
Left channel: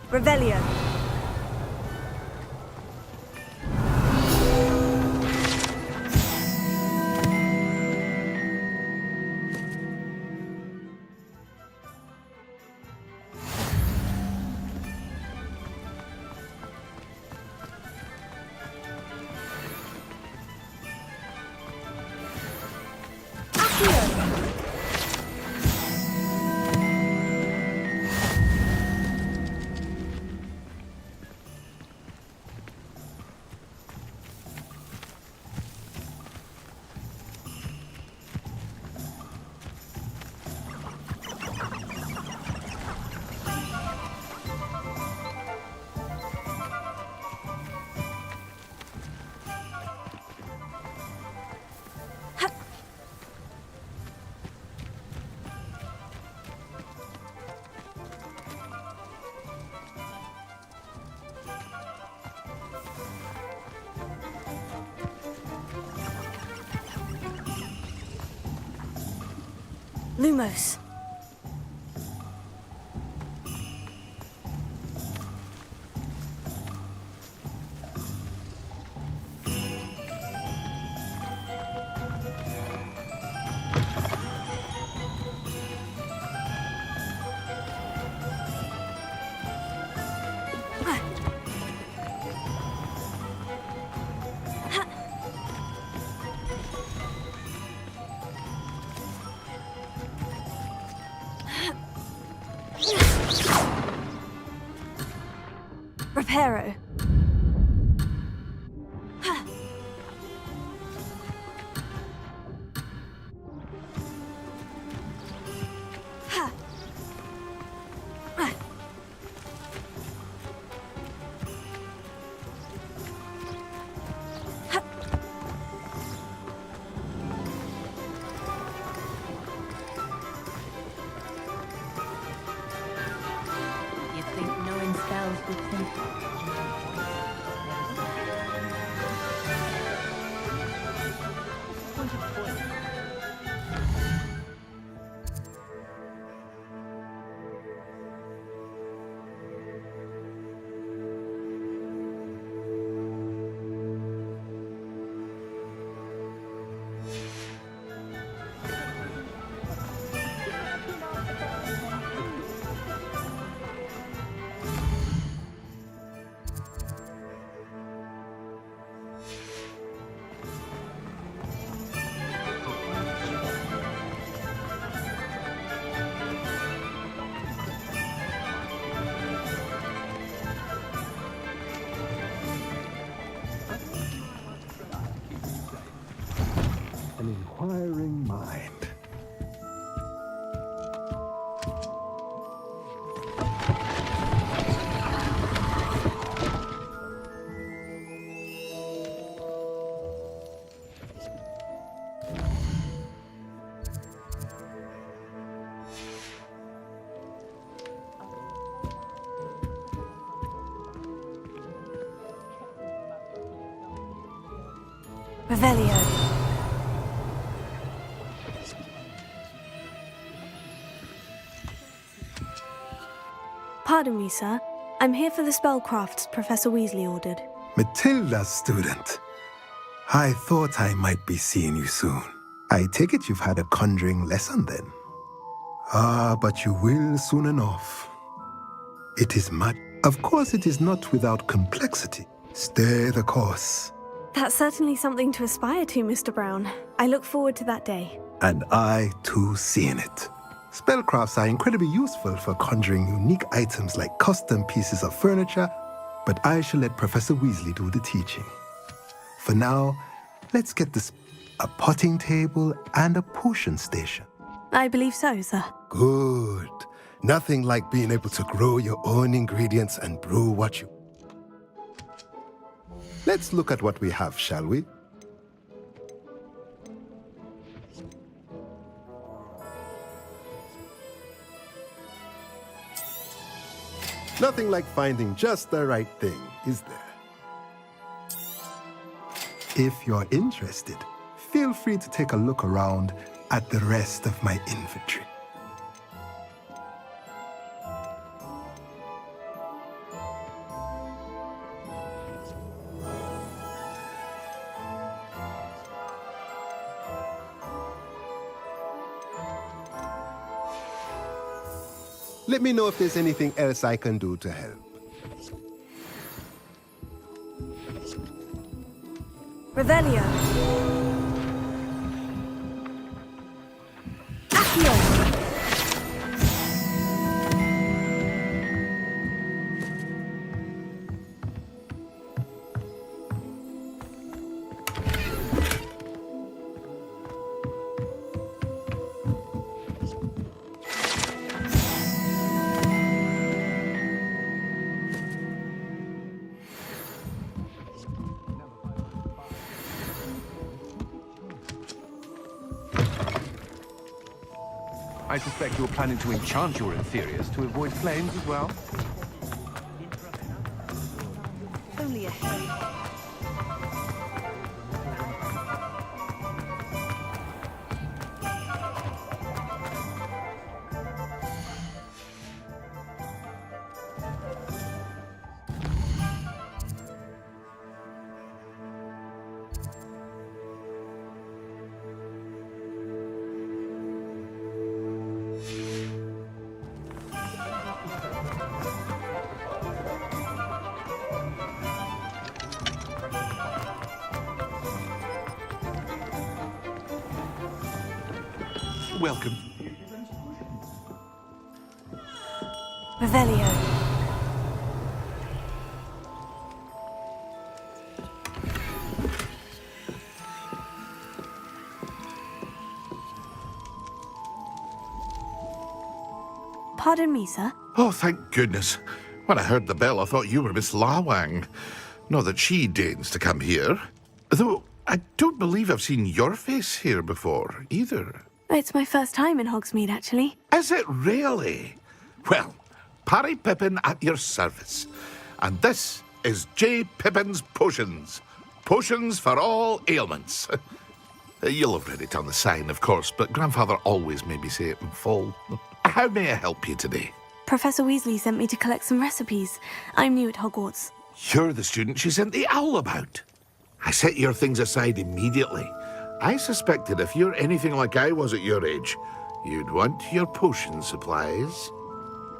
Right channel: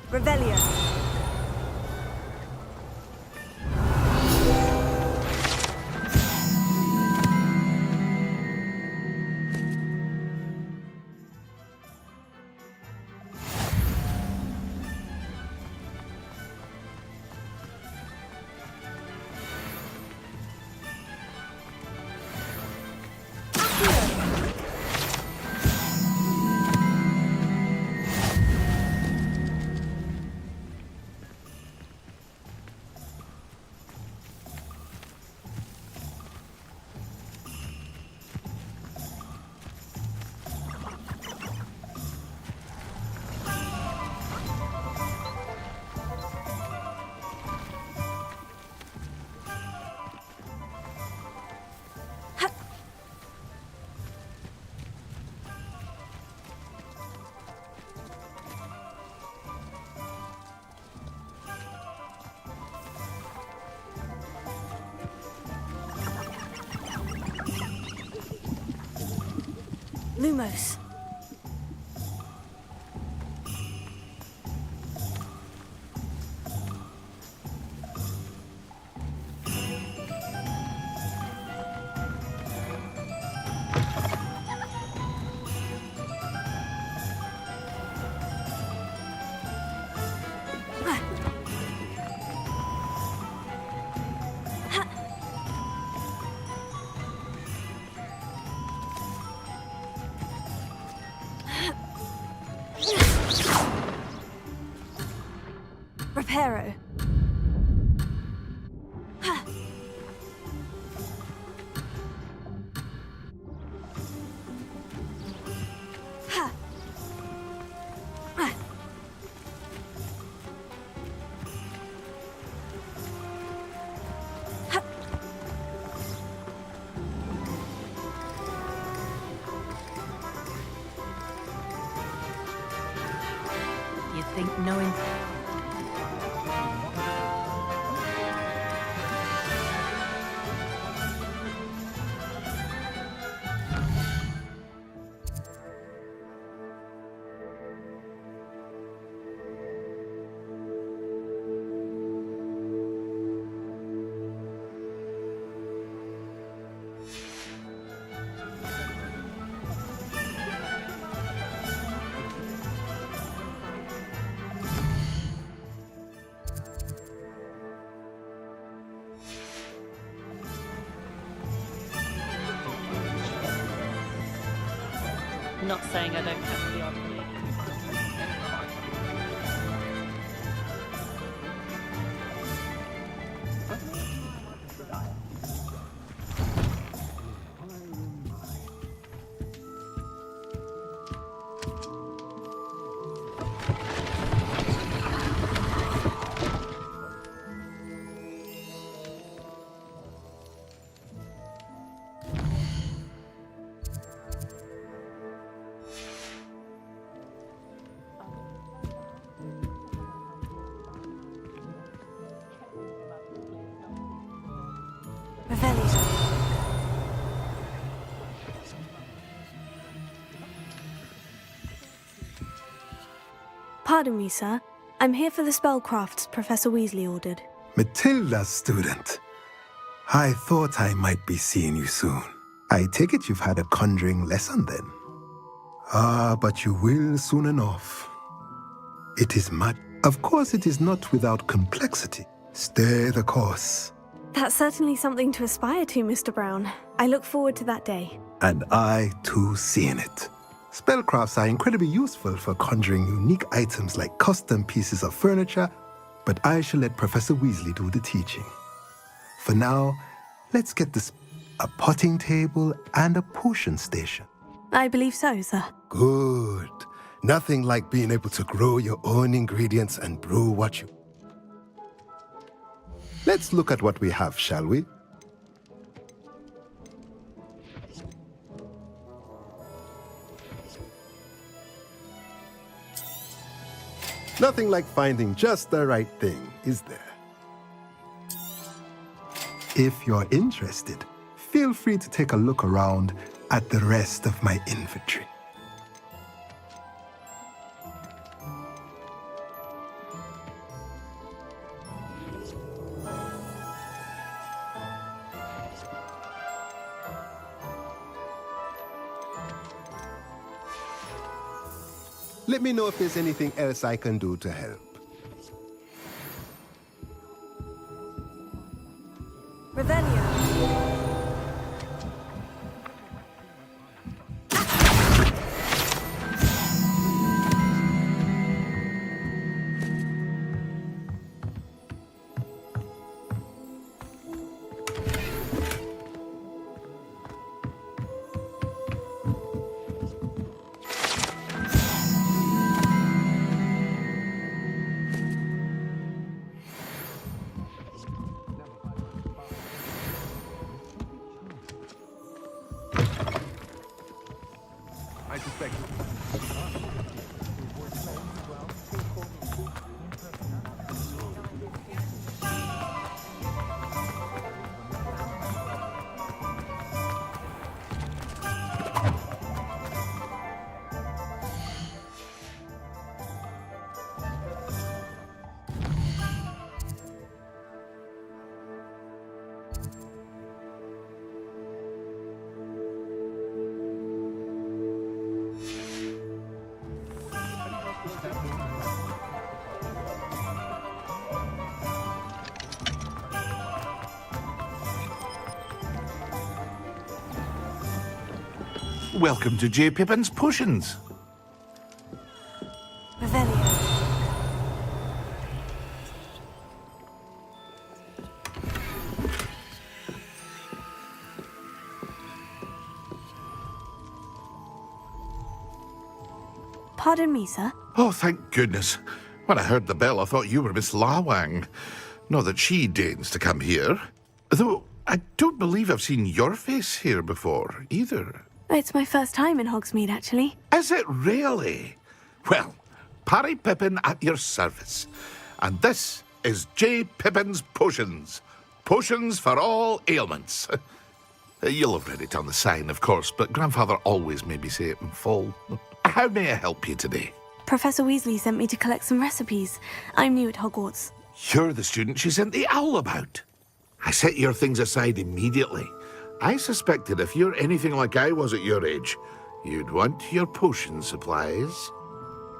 Revelio. Lumos. Reparo. You'd think knowing spells would think. Not saying I don't. An inquiring mind. Revelio. Pardon me, sir. I'm here for the spellcrafts Professor Weasley ordered. Matilda's student. I thought I might be seeing you soon. I take it you've had a conjuring lesson then. Ah, but you will soon enough. It is mad. Of course, it is not without complexity. Stay the course. That's certainly something to aspire to, Mr. Brown. I look forward to that day. And I, too, seeing it. Spellcrafts are incredibly useful for conjuring unique items like custom pieces of furniture, but I shall let Professor Weasley do the teaching. For now, let's get this a potting table and a potion station. I believe so, sir. Good. Nothing like being able to grow your own ingredients and brew what you... Let's look at what we have, shall we? Nothing like finding just the right thing, is there? If you're interested, feel free to take a look around at the rest of my inventory. Let me know if there's anything else I can do to help. Revelio. I suspect you're planning to enchant your inferiors to avoid flames as well. Welcome to J. Pippin's Potions. Revelio. Pardon me, sir. Oh, thank goodness. When I heard the bell, I thought you were Miss Lawang. Not that she deigns to come here. Though, I don't believe I've seen your face here before, either. It's my first time in Hogsmeade, actually. Is it really? Well, Parry Pippin at your service. And this is J. Pippin's Potions. Potions for all ailments. You'll have read it on the sign, of course, but Grandfather always made me say it in full. How may I help you today? Professor Weasley sent me to collect some recipes. I'm new at Hogwarts. You're the student she sent the owl about. I set your things aside immediately. I suspected if you're anything like I was at your age, you'd want your potion supplies.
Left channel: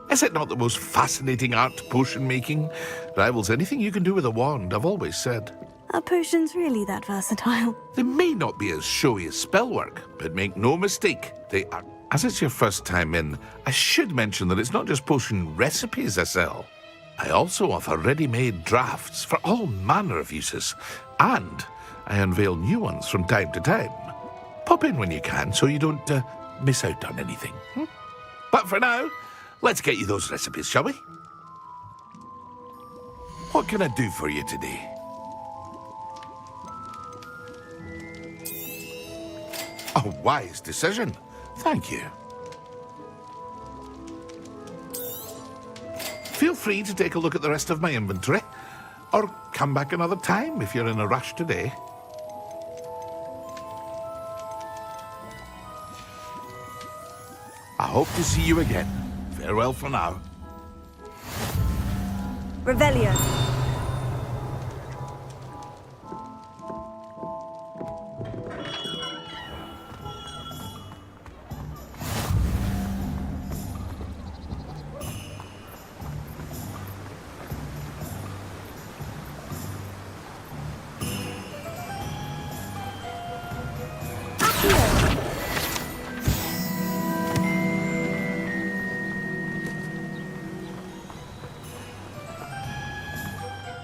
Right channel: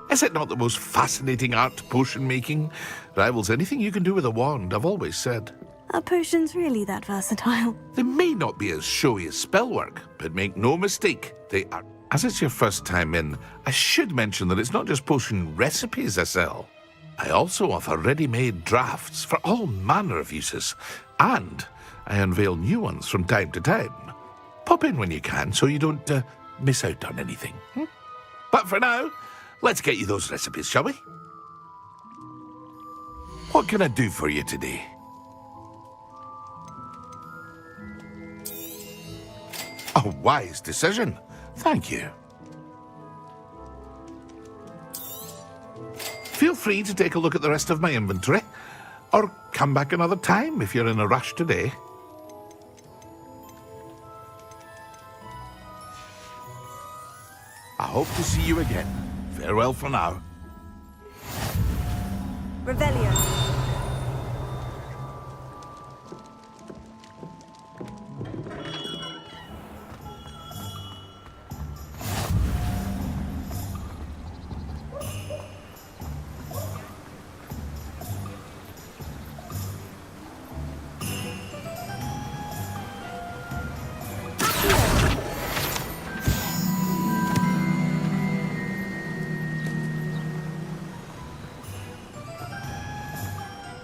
Is it not the most fascinating art, potion making? Rivals anything you can do with a wand, I've always said. Are potions really that versatile? They may not be as showy as spellwork, but make no mistake, they are. As it's your first time in, I should mention that it's not just potion recipes I sell. I also offer ready-made drafts for all manner of uses, and I unveil new ones from time to time. Pop in when you can so you don't miss out on anything. But for now, let's get you those recipes, shall we? What can I do for you today? A wise decision. Thank you. Feel free to take a look at the rest of my inventory, or come back another time if you're in a rush today. I hope to see you again. Farewell for now. Revelio.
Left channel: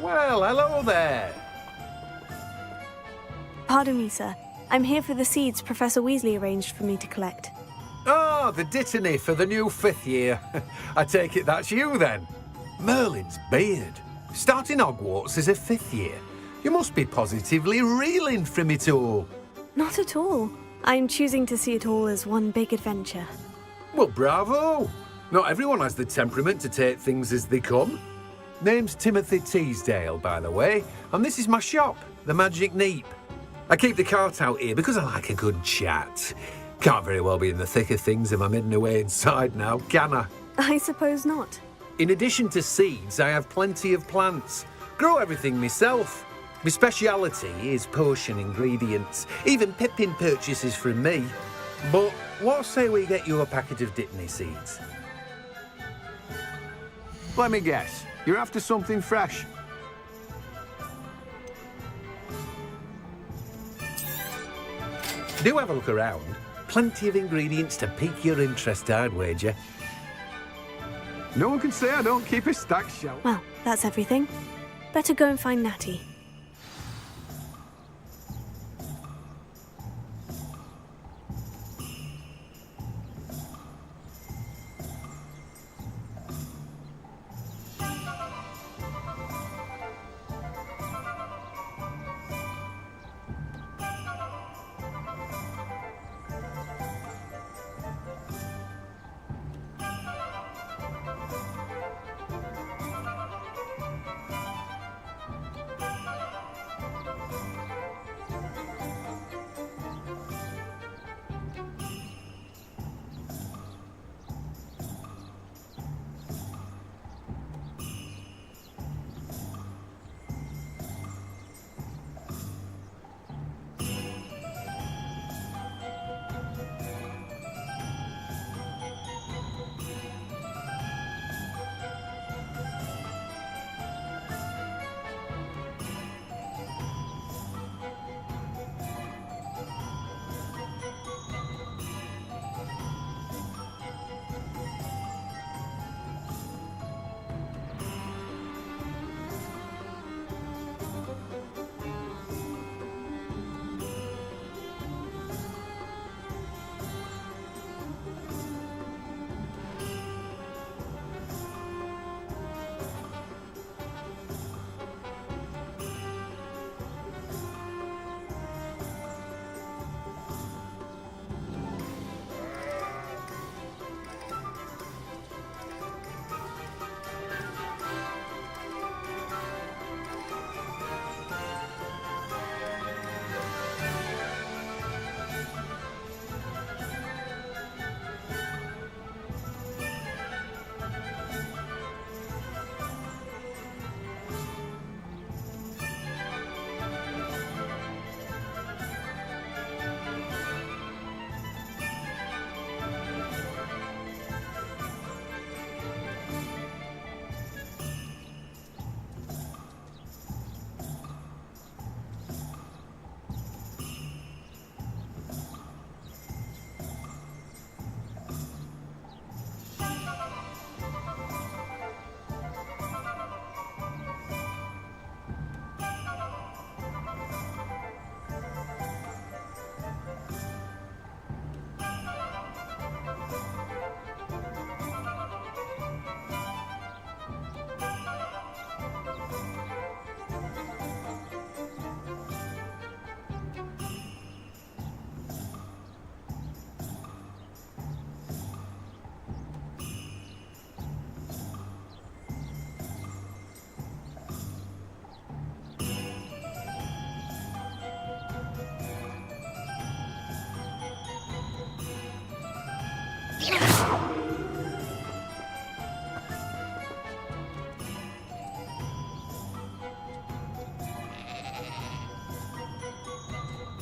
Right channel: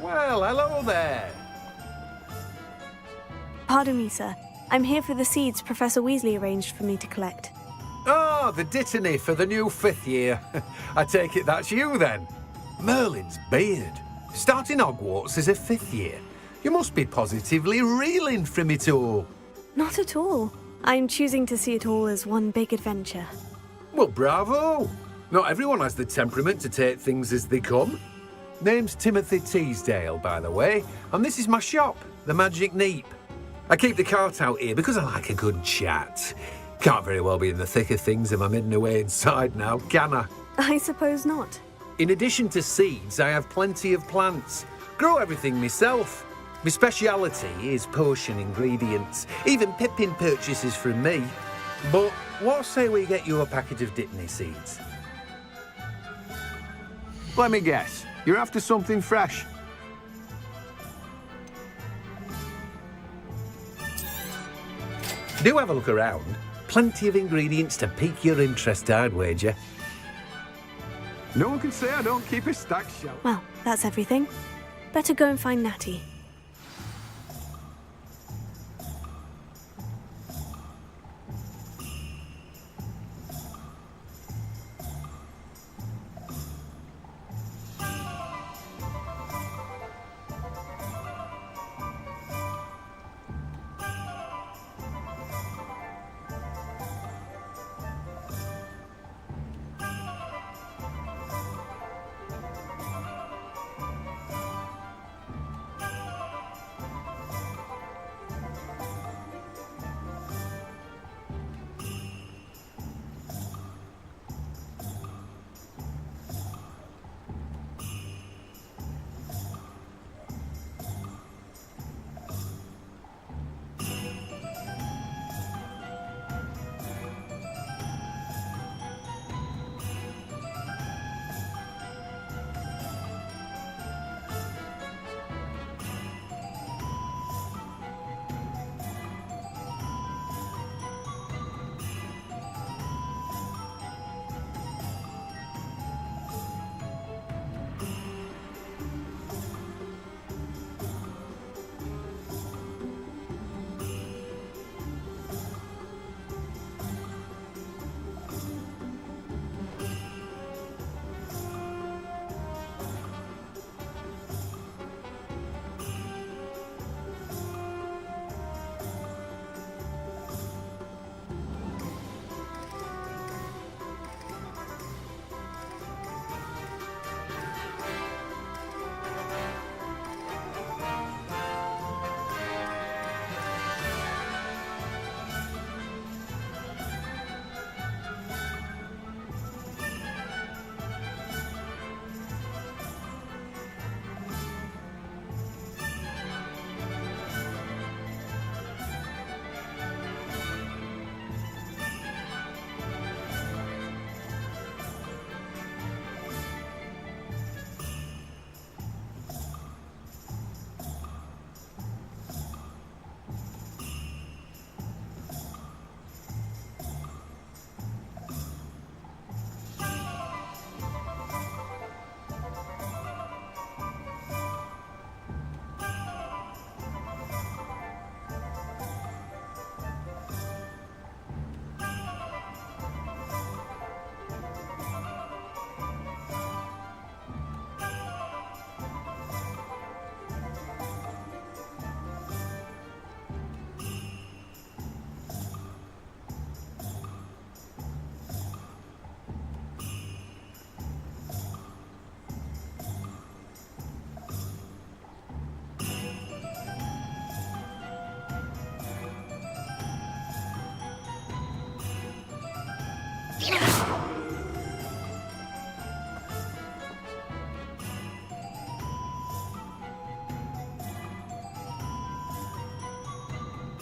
Well, hello there. Pardon me, sir. I'm here for the seeds Professor Weasley arranged for me to collect. Oh, the dittany for the new 5th year. I take it that's you, then. Merlin's beard. Starting Hogwarts as a 5th year. You must be positively reeling from it all. Not at all. I'm choosing to see it all as one big adventure. Well, bravo. Not everyone has the temperament to take things as they come. Name's Timothy Teasdale, by the way, and this is my shop, the Magic Neep. I keep the cart out here because I like a good chat. Can't very well be in the thick of things if I'm hidden away inside now, can I? I suppose not. In addition to seeds, I have plenty of plants. Grow everything myself. My speciality is potion ingredients. Even Pippin purchases from me. But what say we get you a packet of dittany seeds? Let me guess. You're after something fresh. Do have a look around. Plenty of ingredients to pique your interest, I'd wager. No one can say I don't keep a stacked shelf. Well, that's everything. Better go and find Natty.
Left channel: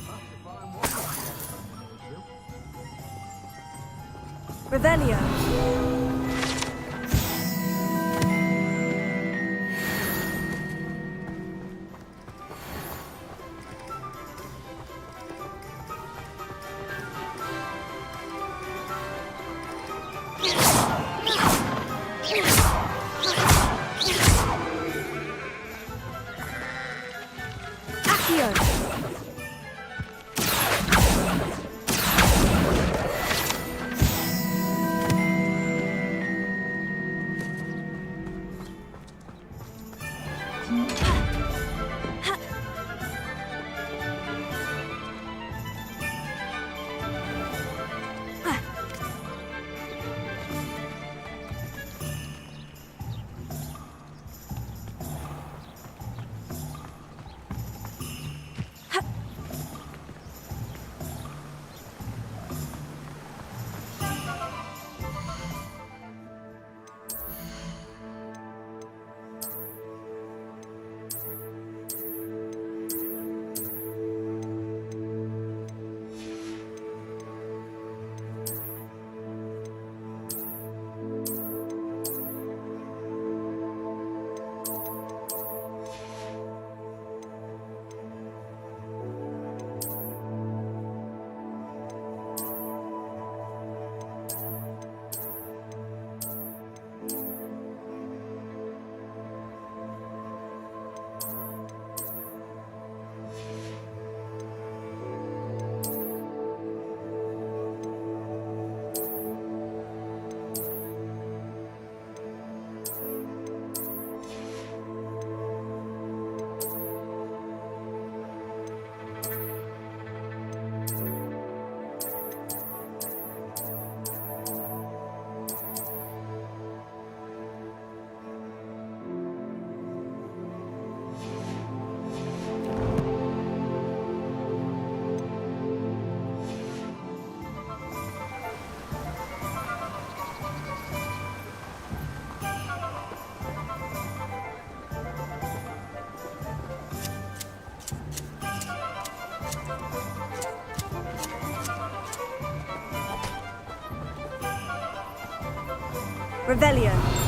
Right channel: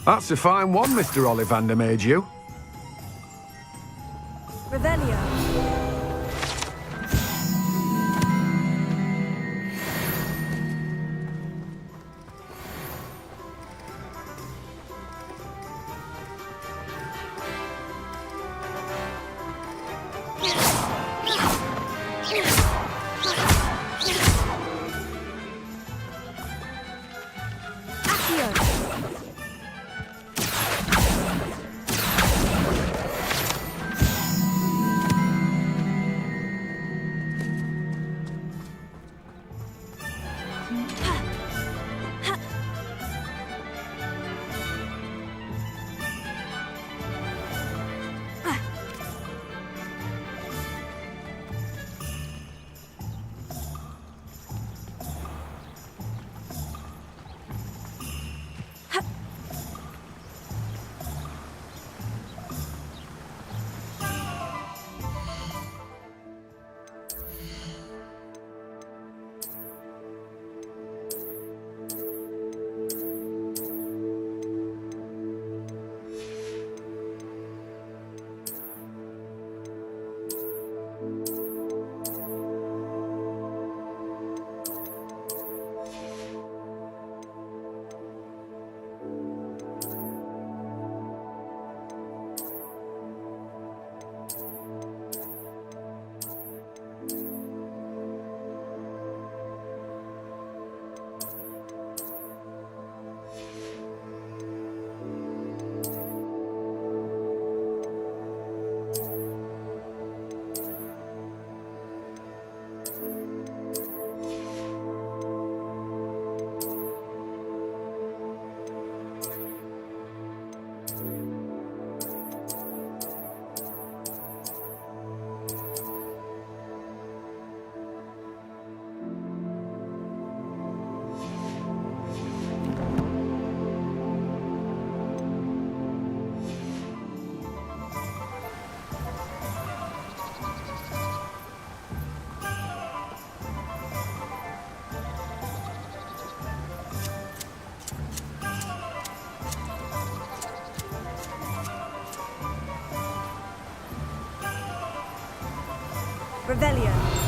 That's a fine one, Mr. Ollivander made you. Revelio. Revelio.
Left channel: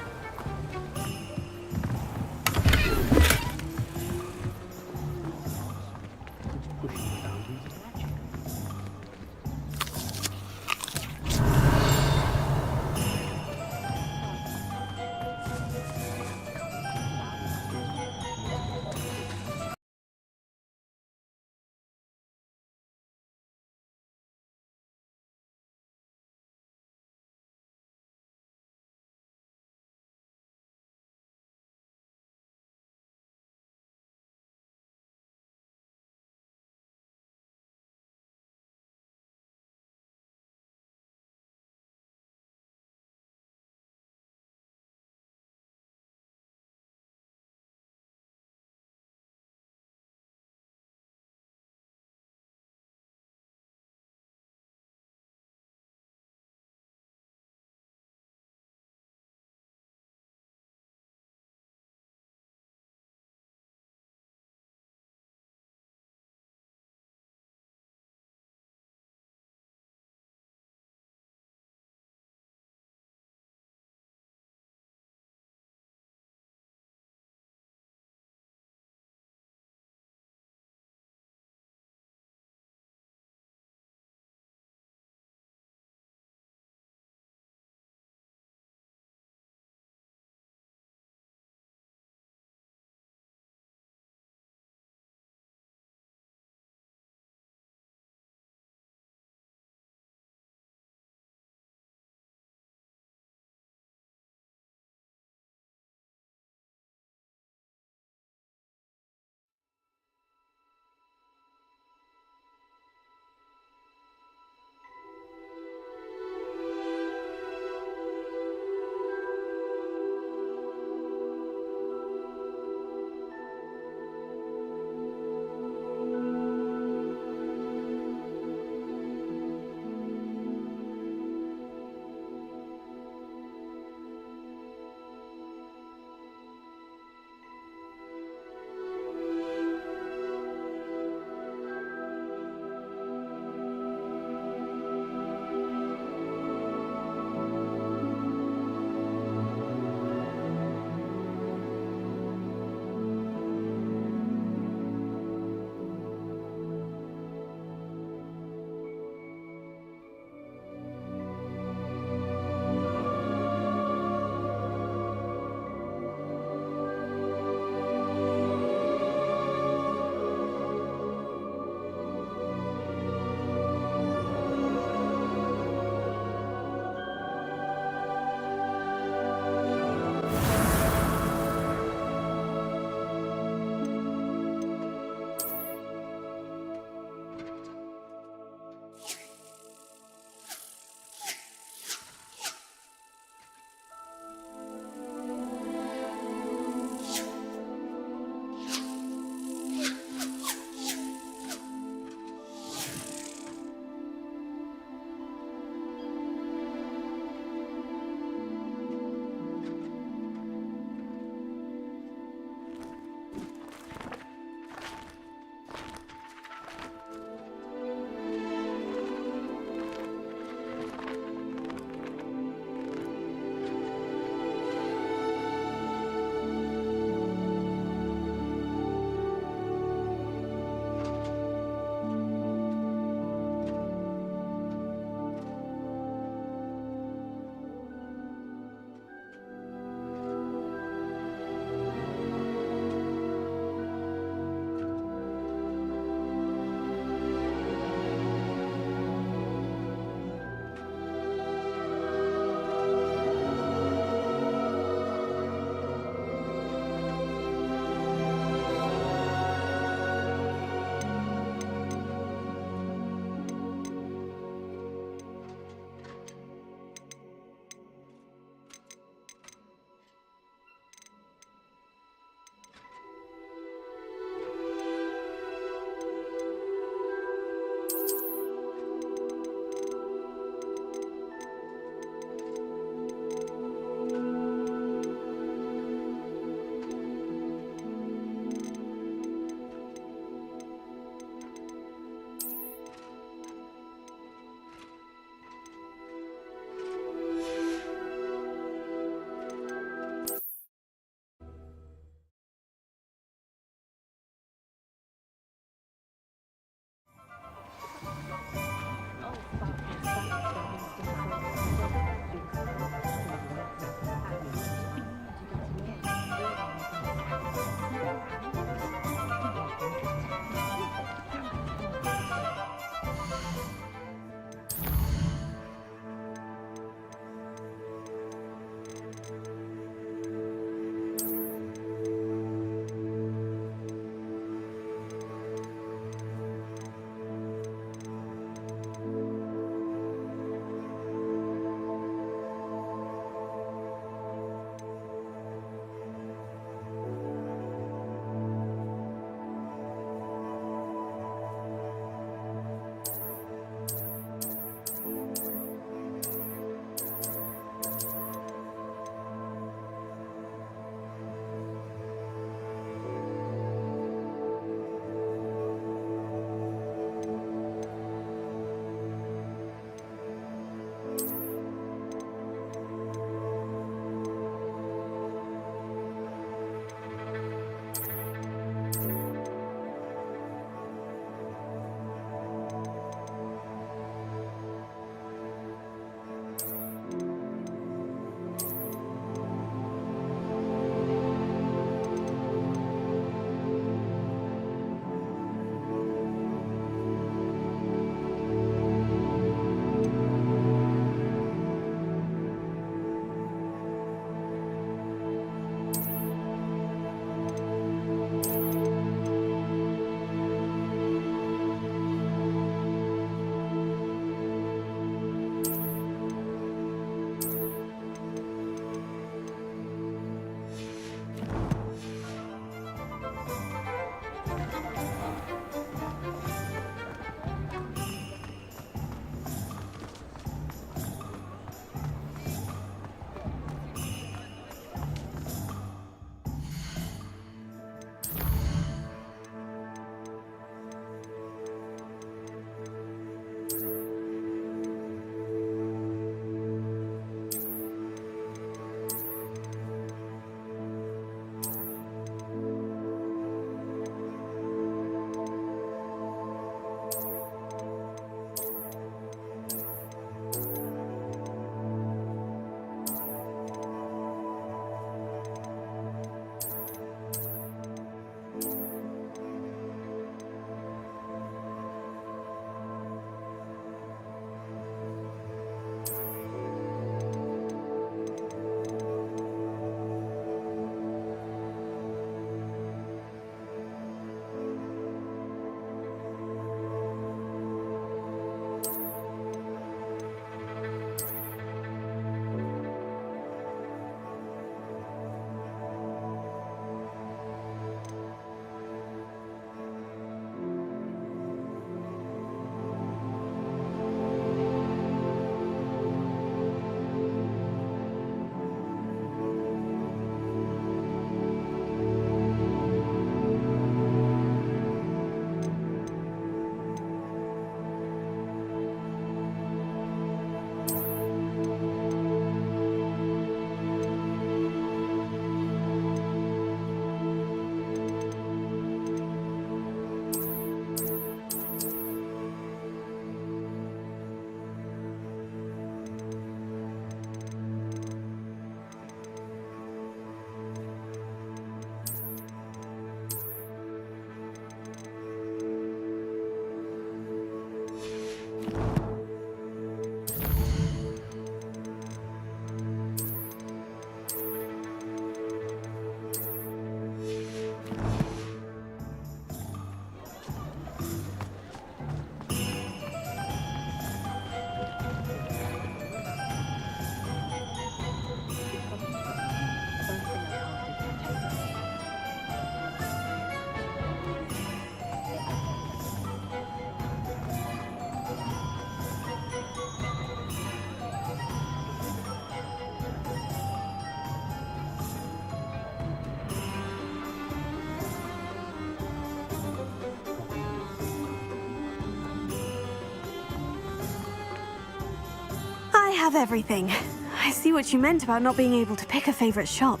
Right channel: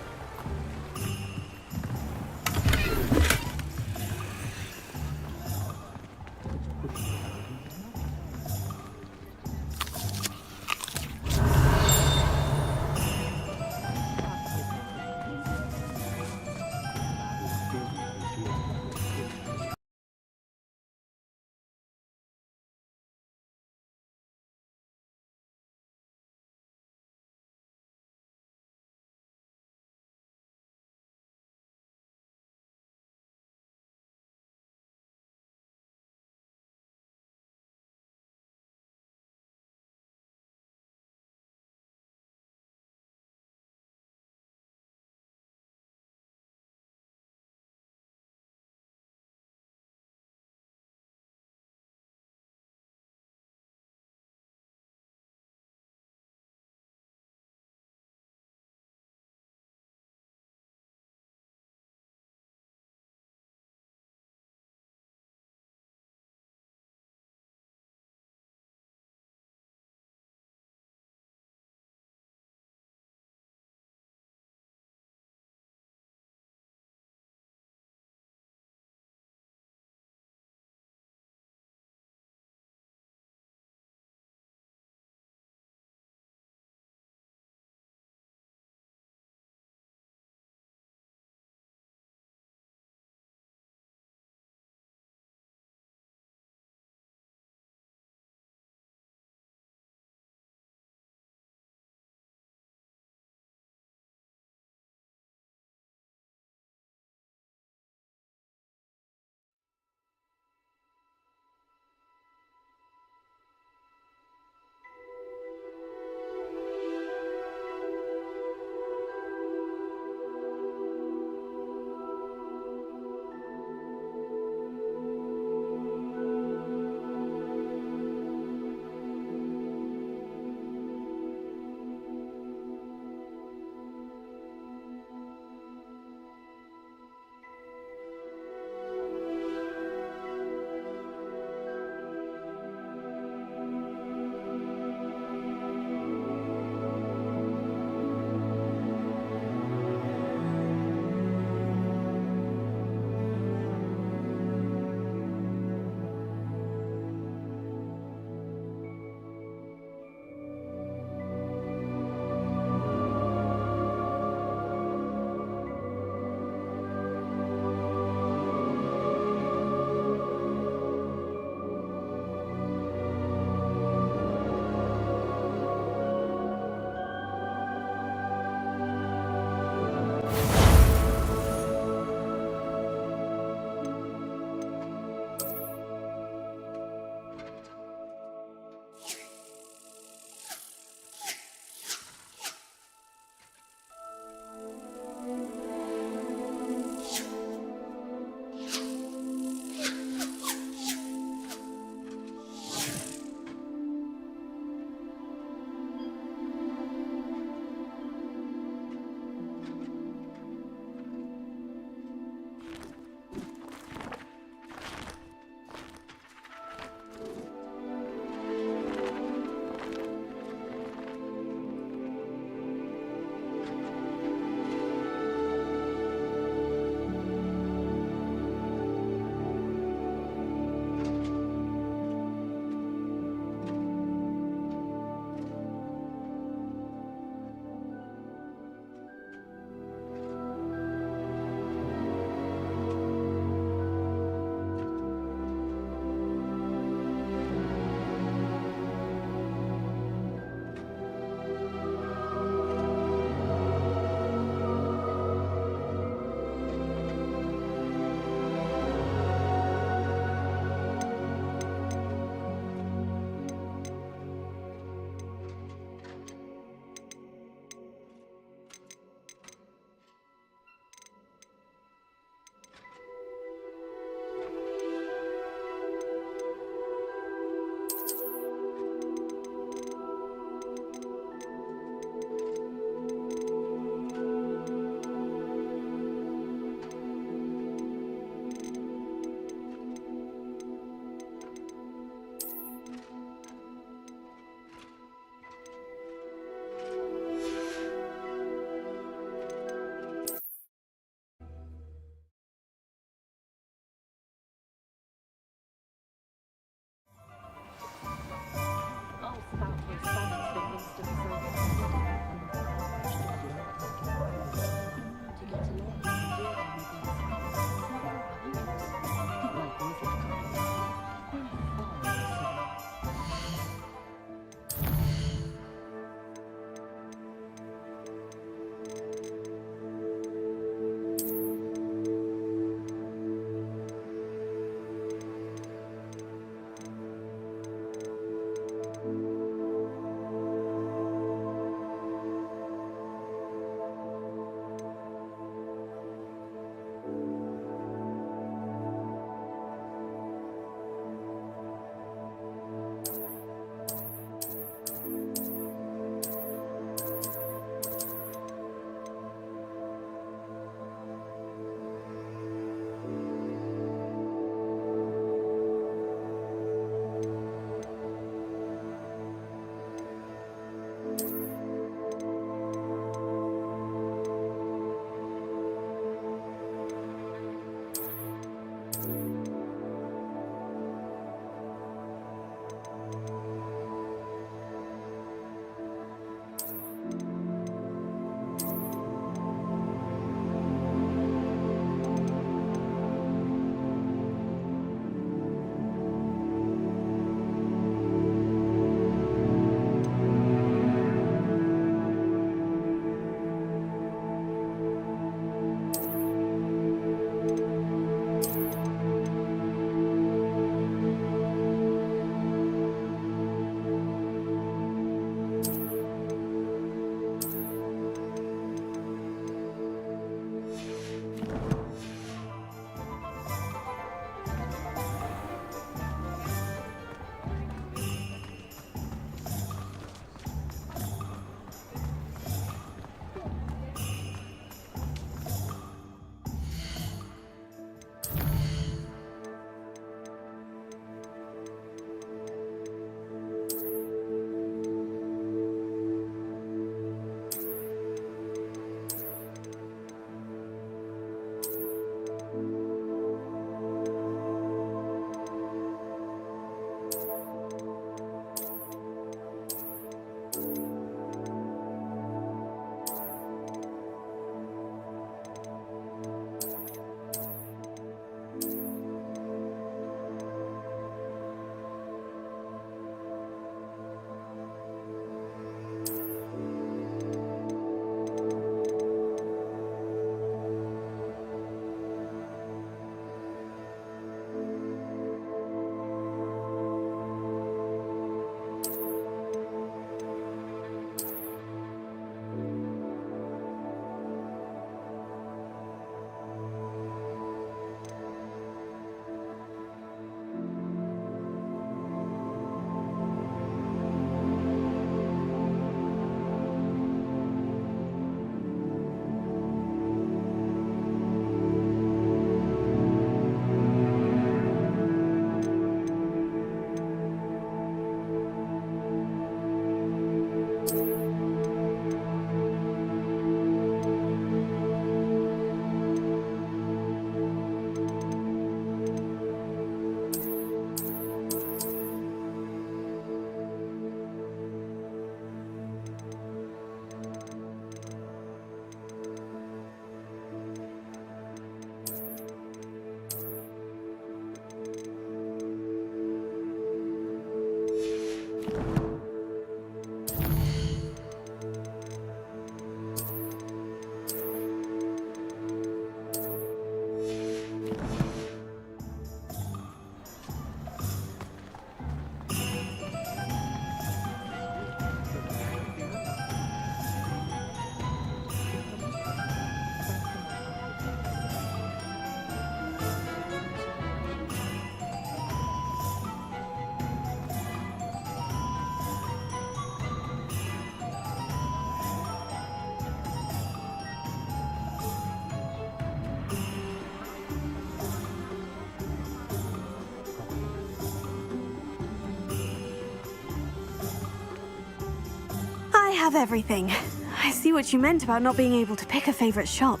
have everything. I see what you meant about not being able to pick a favorite shop.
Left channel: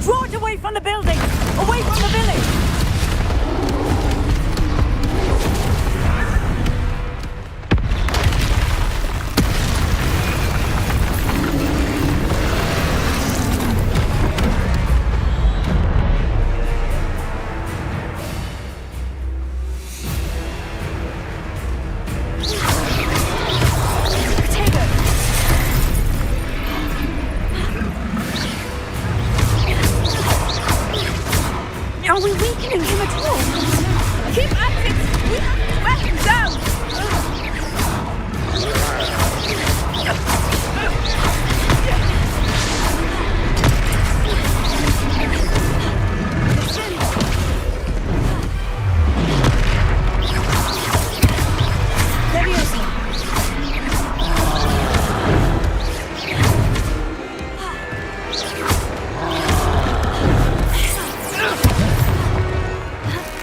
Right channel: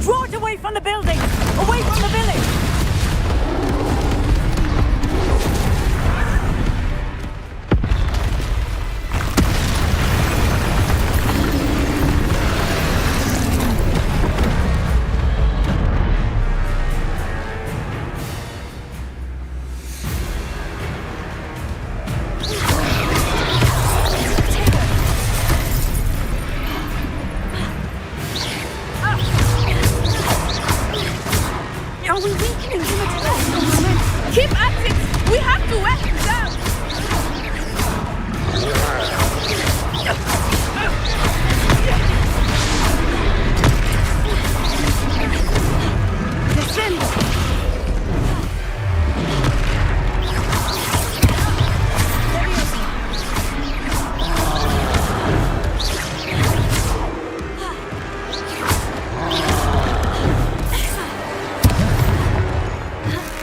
Draw it away from the building! Away from the village! Are we weakening him at all? Keep at it! We have to wear him down!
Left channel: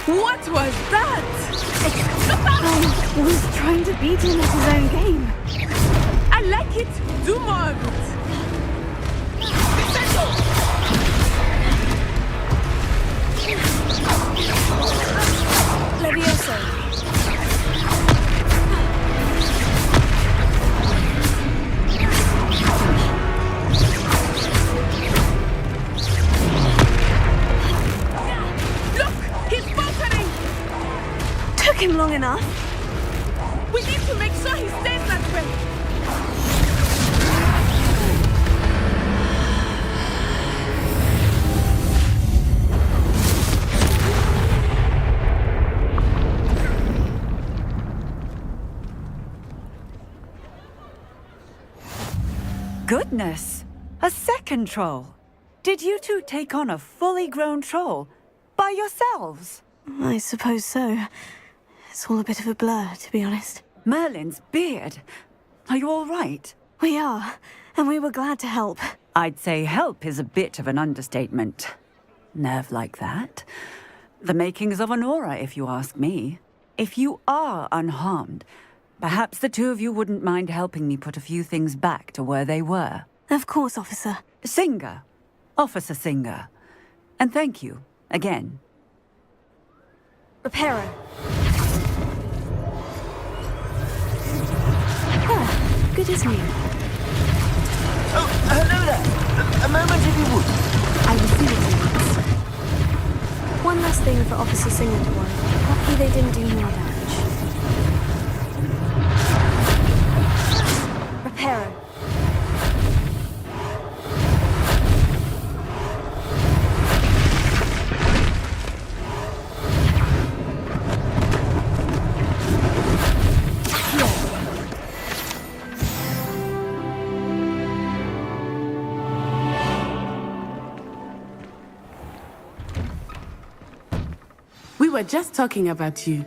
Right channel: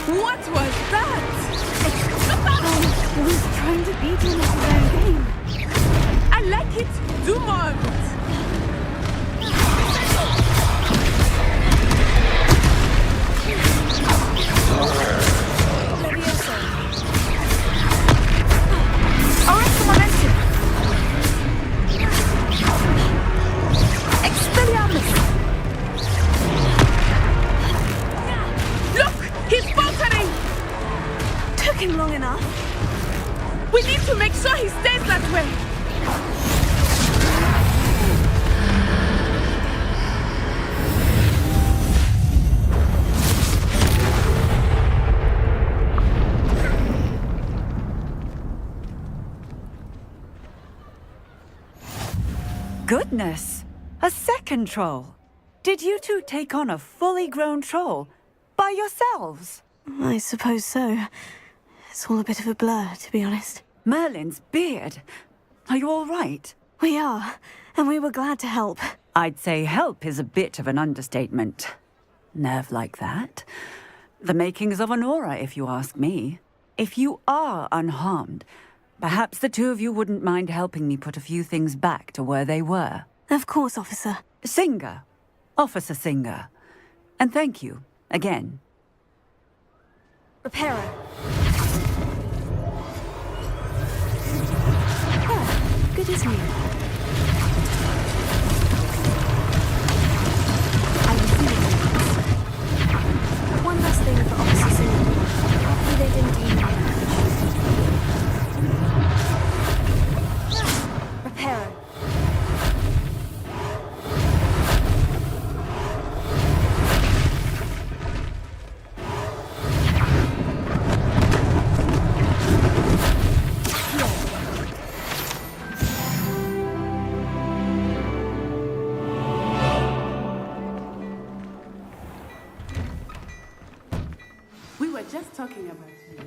What was that? I was trying to beat him at his own game. I like it. Do more of it. Levioso. Look! He's faltering! Took him long enough. We need to make sure he stays that way. Goodness! A second troll! Did you two take on a fully grown troll? By yourselves? I suppose so. It's all a bit of a blur, to be honest. Merlin's beard. Are you all right? We are, and we were glad to help. I'd say help is a bit of an understatement. Nerve like that. The makings of an aura, if you ask me. If you are unharmed, perhaps the two of you wouldn't mind helping me put a few things back to where they were. Of course, officer. Singer. Officer Singer. And thank you, again. Reparo. Ah, good as new. I will see you. One last thing for Officer Singer to want. Hopefully they didn't do more damage. Reparo. We were just talking about you.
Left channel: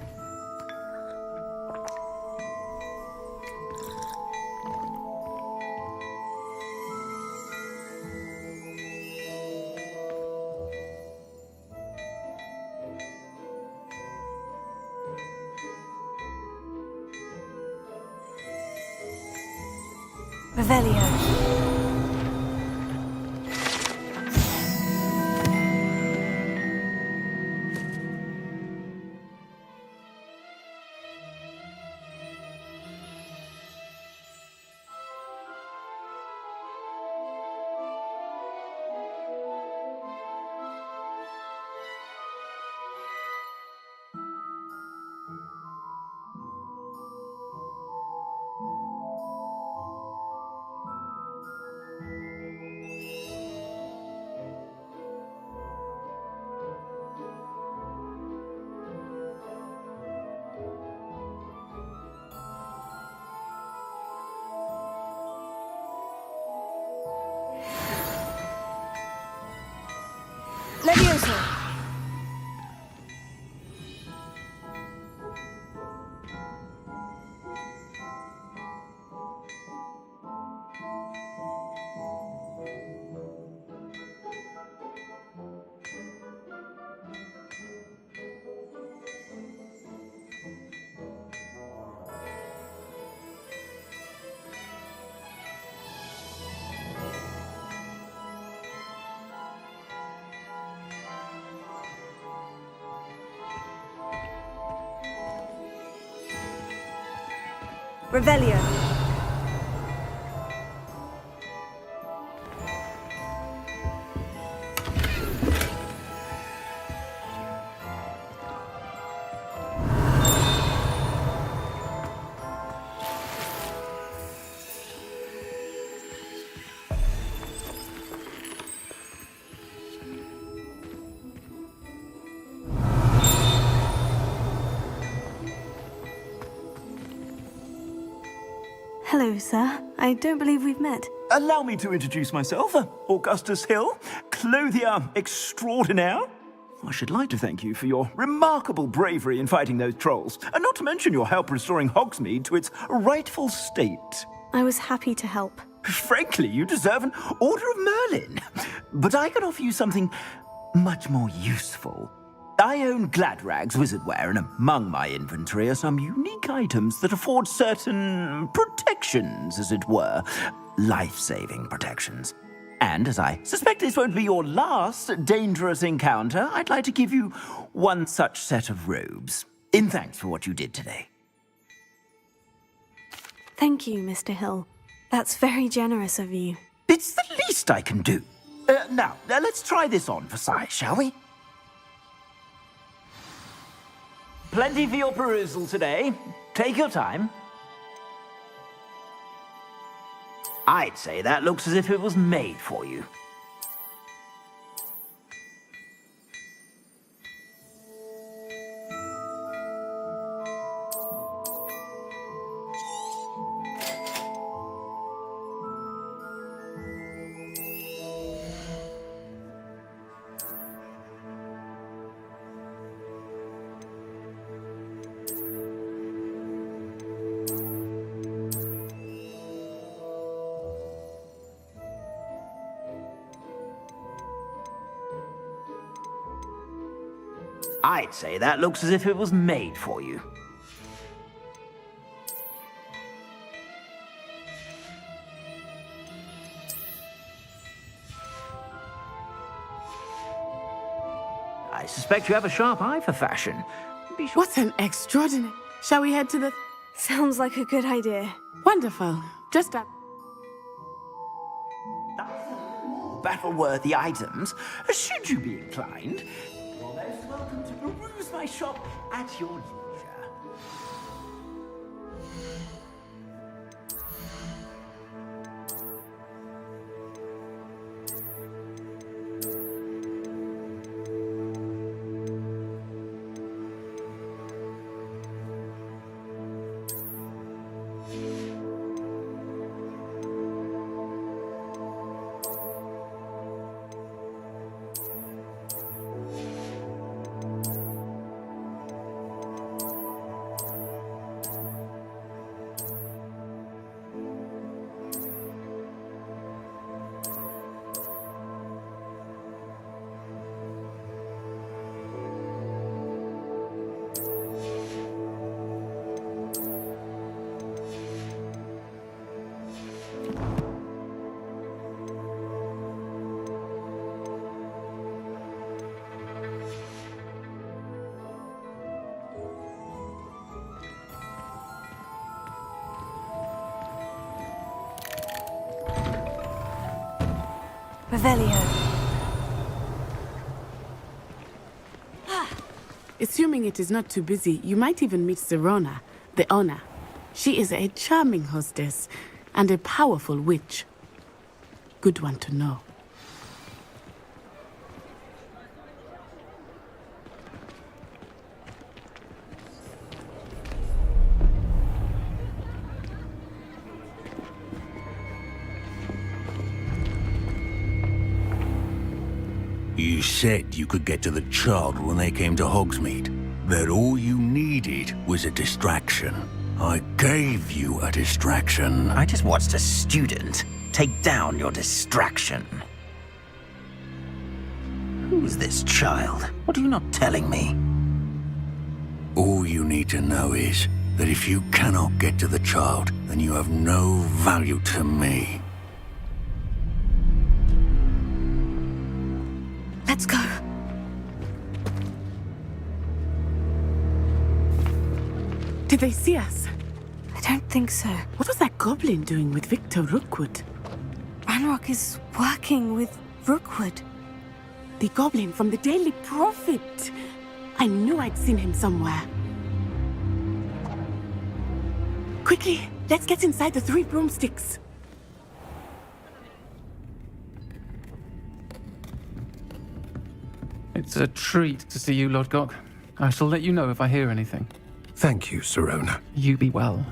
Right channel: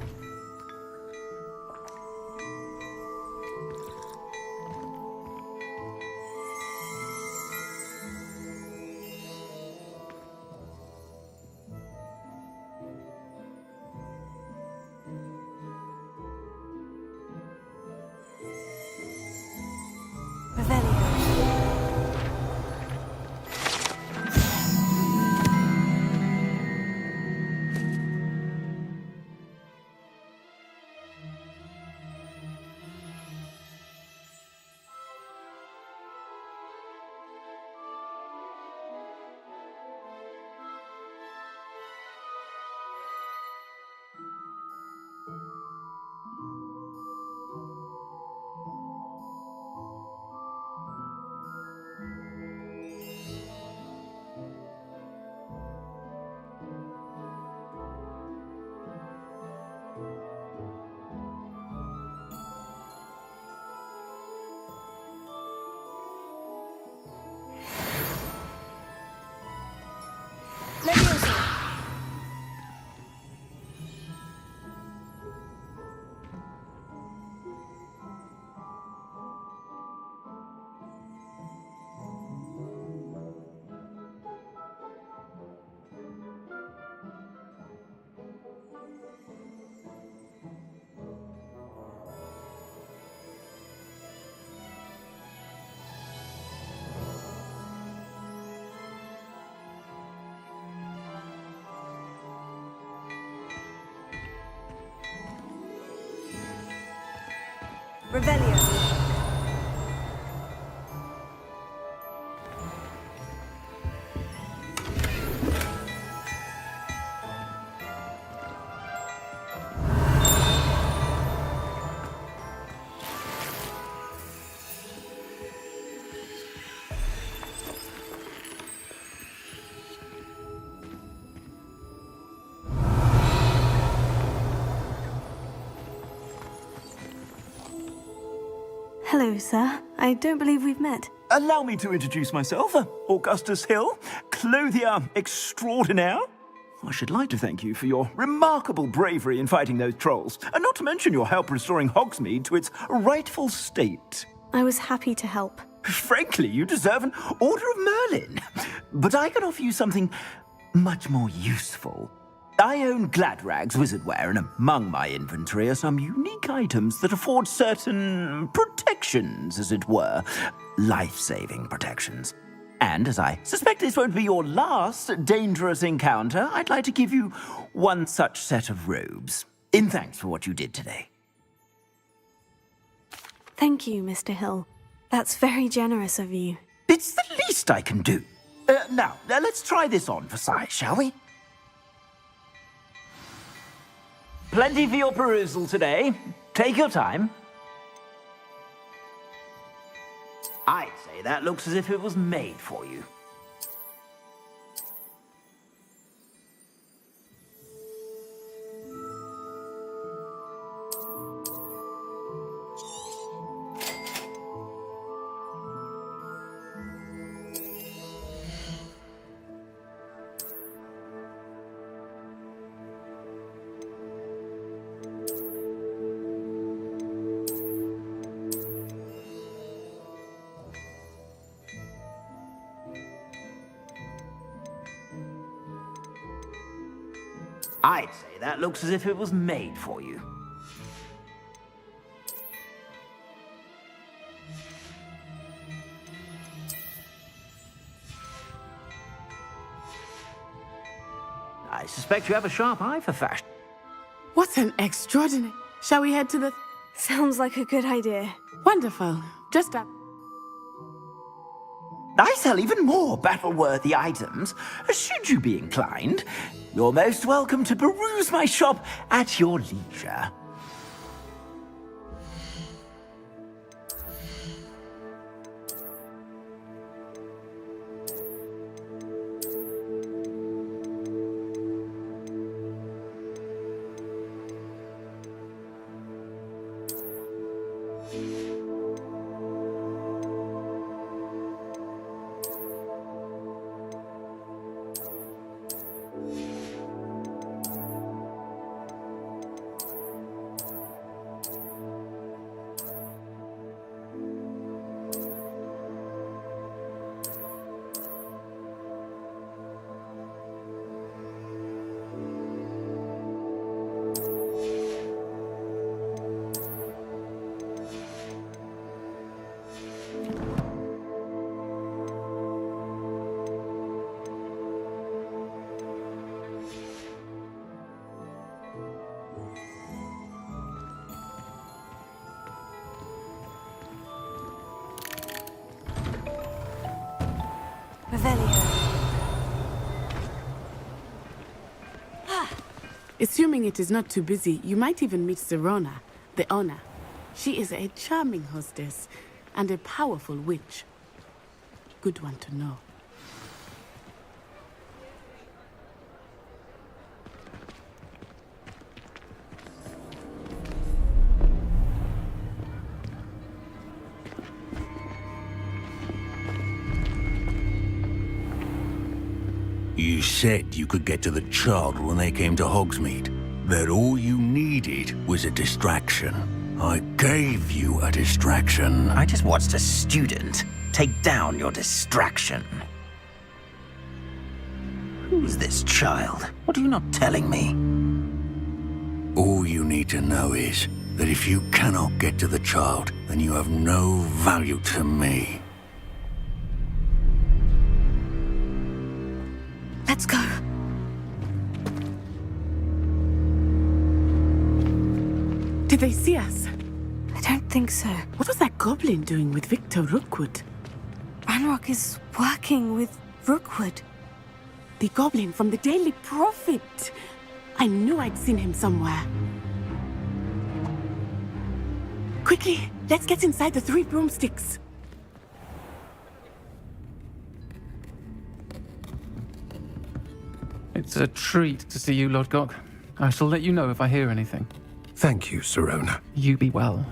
Revelio. Levioso! Revelio. Hello, sir. I don't believe we've met. Allow me to introduce myself, Augustus Hill, clothier extraordinaire. I should like to thank you for your remarkable bravery in fighting those trolls, and not to mention your help restoring Hogsmeade to its rightful state. I was happy to help. Frankly, you deserve an Order of Merlin. But I can offer you something much more useful. I own Gladrag's wizardware, and among my inventory are some unique items that afford certain protections, as it were. Life-saving protections. And as I suspect this won't be your last dangerous encounter, I'd like to give you one such set of robes, in thanks for what you did today. Thank you, Mr. Hill. That's very generous of you. It's the least I can do. Now, let's try this on for size, shall we? Plenty for your perusal today. Take your time. I'd say that looks as if it was made for you. I'd say that looks as if it was made for you. I suspect you have a sharp eye for fashion. What an extraordinary... Shall we head to the... Sounds like a good idea. Wonderful. Just up. I sell even more battle-worthy items, should you be inclined. You're most welcome to peruse my shop at your leisure. Revelio. Assuming it is not too busy, you might even meet Serona, the owner. She is a charming hostess and a powerful witch. Good one to know. You said you could get to the child when they came to Hogsmeade. That all you needed was a distraction. I gave you a distraction. I just watched a student take down your distraction. Who's this child? What are you not telling me? All you need to know is that if you cannot get to the child, then you have no value to me. Let's go. Did they see us? I don't think so. What was that goblin doing with Victor Rookwood? Ranrock is working with Rookwood. The goblin from the Daily Prophet. I knew I'd seen him somewhere. Quickly, let's get inside the 3 broomsticks. It's a treat to see you, Lodgok. I shall let you know if I hear anything. Thank you, Sirona. You be well.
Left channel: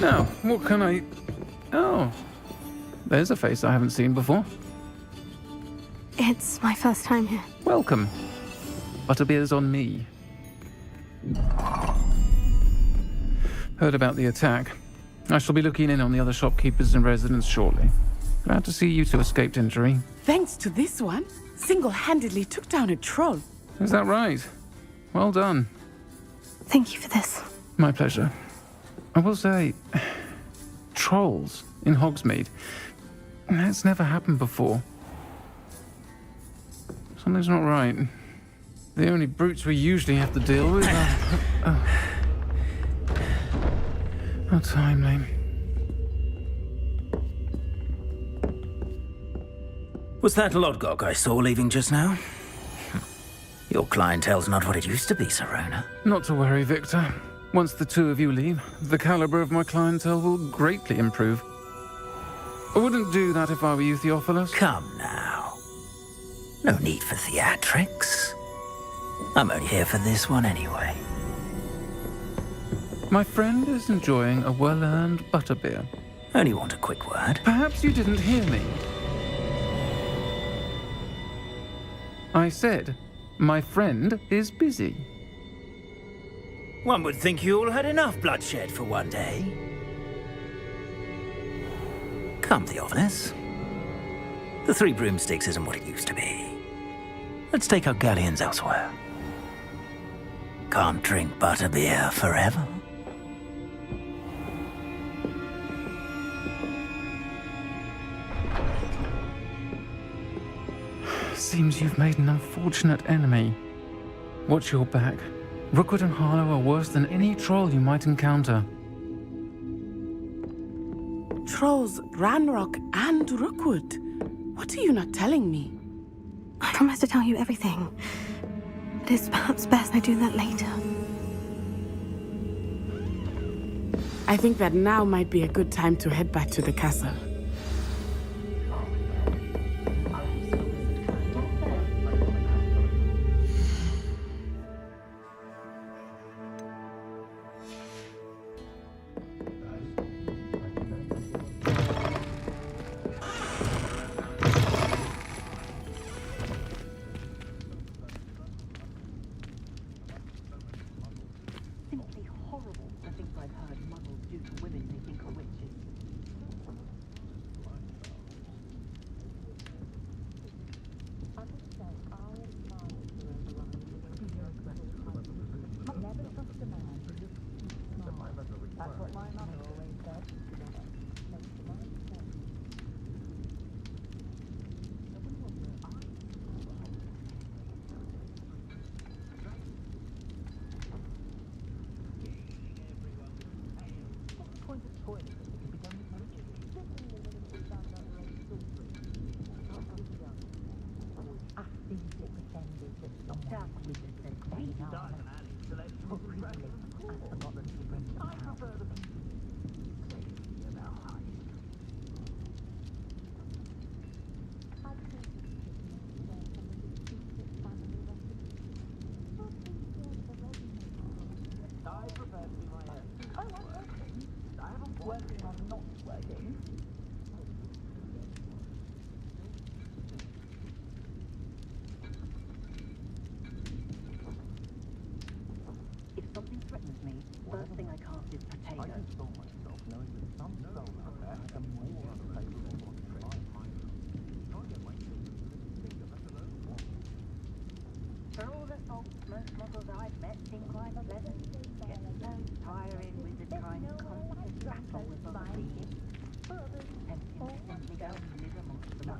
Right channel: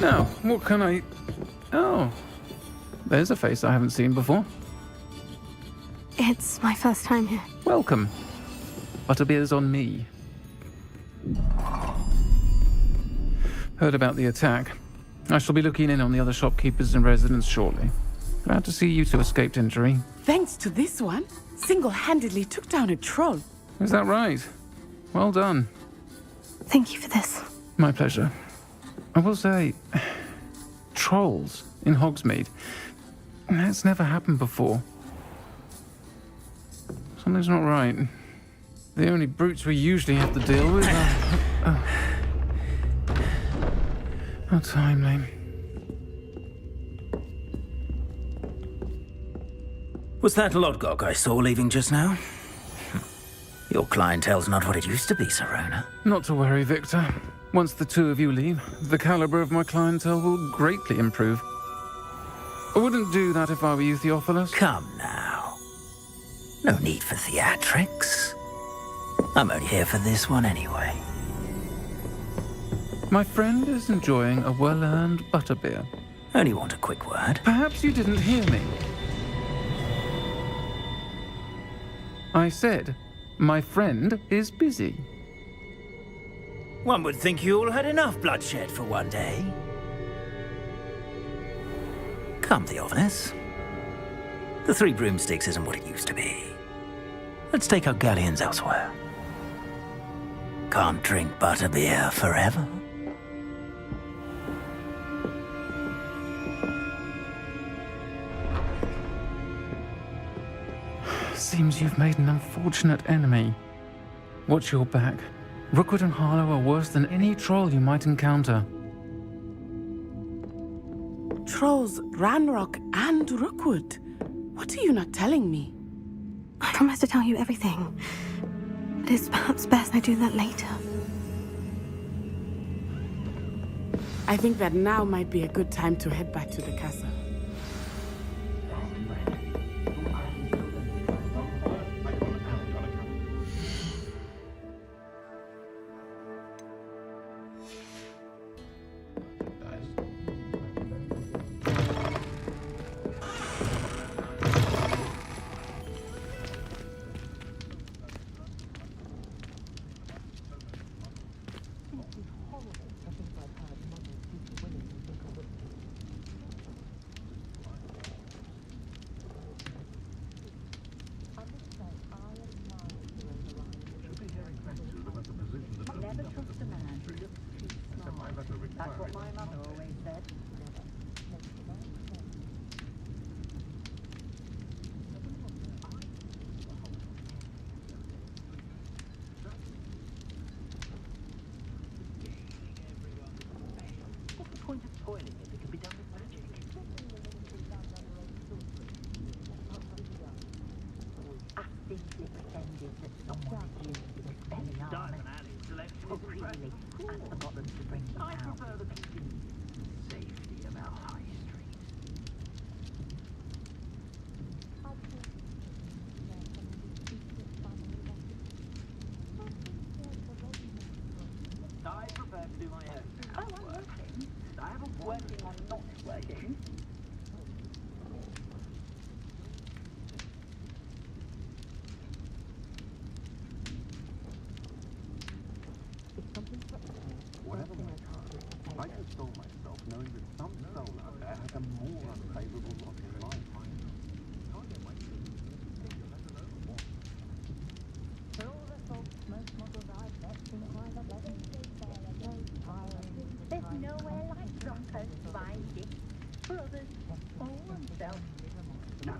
Now, what can I... Oh, there's a face I haven't seen before. It's my first time here. Welcome. Butterbeer's on me. Heard about the attack. I shall be looking in on the other shopkeepers and residents shortly. Glad to see you two escaped injury. Thanks to this one, single-handedly took down a troll. Is that right? Well done. Thank you for this. My pleasure. I will say, trolls in Hogsmeade. That's never happened before. Something's not right. The only brutes we usually have to deal with are... How timely. Was that Lodgok I saw leaving just now? Your clientele's not what it used to be, Sirona. Not to worry, Victor. Once the two of you leave, the caliber of my clientele will greatly improve. I wouldn't do that if I were you, Theophilus. Come now. No need for theatrics. I'm only here for this one anyway. My friend is enjoying a well-earned butterbeer. Only want a quick word. Perhaps you didn't hear me. I said, my friend is busy. One would think you all had enough bloodshed for one day. Come, Theophilus. The 3 broomsticks isn't what it used to be. Let's take our galleons elsewhere. Can't drink butterbeer forever. Seems you've made an unfortunate enemy. Watch your back. Rookwood and Harlow are worse than any troll you might encounter. Trolls, Ranrock, and Rookwood. What are you not telling me? I promise to tell you everything. But it's perhaps best I do that later. I think that now might be a good time to head back to the castle. working on not working. If something threatens me, first thing I cast is potato. I console myself knowing that some soul out there has a more unfavorable lot in life. Can't get my children to live together, let alone one. For all the salt smoke muggles I've met, think life a pleasant get so tiring with the time. There's nowhere like Draco's fine gift. Brothers, all themselves. No,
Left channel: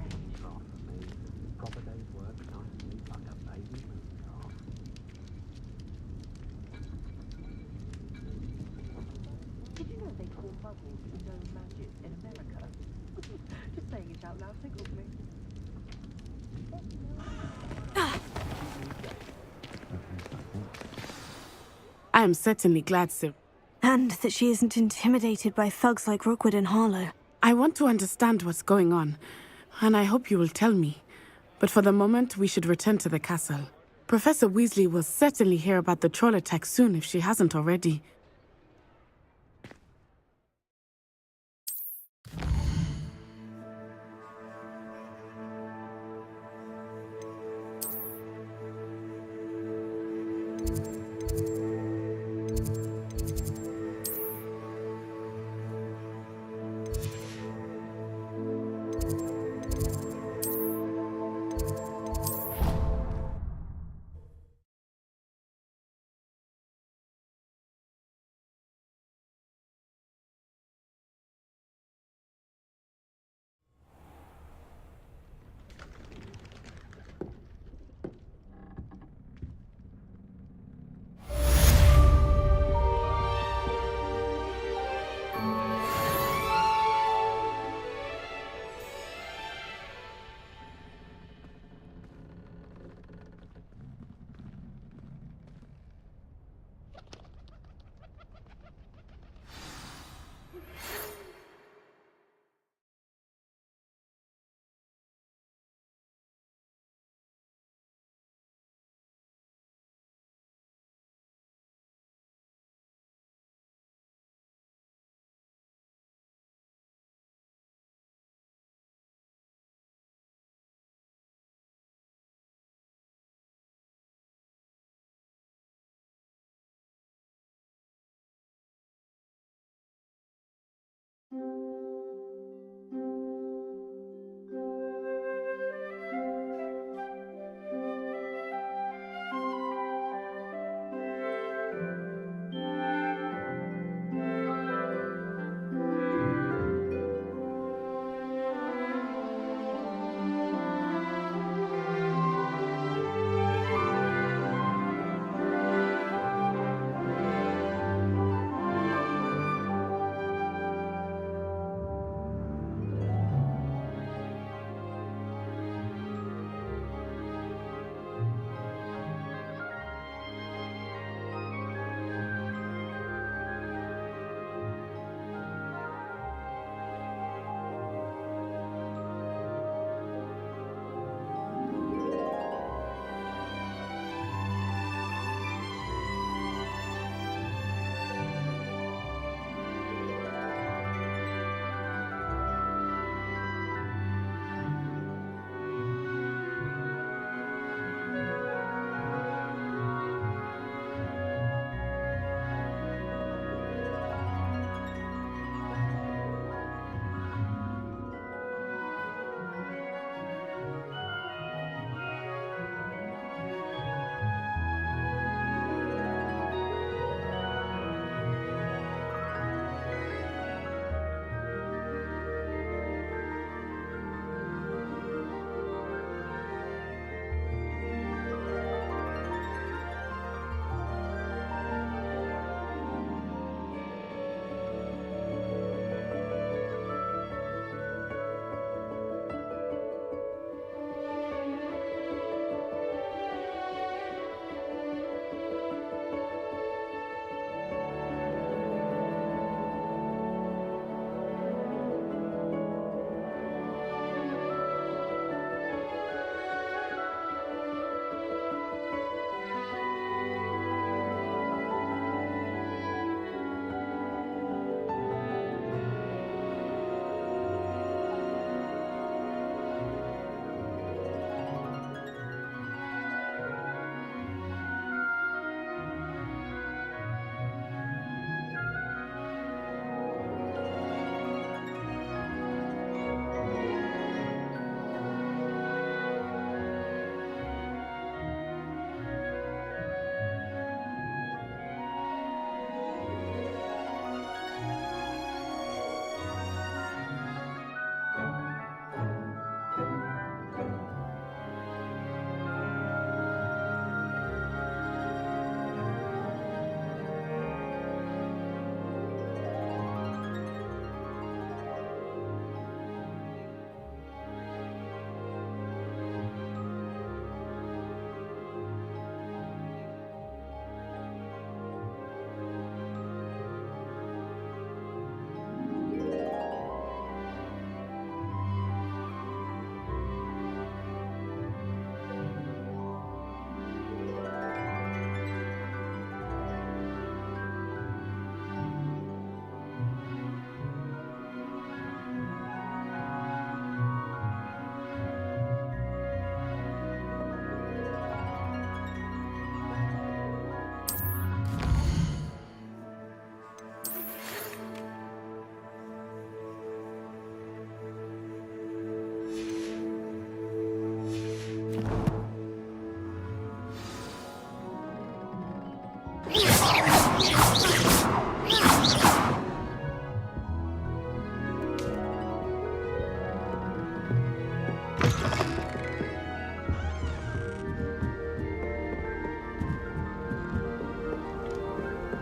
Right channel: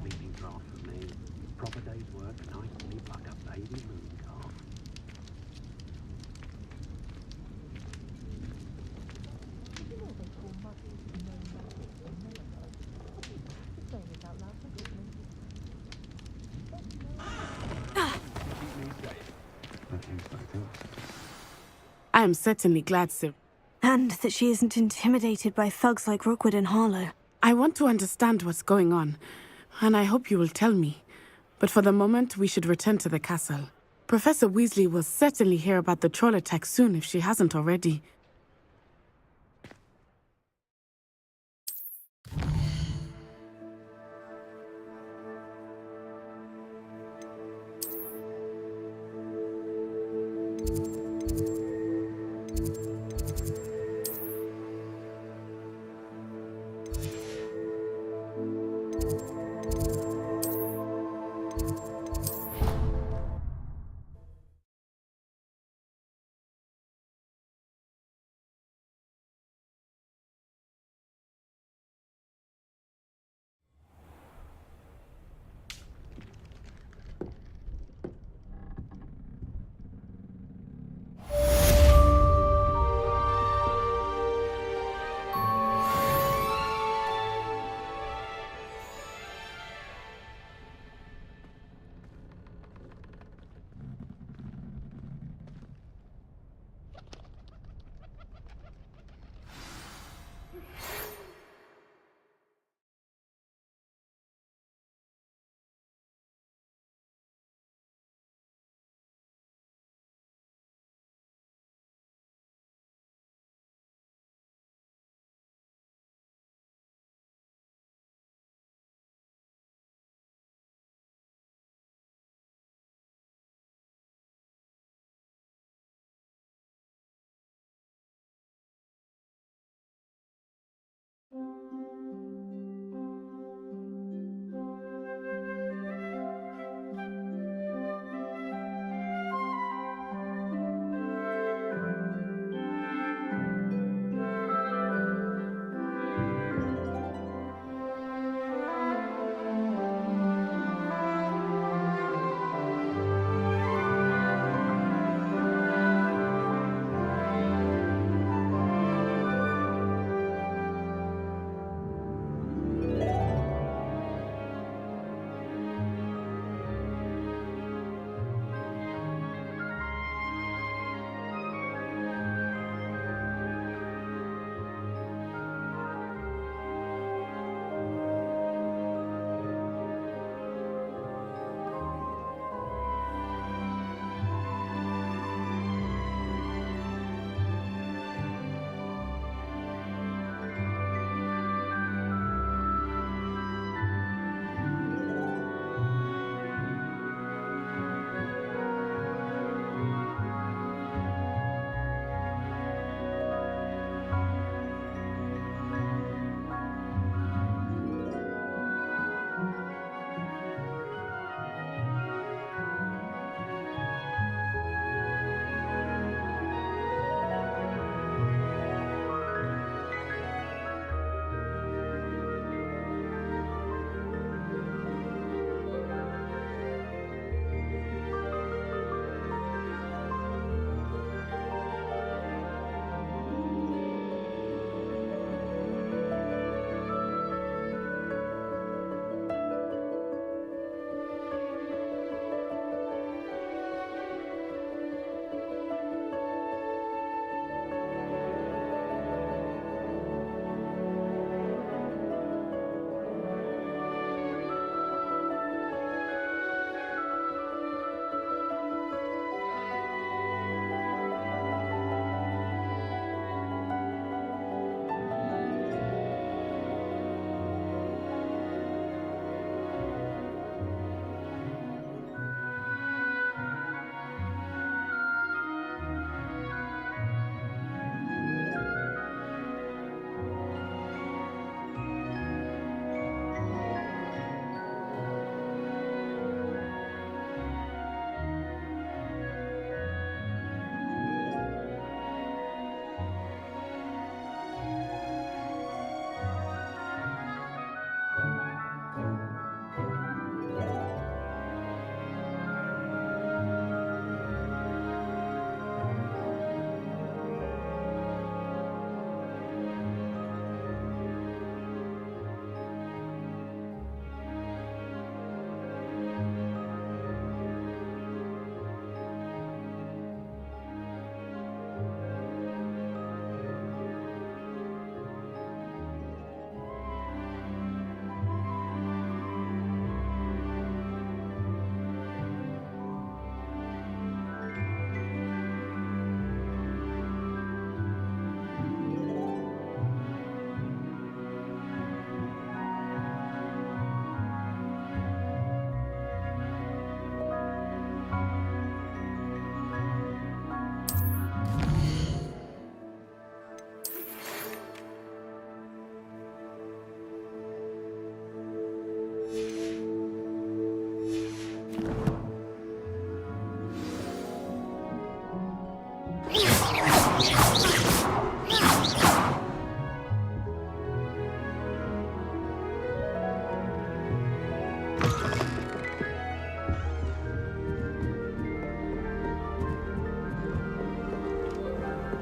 speaking off for me. Proper day's work, nice sleep like a baby moon calf. Did you know they call muggles no magic in America? Just saying it out loud tickles me. I am certainly glad, Sir. And that she isn't intimidated by thugs like Rookwood and Harlow. I want to understand what's going on, and I hope you will tell me. But for the moment, we should return to the castle. Professor Weasley will certainly hear about the troll attack soon if she hasn't already.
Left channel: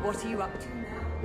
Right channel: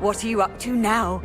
What are you up to now?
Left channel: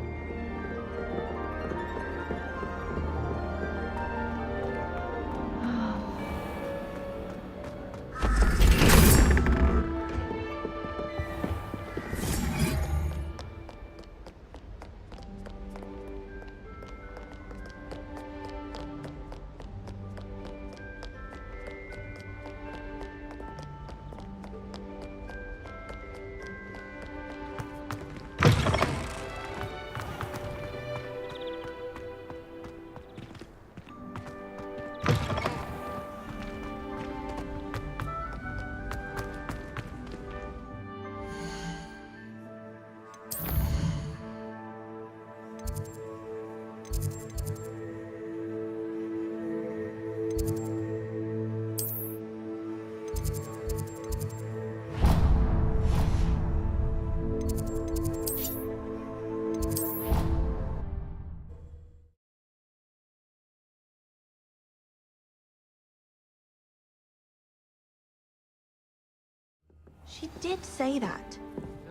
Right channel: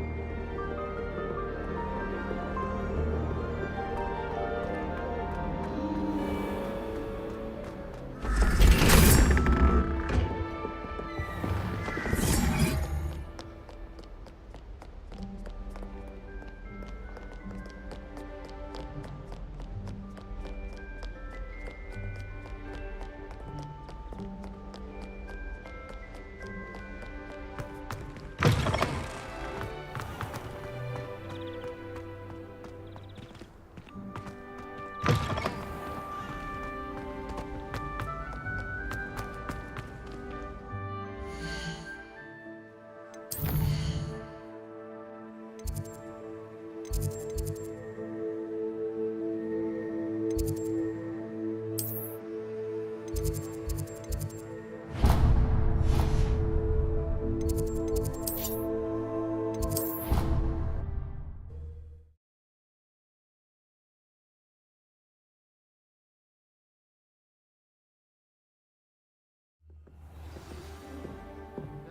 She did say that.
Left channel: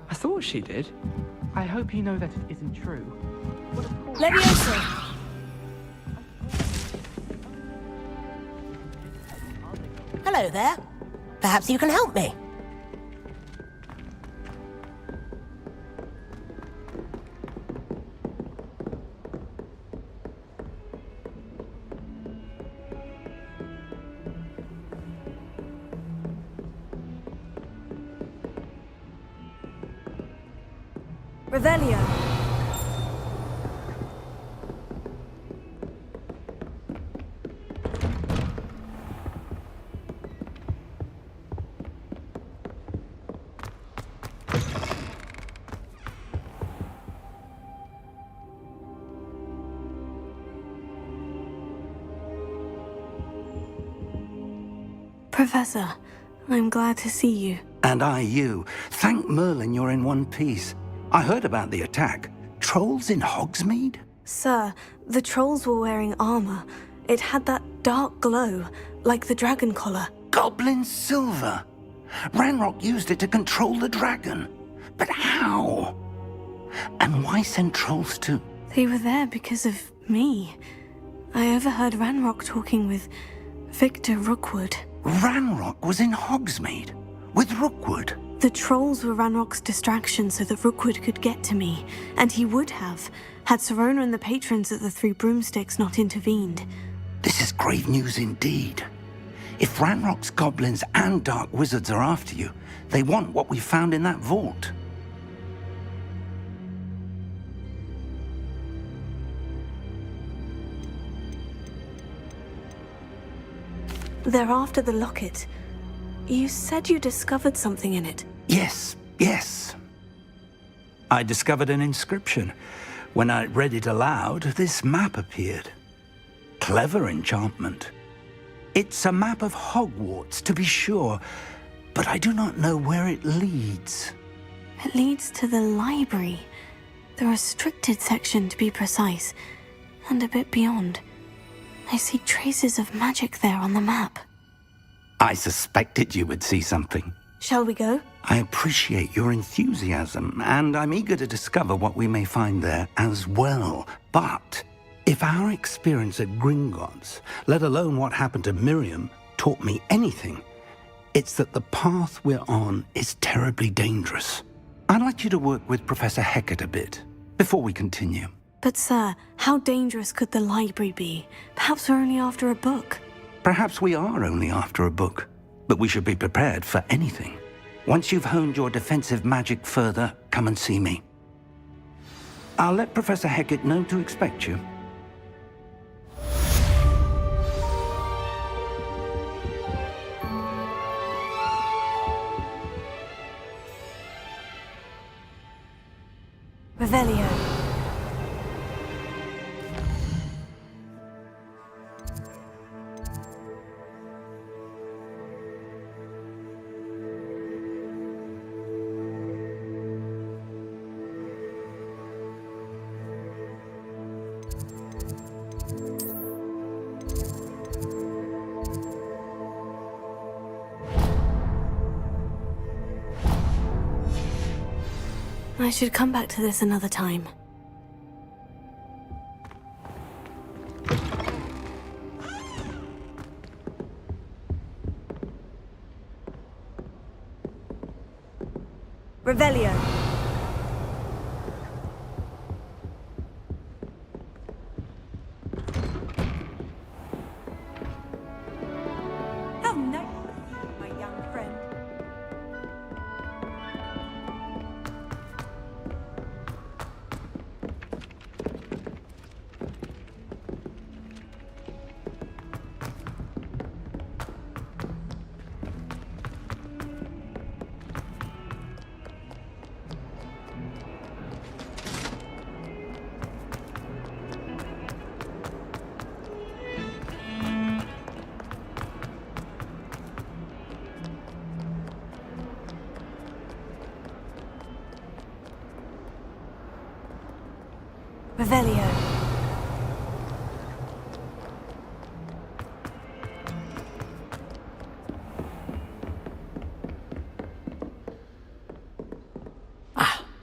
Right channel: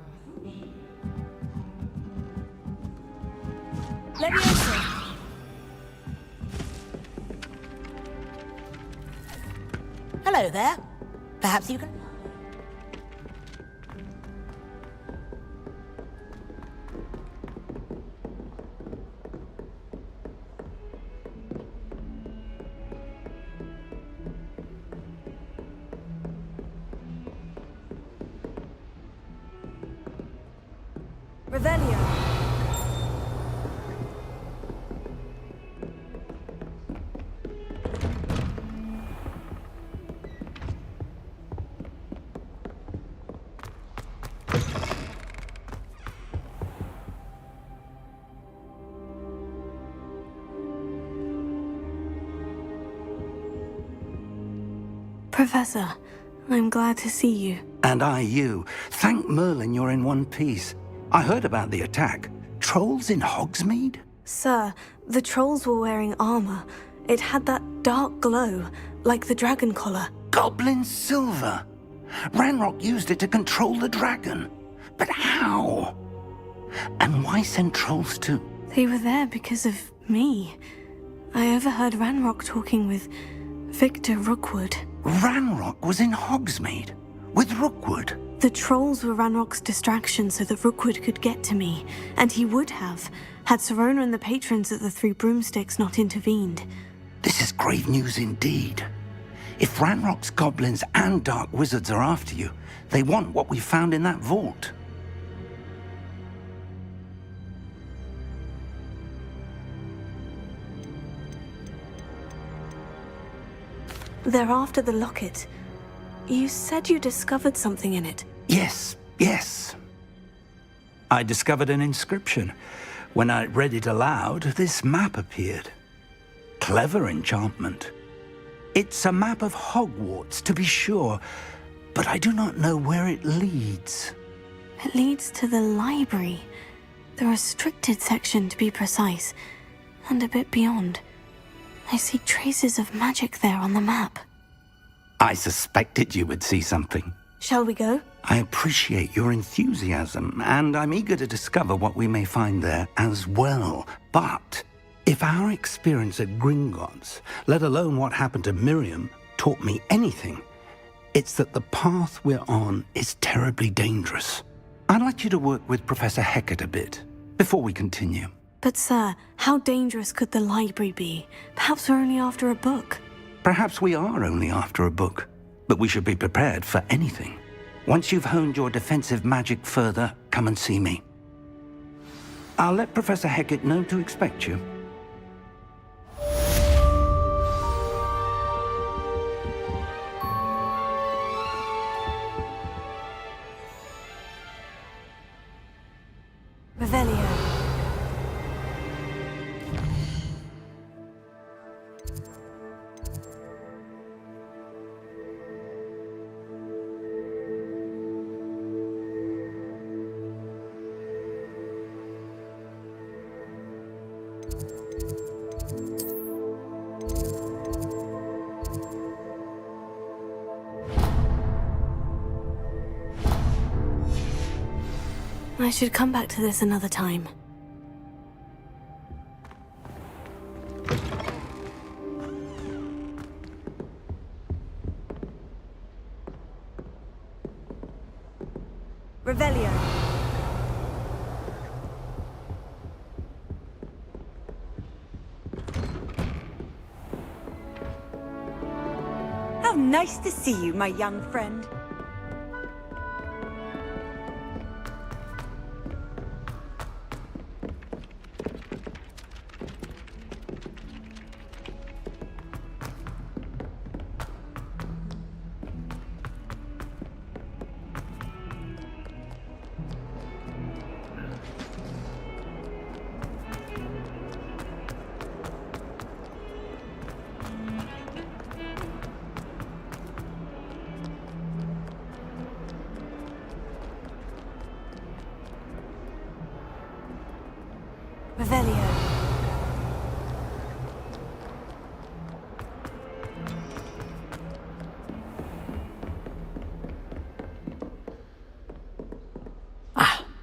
I thought she did. I hope you know that it isn't true. Leviosa! Hello there. Perhaps you can help me. Revelio. Professor, I'm glad to see you. And I you. Thank Merlin you're in one piece. I heard about the attack. Trolls in Hogsmeade? Sir, the trolls were wearing armor. It had that dark glow, like the dragon collar. Goblin silver. Ranrock used it to control the dragon. But how? And why send trolls to... They were there because of me. I overheard Ranrock talking with Victor Rookwood. Ranrock was in Hogsmeade? With Rookwood? The trolls were Ranrock's distraction so that Rookwood could get to me, and he would have, had Serona and the patrons at the Three Broomsticks not intervened. This is grave news indeed. If Ranrock's goblins and dark wizards are after you, they want what we found in that vault. They're after the locket. You said you discovered something in it. Yes. I discovered an inscription. When I read it aloud, this map appeared. Clever enchantment. It's a map of Hogwarts, to be sure, but I do not know where it leads. It leads to the library. The restricted section, to be precise, and a bit beyond. I see traces of magic there on the map. I suspected you would see something. Shall we go? I appreciate your enthusiasm, and I'm eager to discover what we may find there as well. But if our experience at Gringotts, let alone what happened to Miriam, taught me anything, it's that the path we're on is terribly dangerous. I'd like you to work with Professor Hecat a bit before we continue. But sir, how dangerous could the library be? Perhaps we're only after a book. Perhaps we are only after a book, but we should be prepared for anything. Once you've honed your defensive magic further, come and see me. I'll let Professor Hecat know to expect you. Revelio. I should come back to this another time. Revelio. How nice to see you, my young friend. Revelio.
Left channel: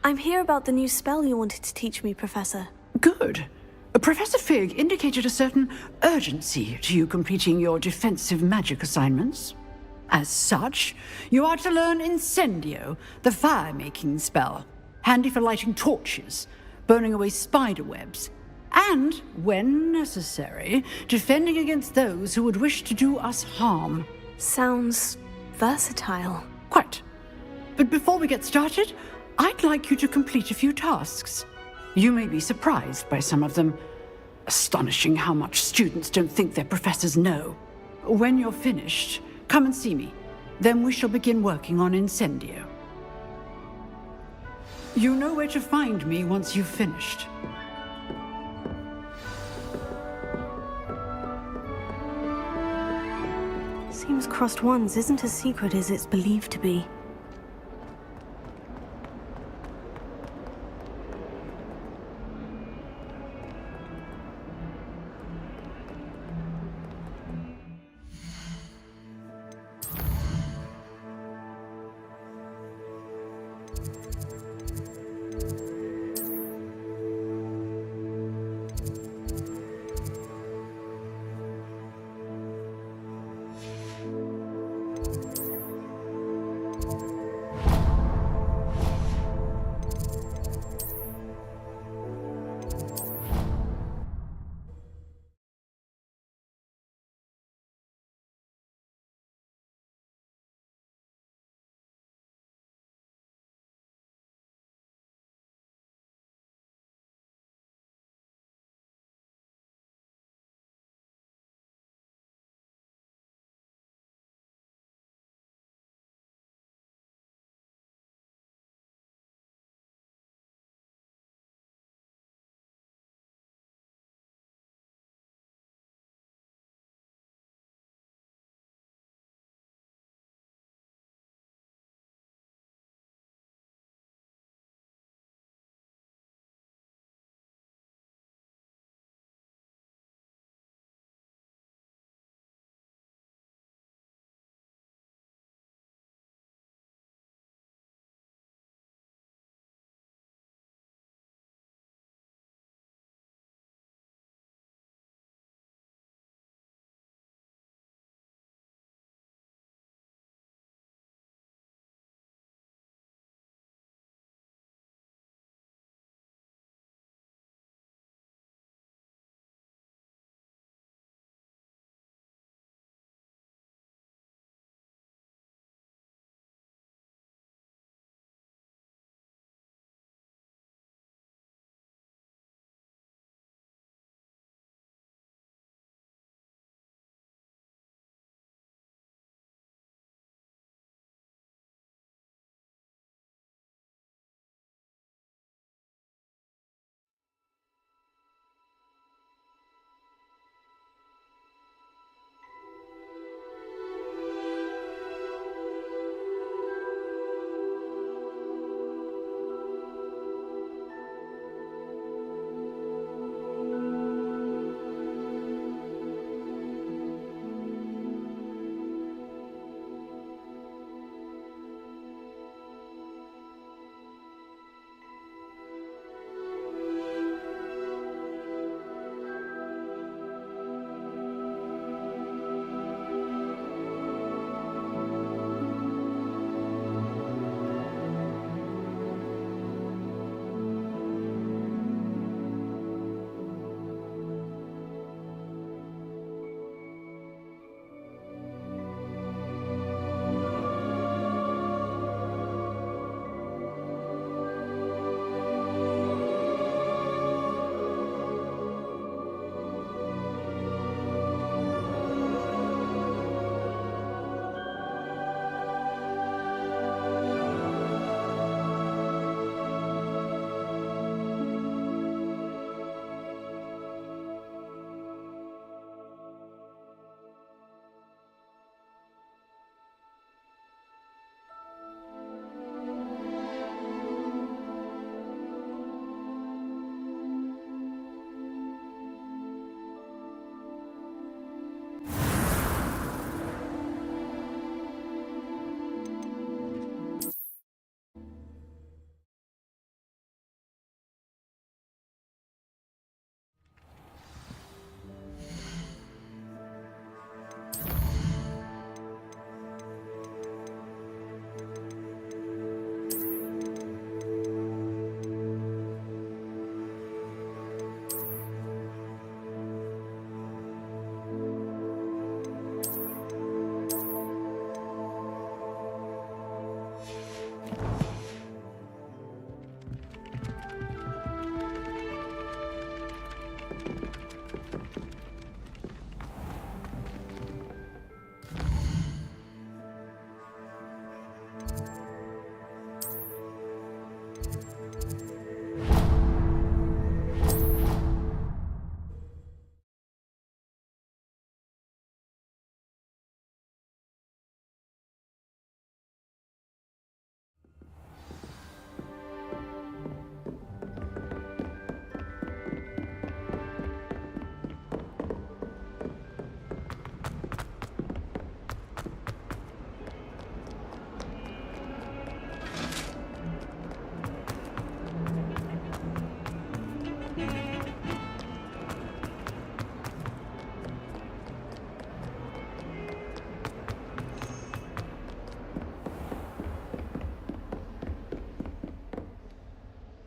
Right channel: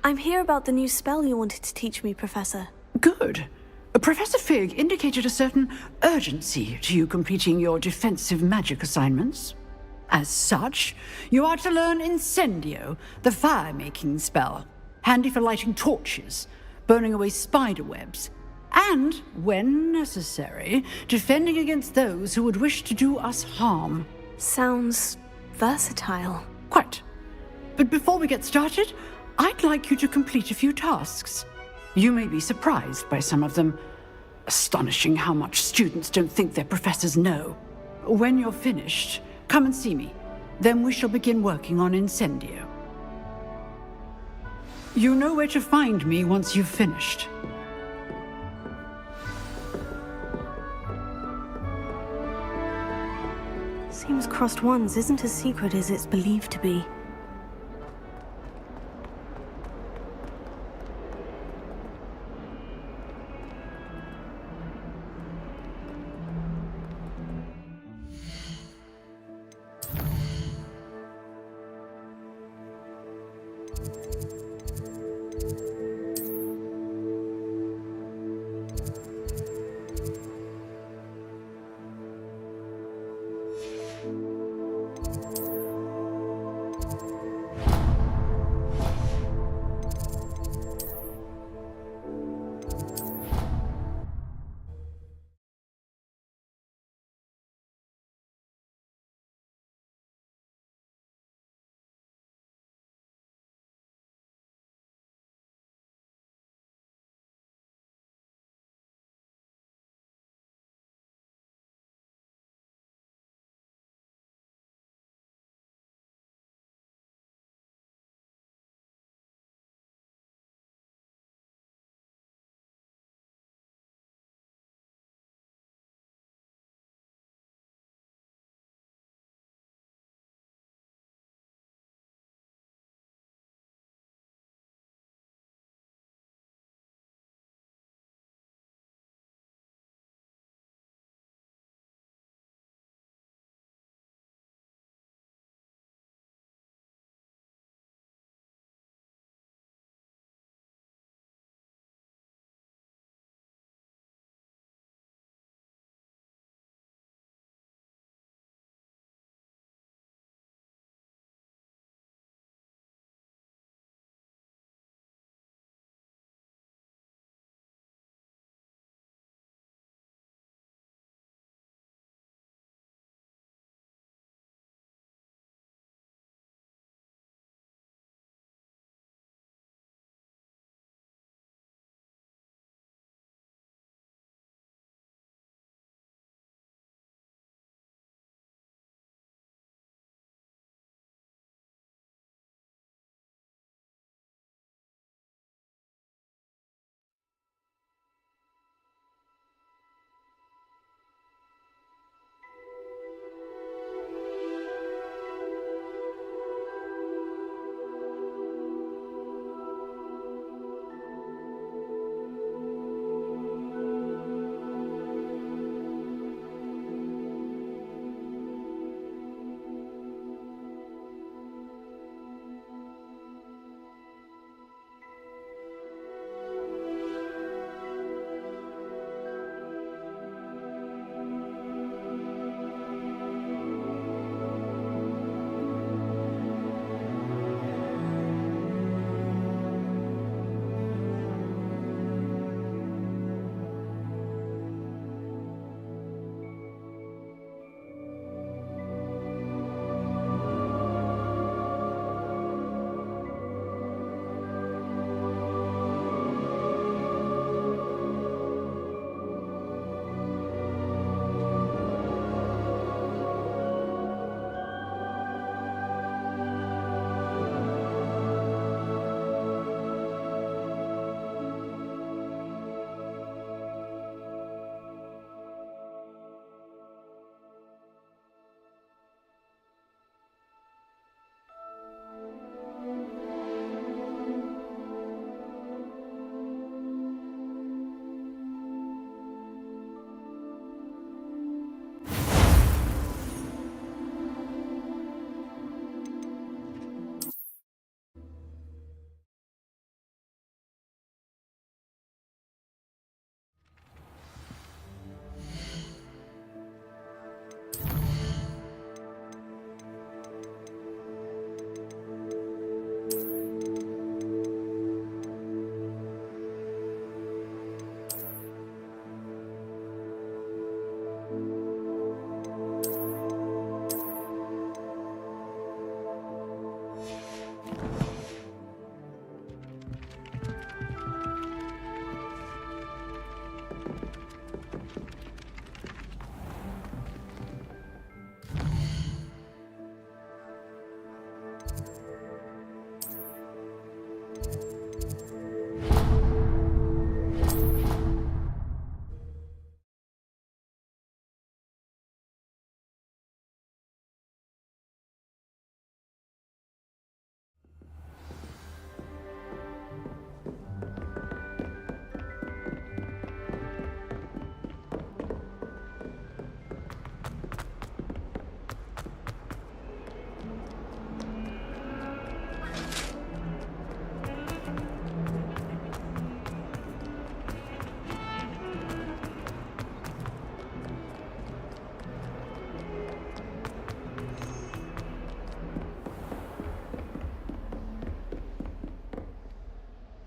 I'm here about the new spell you wanted to teach me, Professor. Good. Professor Fig indicated a certain urgency to you completing your defensive magic assignments. As such, you are to learn Incendio, the fire-making spell, handy for lighting torches, burning away spider webs, and, when necessary, defending against those who would wish to do us harm. Sounds versatile. Quite. But before we get started, I'd like you to complete a few tasks. You may be surprised by some of them. Astonishing how much students don't think their professors know. When you're finished, come and see me. Then we shall begin working on Incendio. You know where to find me once you've finished. Seems crossed ones isn't as secret as it's believed to be.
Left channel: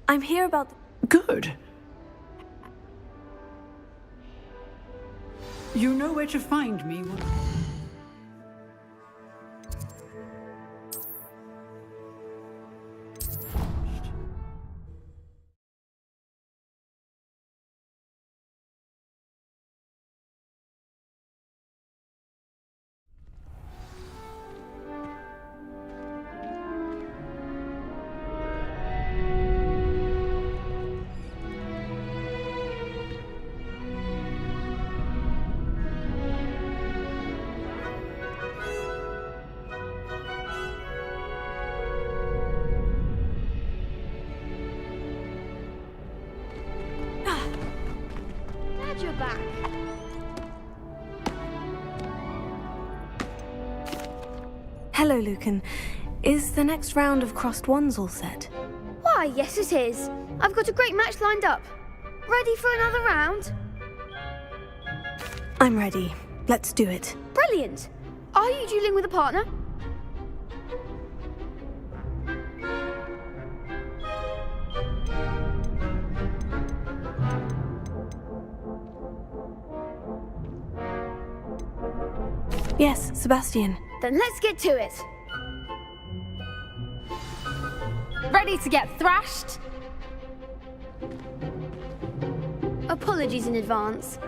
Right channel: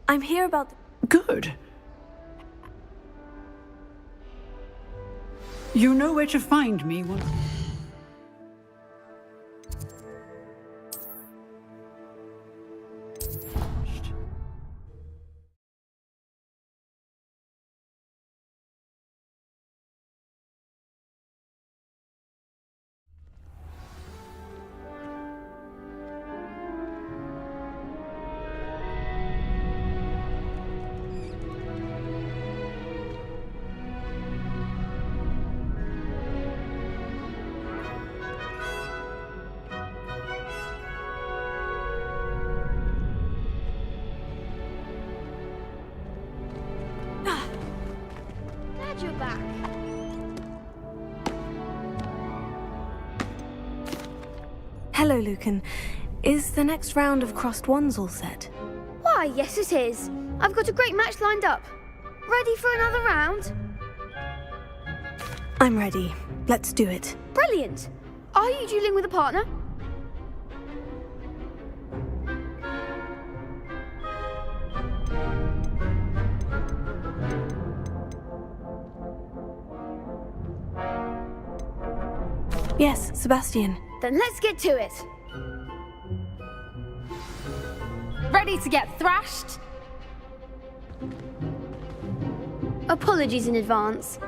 I'm here about... Good. You know where to find me. Glad you're back. Hello, Lucan. Is the next round of Crossed Wands all set? Why, yes it is. I've got a great match lined up. Ready for another round? I'm ready. Let's do it. Brilliant. Are you dueling with a partner? Yes, Sebastian. Then let's get to it. Ready to get thrashed? Apologies in advance.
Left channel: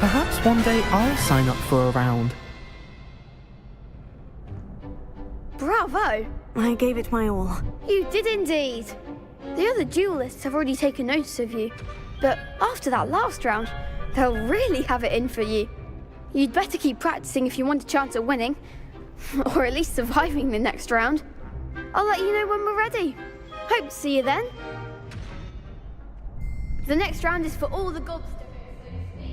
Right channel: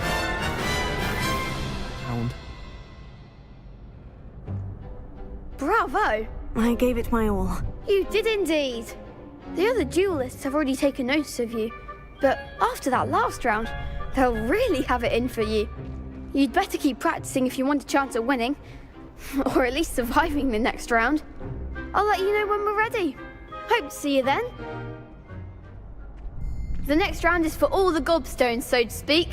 Perhaps one day I'll sign up for a round. Bravo! I gave it my all. You did indeed. The other duelists have already taken notice of you, but after that last round, they'll really have it in for you. You'd better keep practicing if you want a chance at winning, or at least surviving the next round. I'll let you know when we're ready. Hope to see you then. The next round is for all the gobstones, so to speak.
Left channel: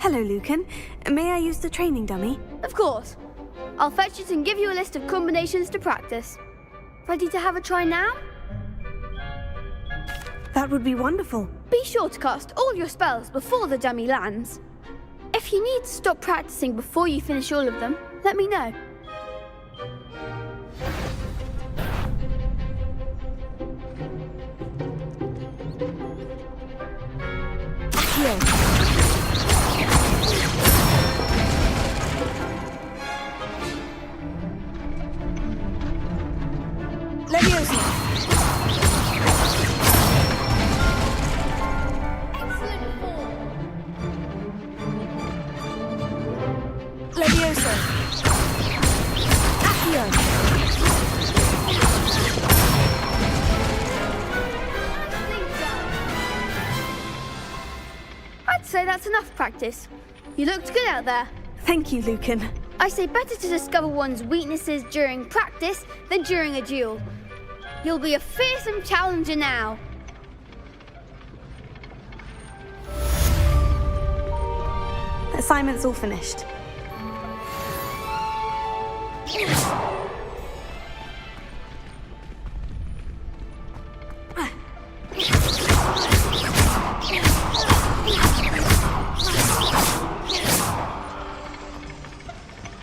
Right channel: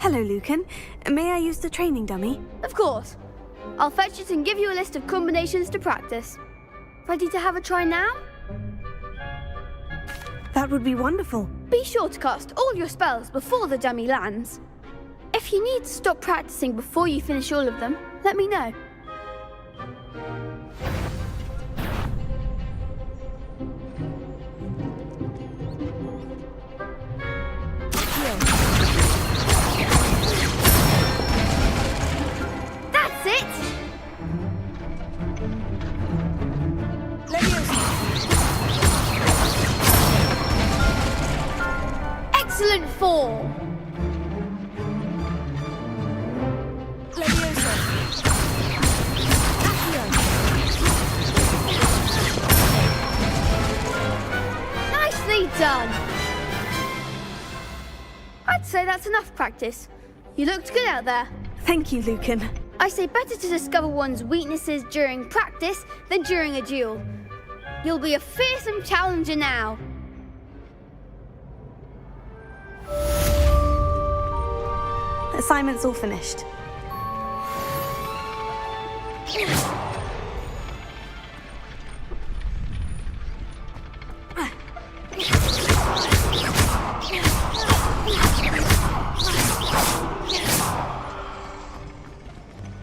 Hello, Lucan. May I use the training dummy? Of course. I'll fetch it and give you a list of combinations to practice. Ready to have a try now? That would be wonderful. Be sure to cast all your spells before the dummy lands. If you need to stop practicing before you finish all of them, let me know. That's it! Excellent form! Leviosa. Accio. Nicely done! I'd say that's enough practice. You looked good out there. Thank you, Lucan. I say better to discover one's weaknesses during practice than during a duel. You'll be a fearsome challenger now. Assignment's all finished.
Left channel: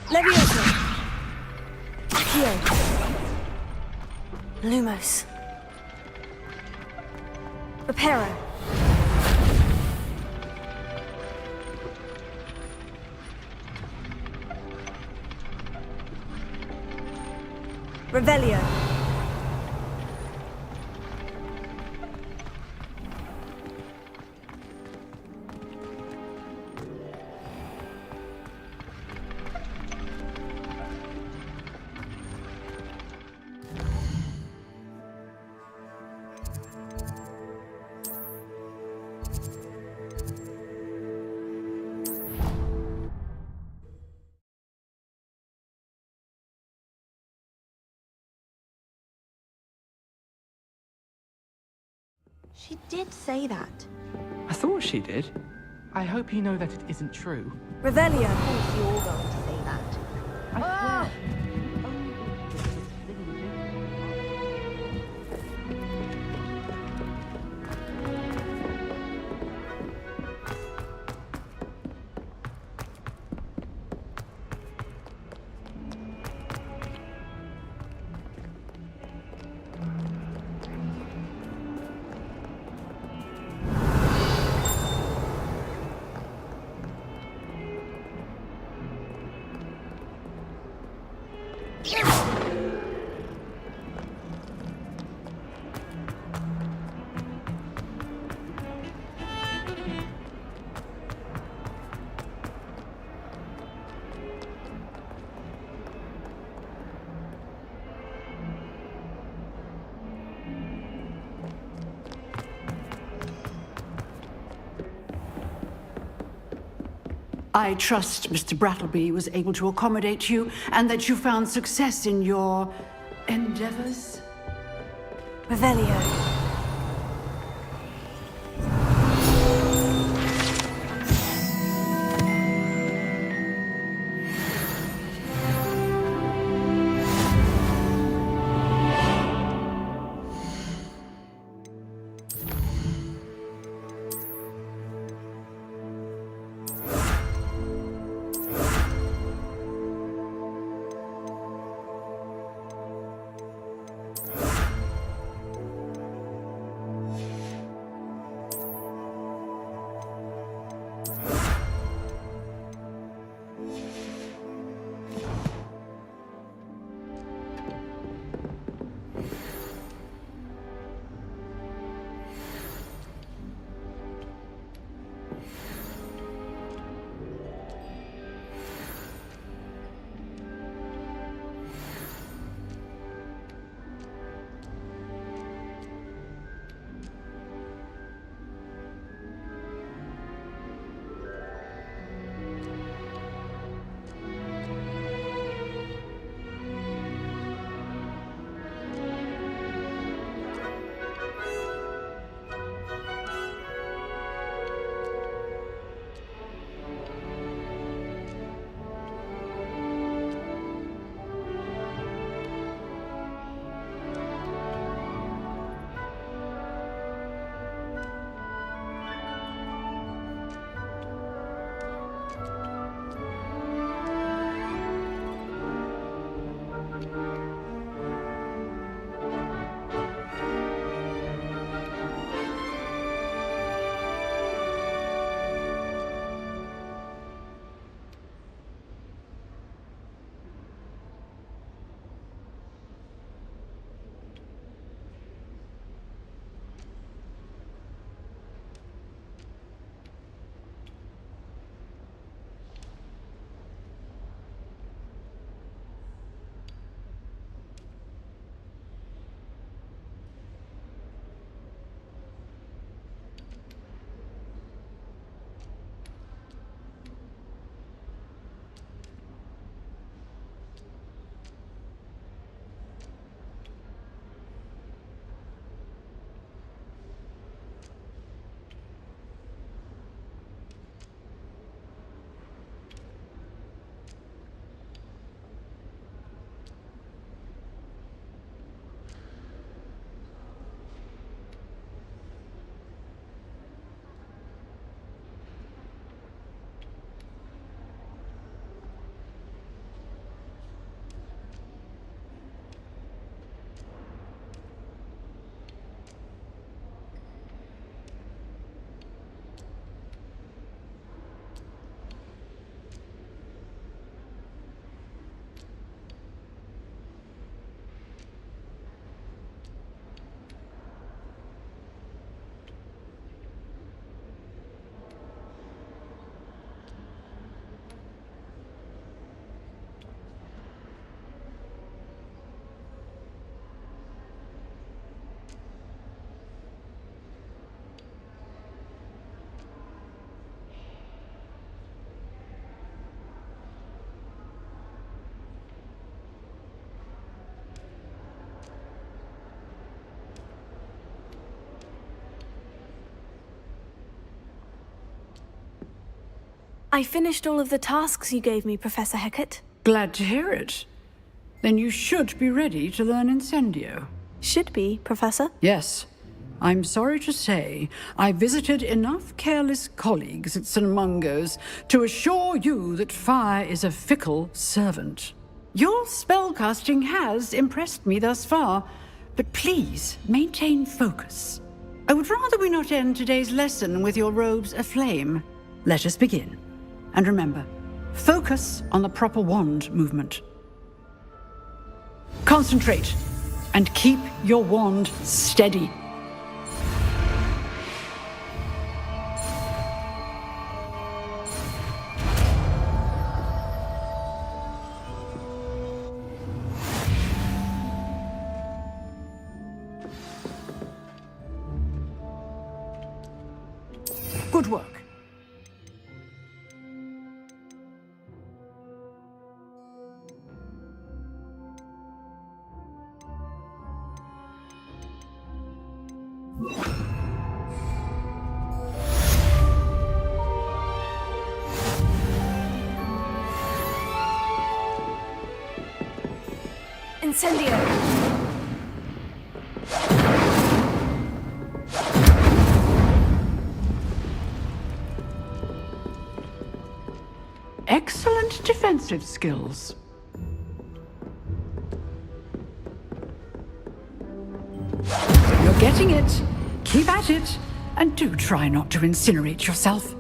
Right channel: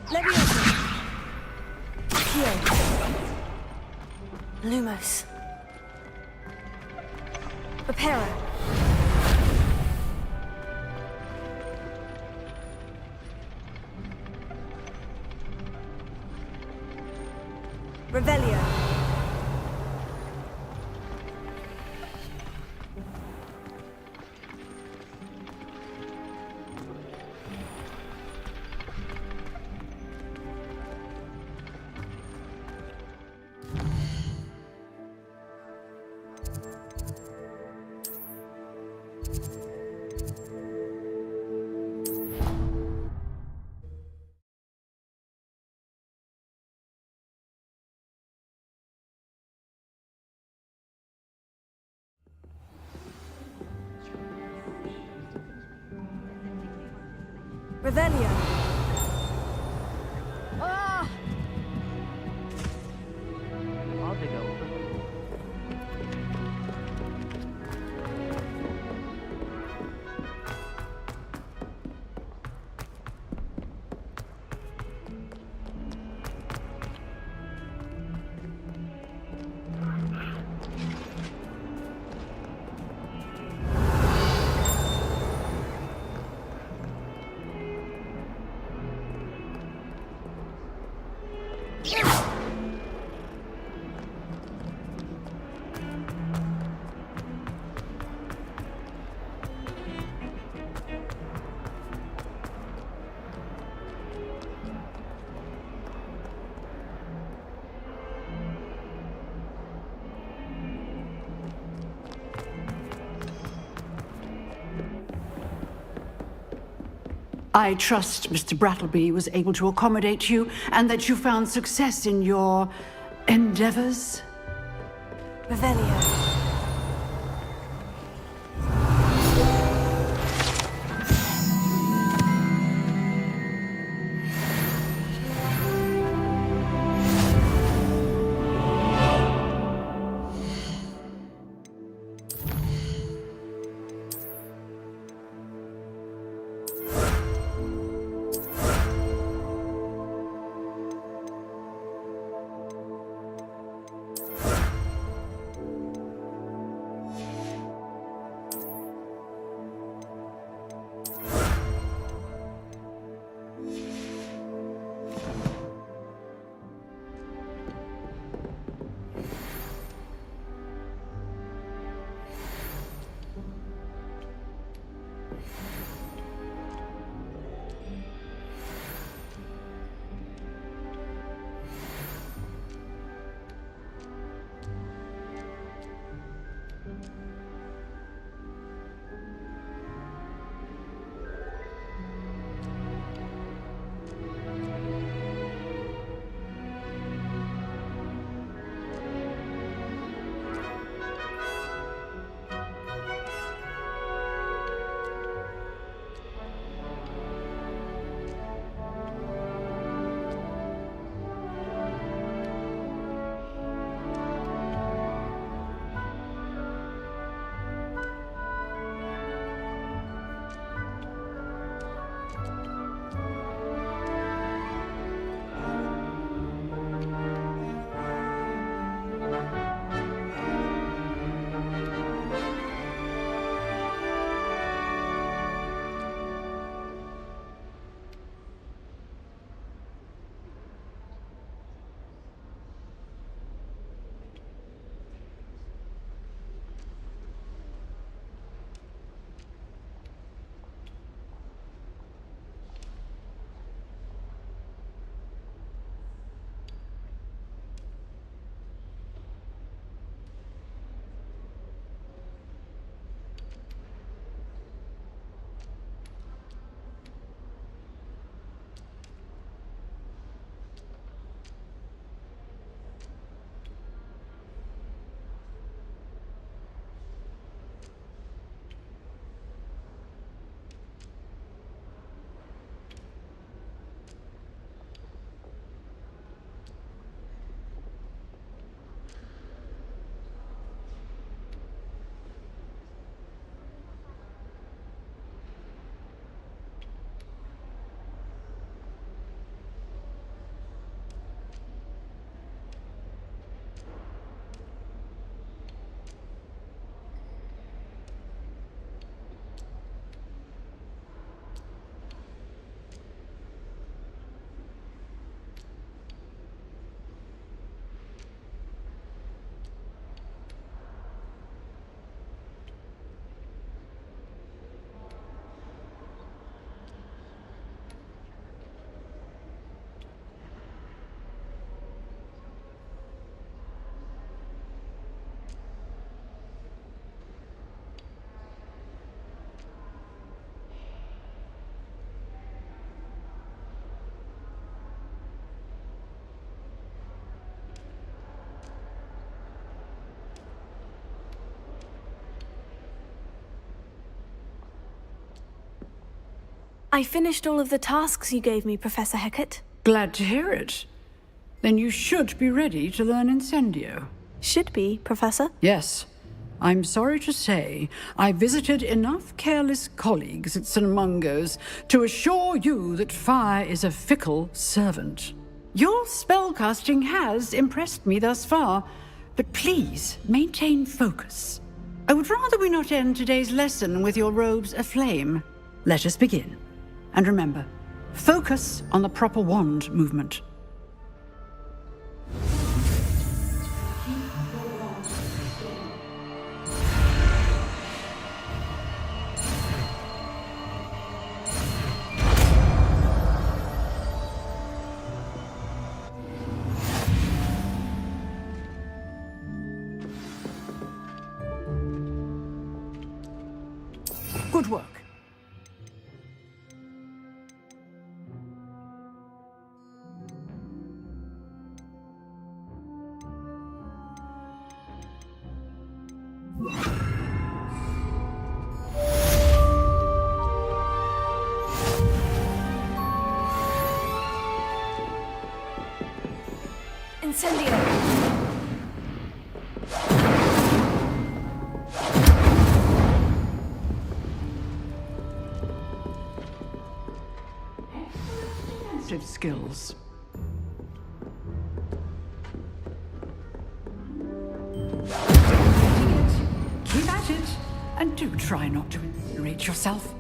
Leviosa. Accio. Lumos. Reparo. Revelio. She did say that. I thought she did. I hope you know that it isn't true. Revelio. Ah! I trust Mr. Brattleby was able to accommodate you and that you found success in your endeavors. Revelio. I finished all of the tasks you gave me, Professor Hecat. Glad to hear it. Then you should be ready to learn Incendio. Should be, Professor? Yes. I'm sorry to say, I visited enough careless colleagues at St. Mungo's to assure you that fire is a fickle servant. Your spellcasting has impressed me thus far, but please maintain focus. I would rather we not end today's lesson with your robes aflame. Let us begin. And remember, focus on the proper wand movement. Concentrate, and keep your wand steady. Good work. Incendio! Excellent defensive skills. You're getting it. Keep at it. And do try not to incinerate yourself.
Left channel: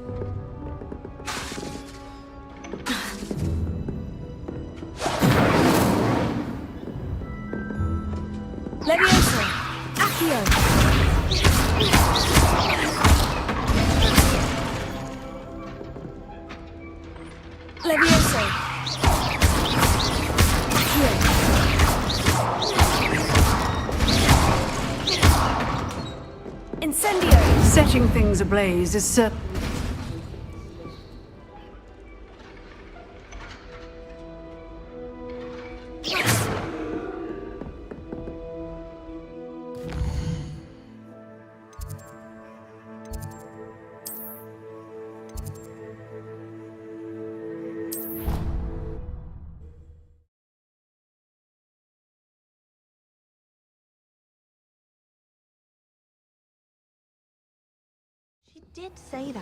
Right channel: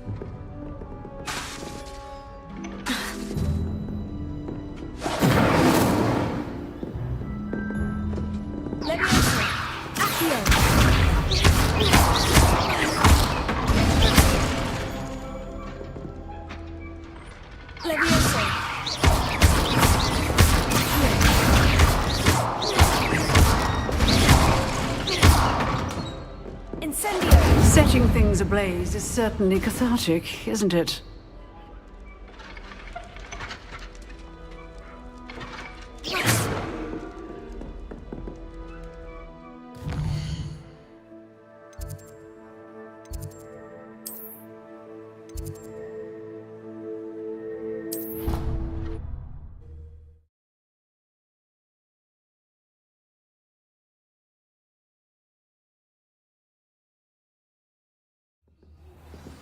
Levioso! Accio! Levioso! Incendio! Setting things ablaze is certainly cathartic, isn't it? She did say that.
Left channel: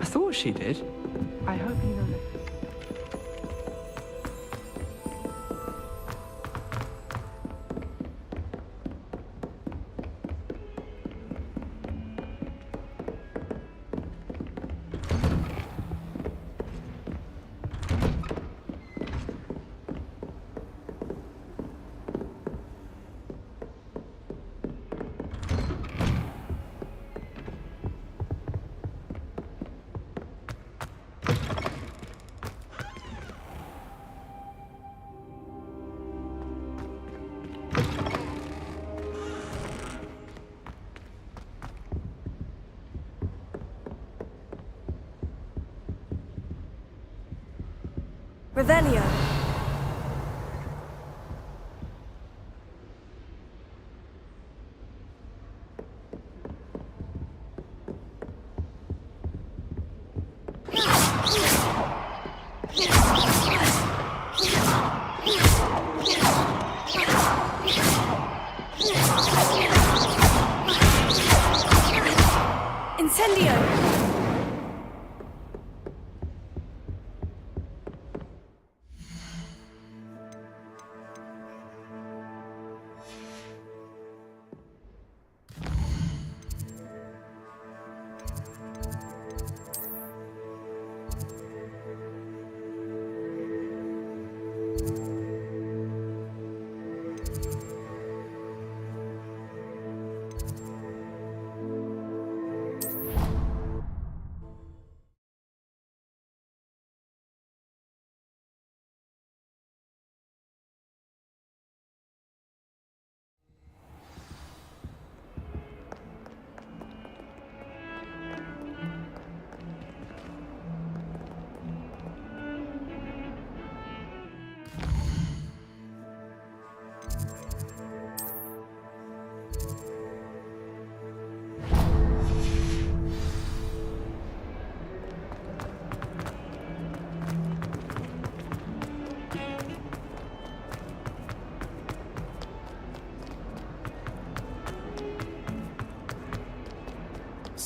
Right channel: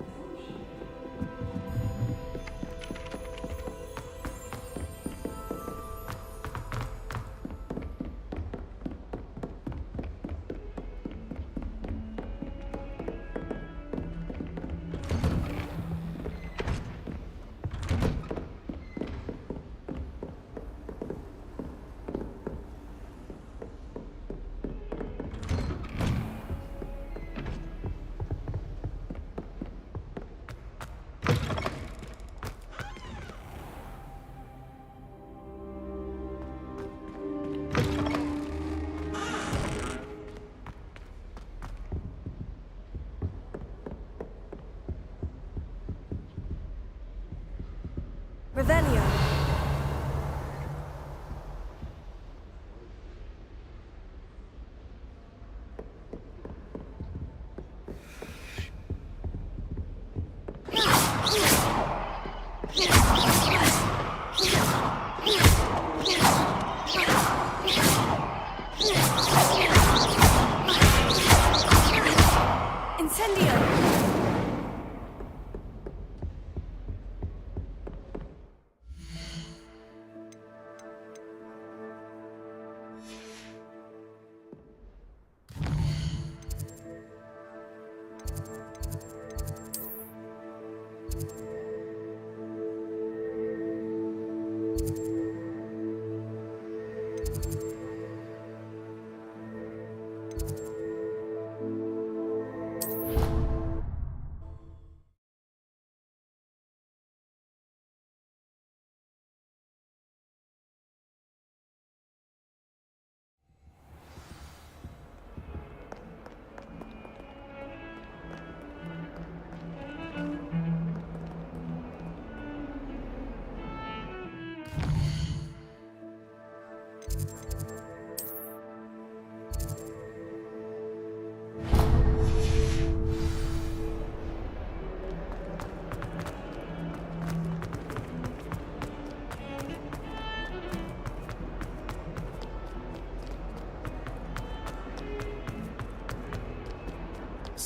I thought she did. I hope you know that. Revelio! Incendio!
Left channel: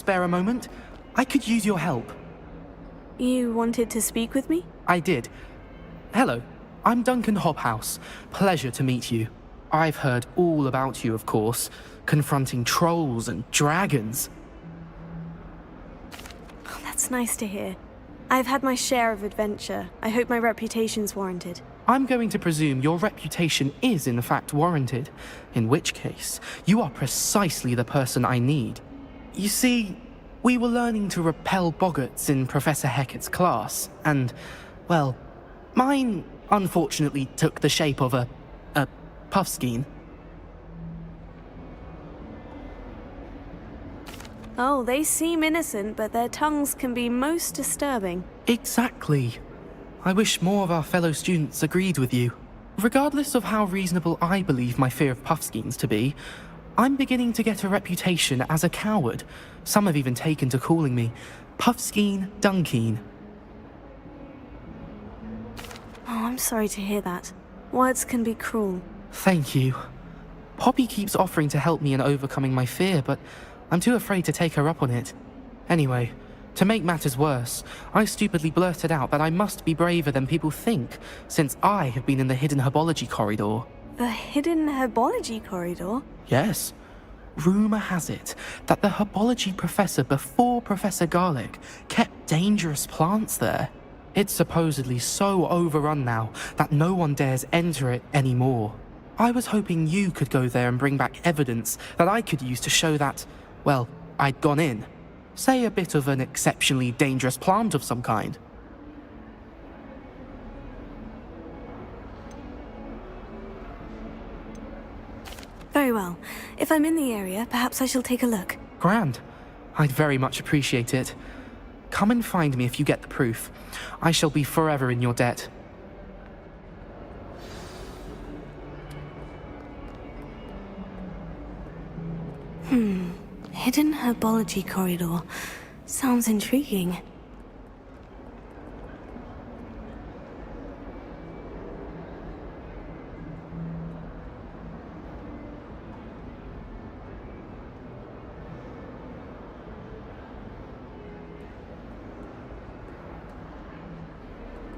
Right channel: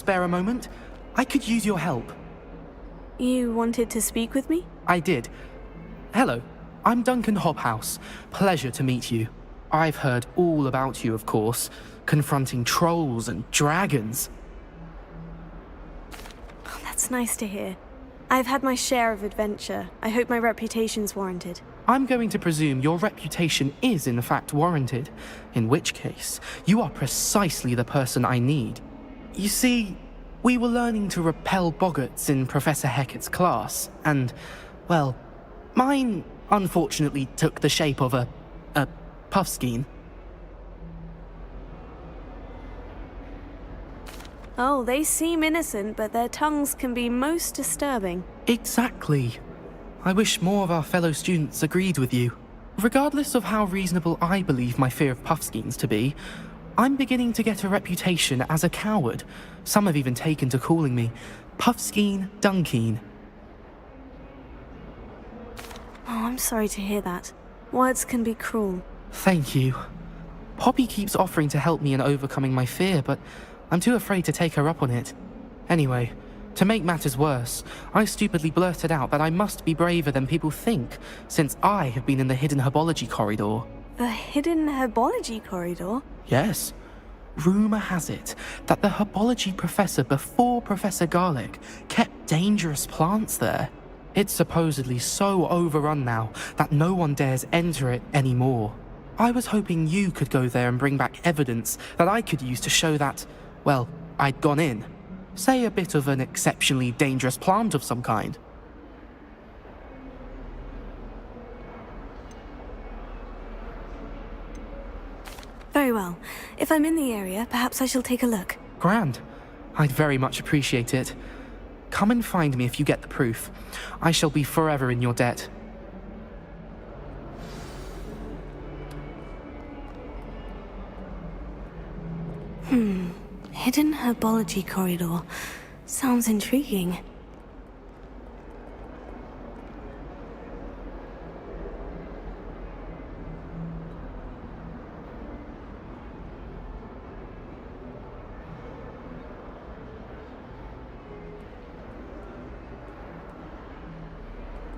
spare a moment? I could use your help. You wanted to speak with me? I did. Hello, I'm Duncan Hobhouse. Pleasure to meet you. I've heard all about you, of course, confronting trolls and dragons. Oh, that's nice to hear. I've had my share of adventure. I hope my reputation's warranted. I'm going to presume your reputation is in fact warranted, in which case, you are precisely the person I need. You see, we were learning to repel boggarts in Professor Hecat's class, and, well, mine unfortunately took the shape of a puffskein. Oh, they seem innocent, but their tongues can be most disturbing. Exactly. I wish more of our fellow students agreed with you. Regardless of how reasonable I believe my fear of puffskeins to be, I'm beginning to get a reputation as a coward. Some have even taken to calling me Puffskeen Dunkeen. Oh, I'm sorry to hear that. Words can be cruel. Thank you. Poppy keeps offering to help me in overcoming my fear, but I'm too afraid to take her up on it. Anyway, to make matters worse, I stupidly blurted out that I must be braver than people think, since I have been in the hidden herbology corridor. The hidden herbology corridor? Yes. Rumour has it that the herbology professor before Professor Garlic kept dangerous plants there. It's supposedly so overrun now that no one dares enter it anymore. I was hoping you could go there and bring back evidence that I could use to show that, well, I'd gone in. Say a bit of an exceptionally dangerous plant of some kind. Very well. If I'm in the area, perhaps I shall take a look. Grand. I'd very much appreciate it. Come and find me if you get the proof. I shall be forever in your debt. Hidden herbology corridor. Sounds intriguing.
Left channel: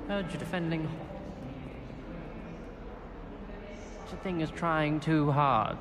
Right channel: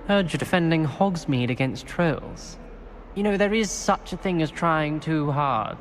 Heard you're defending Hogsmeade against trolls. You know, there is such a thing as trying too hard.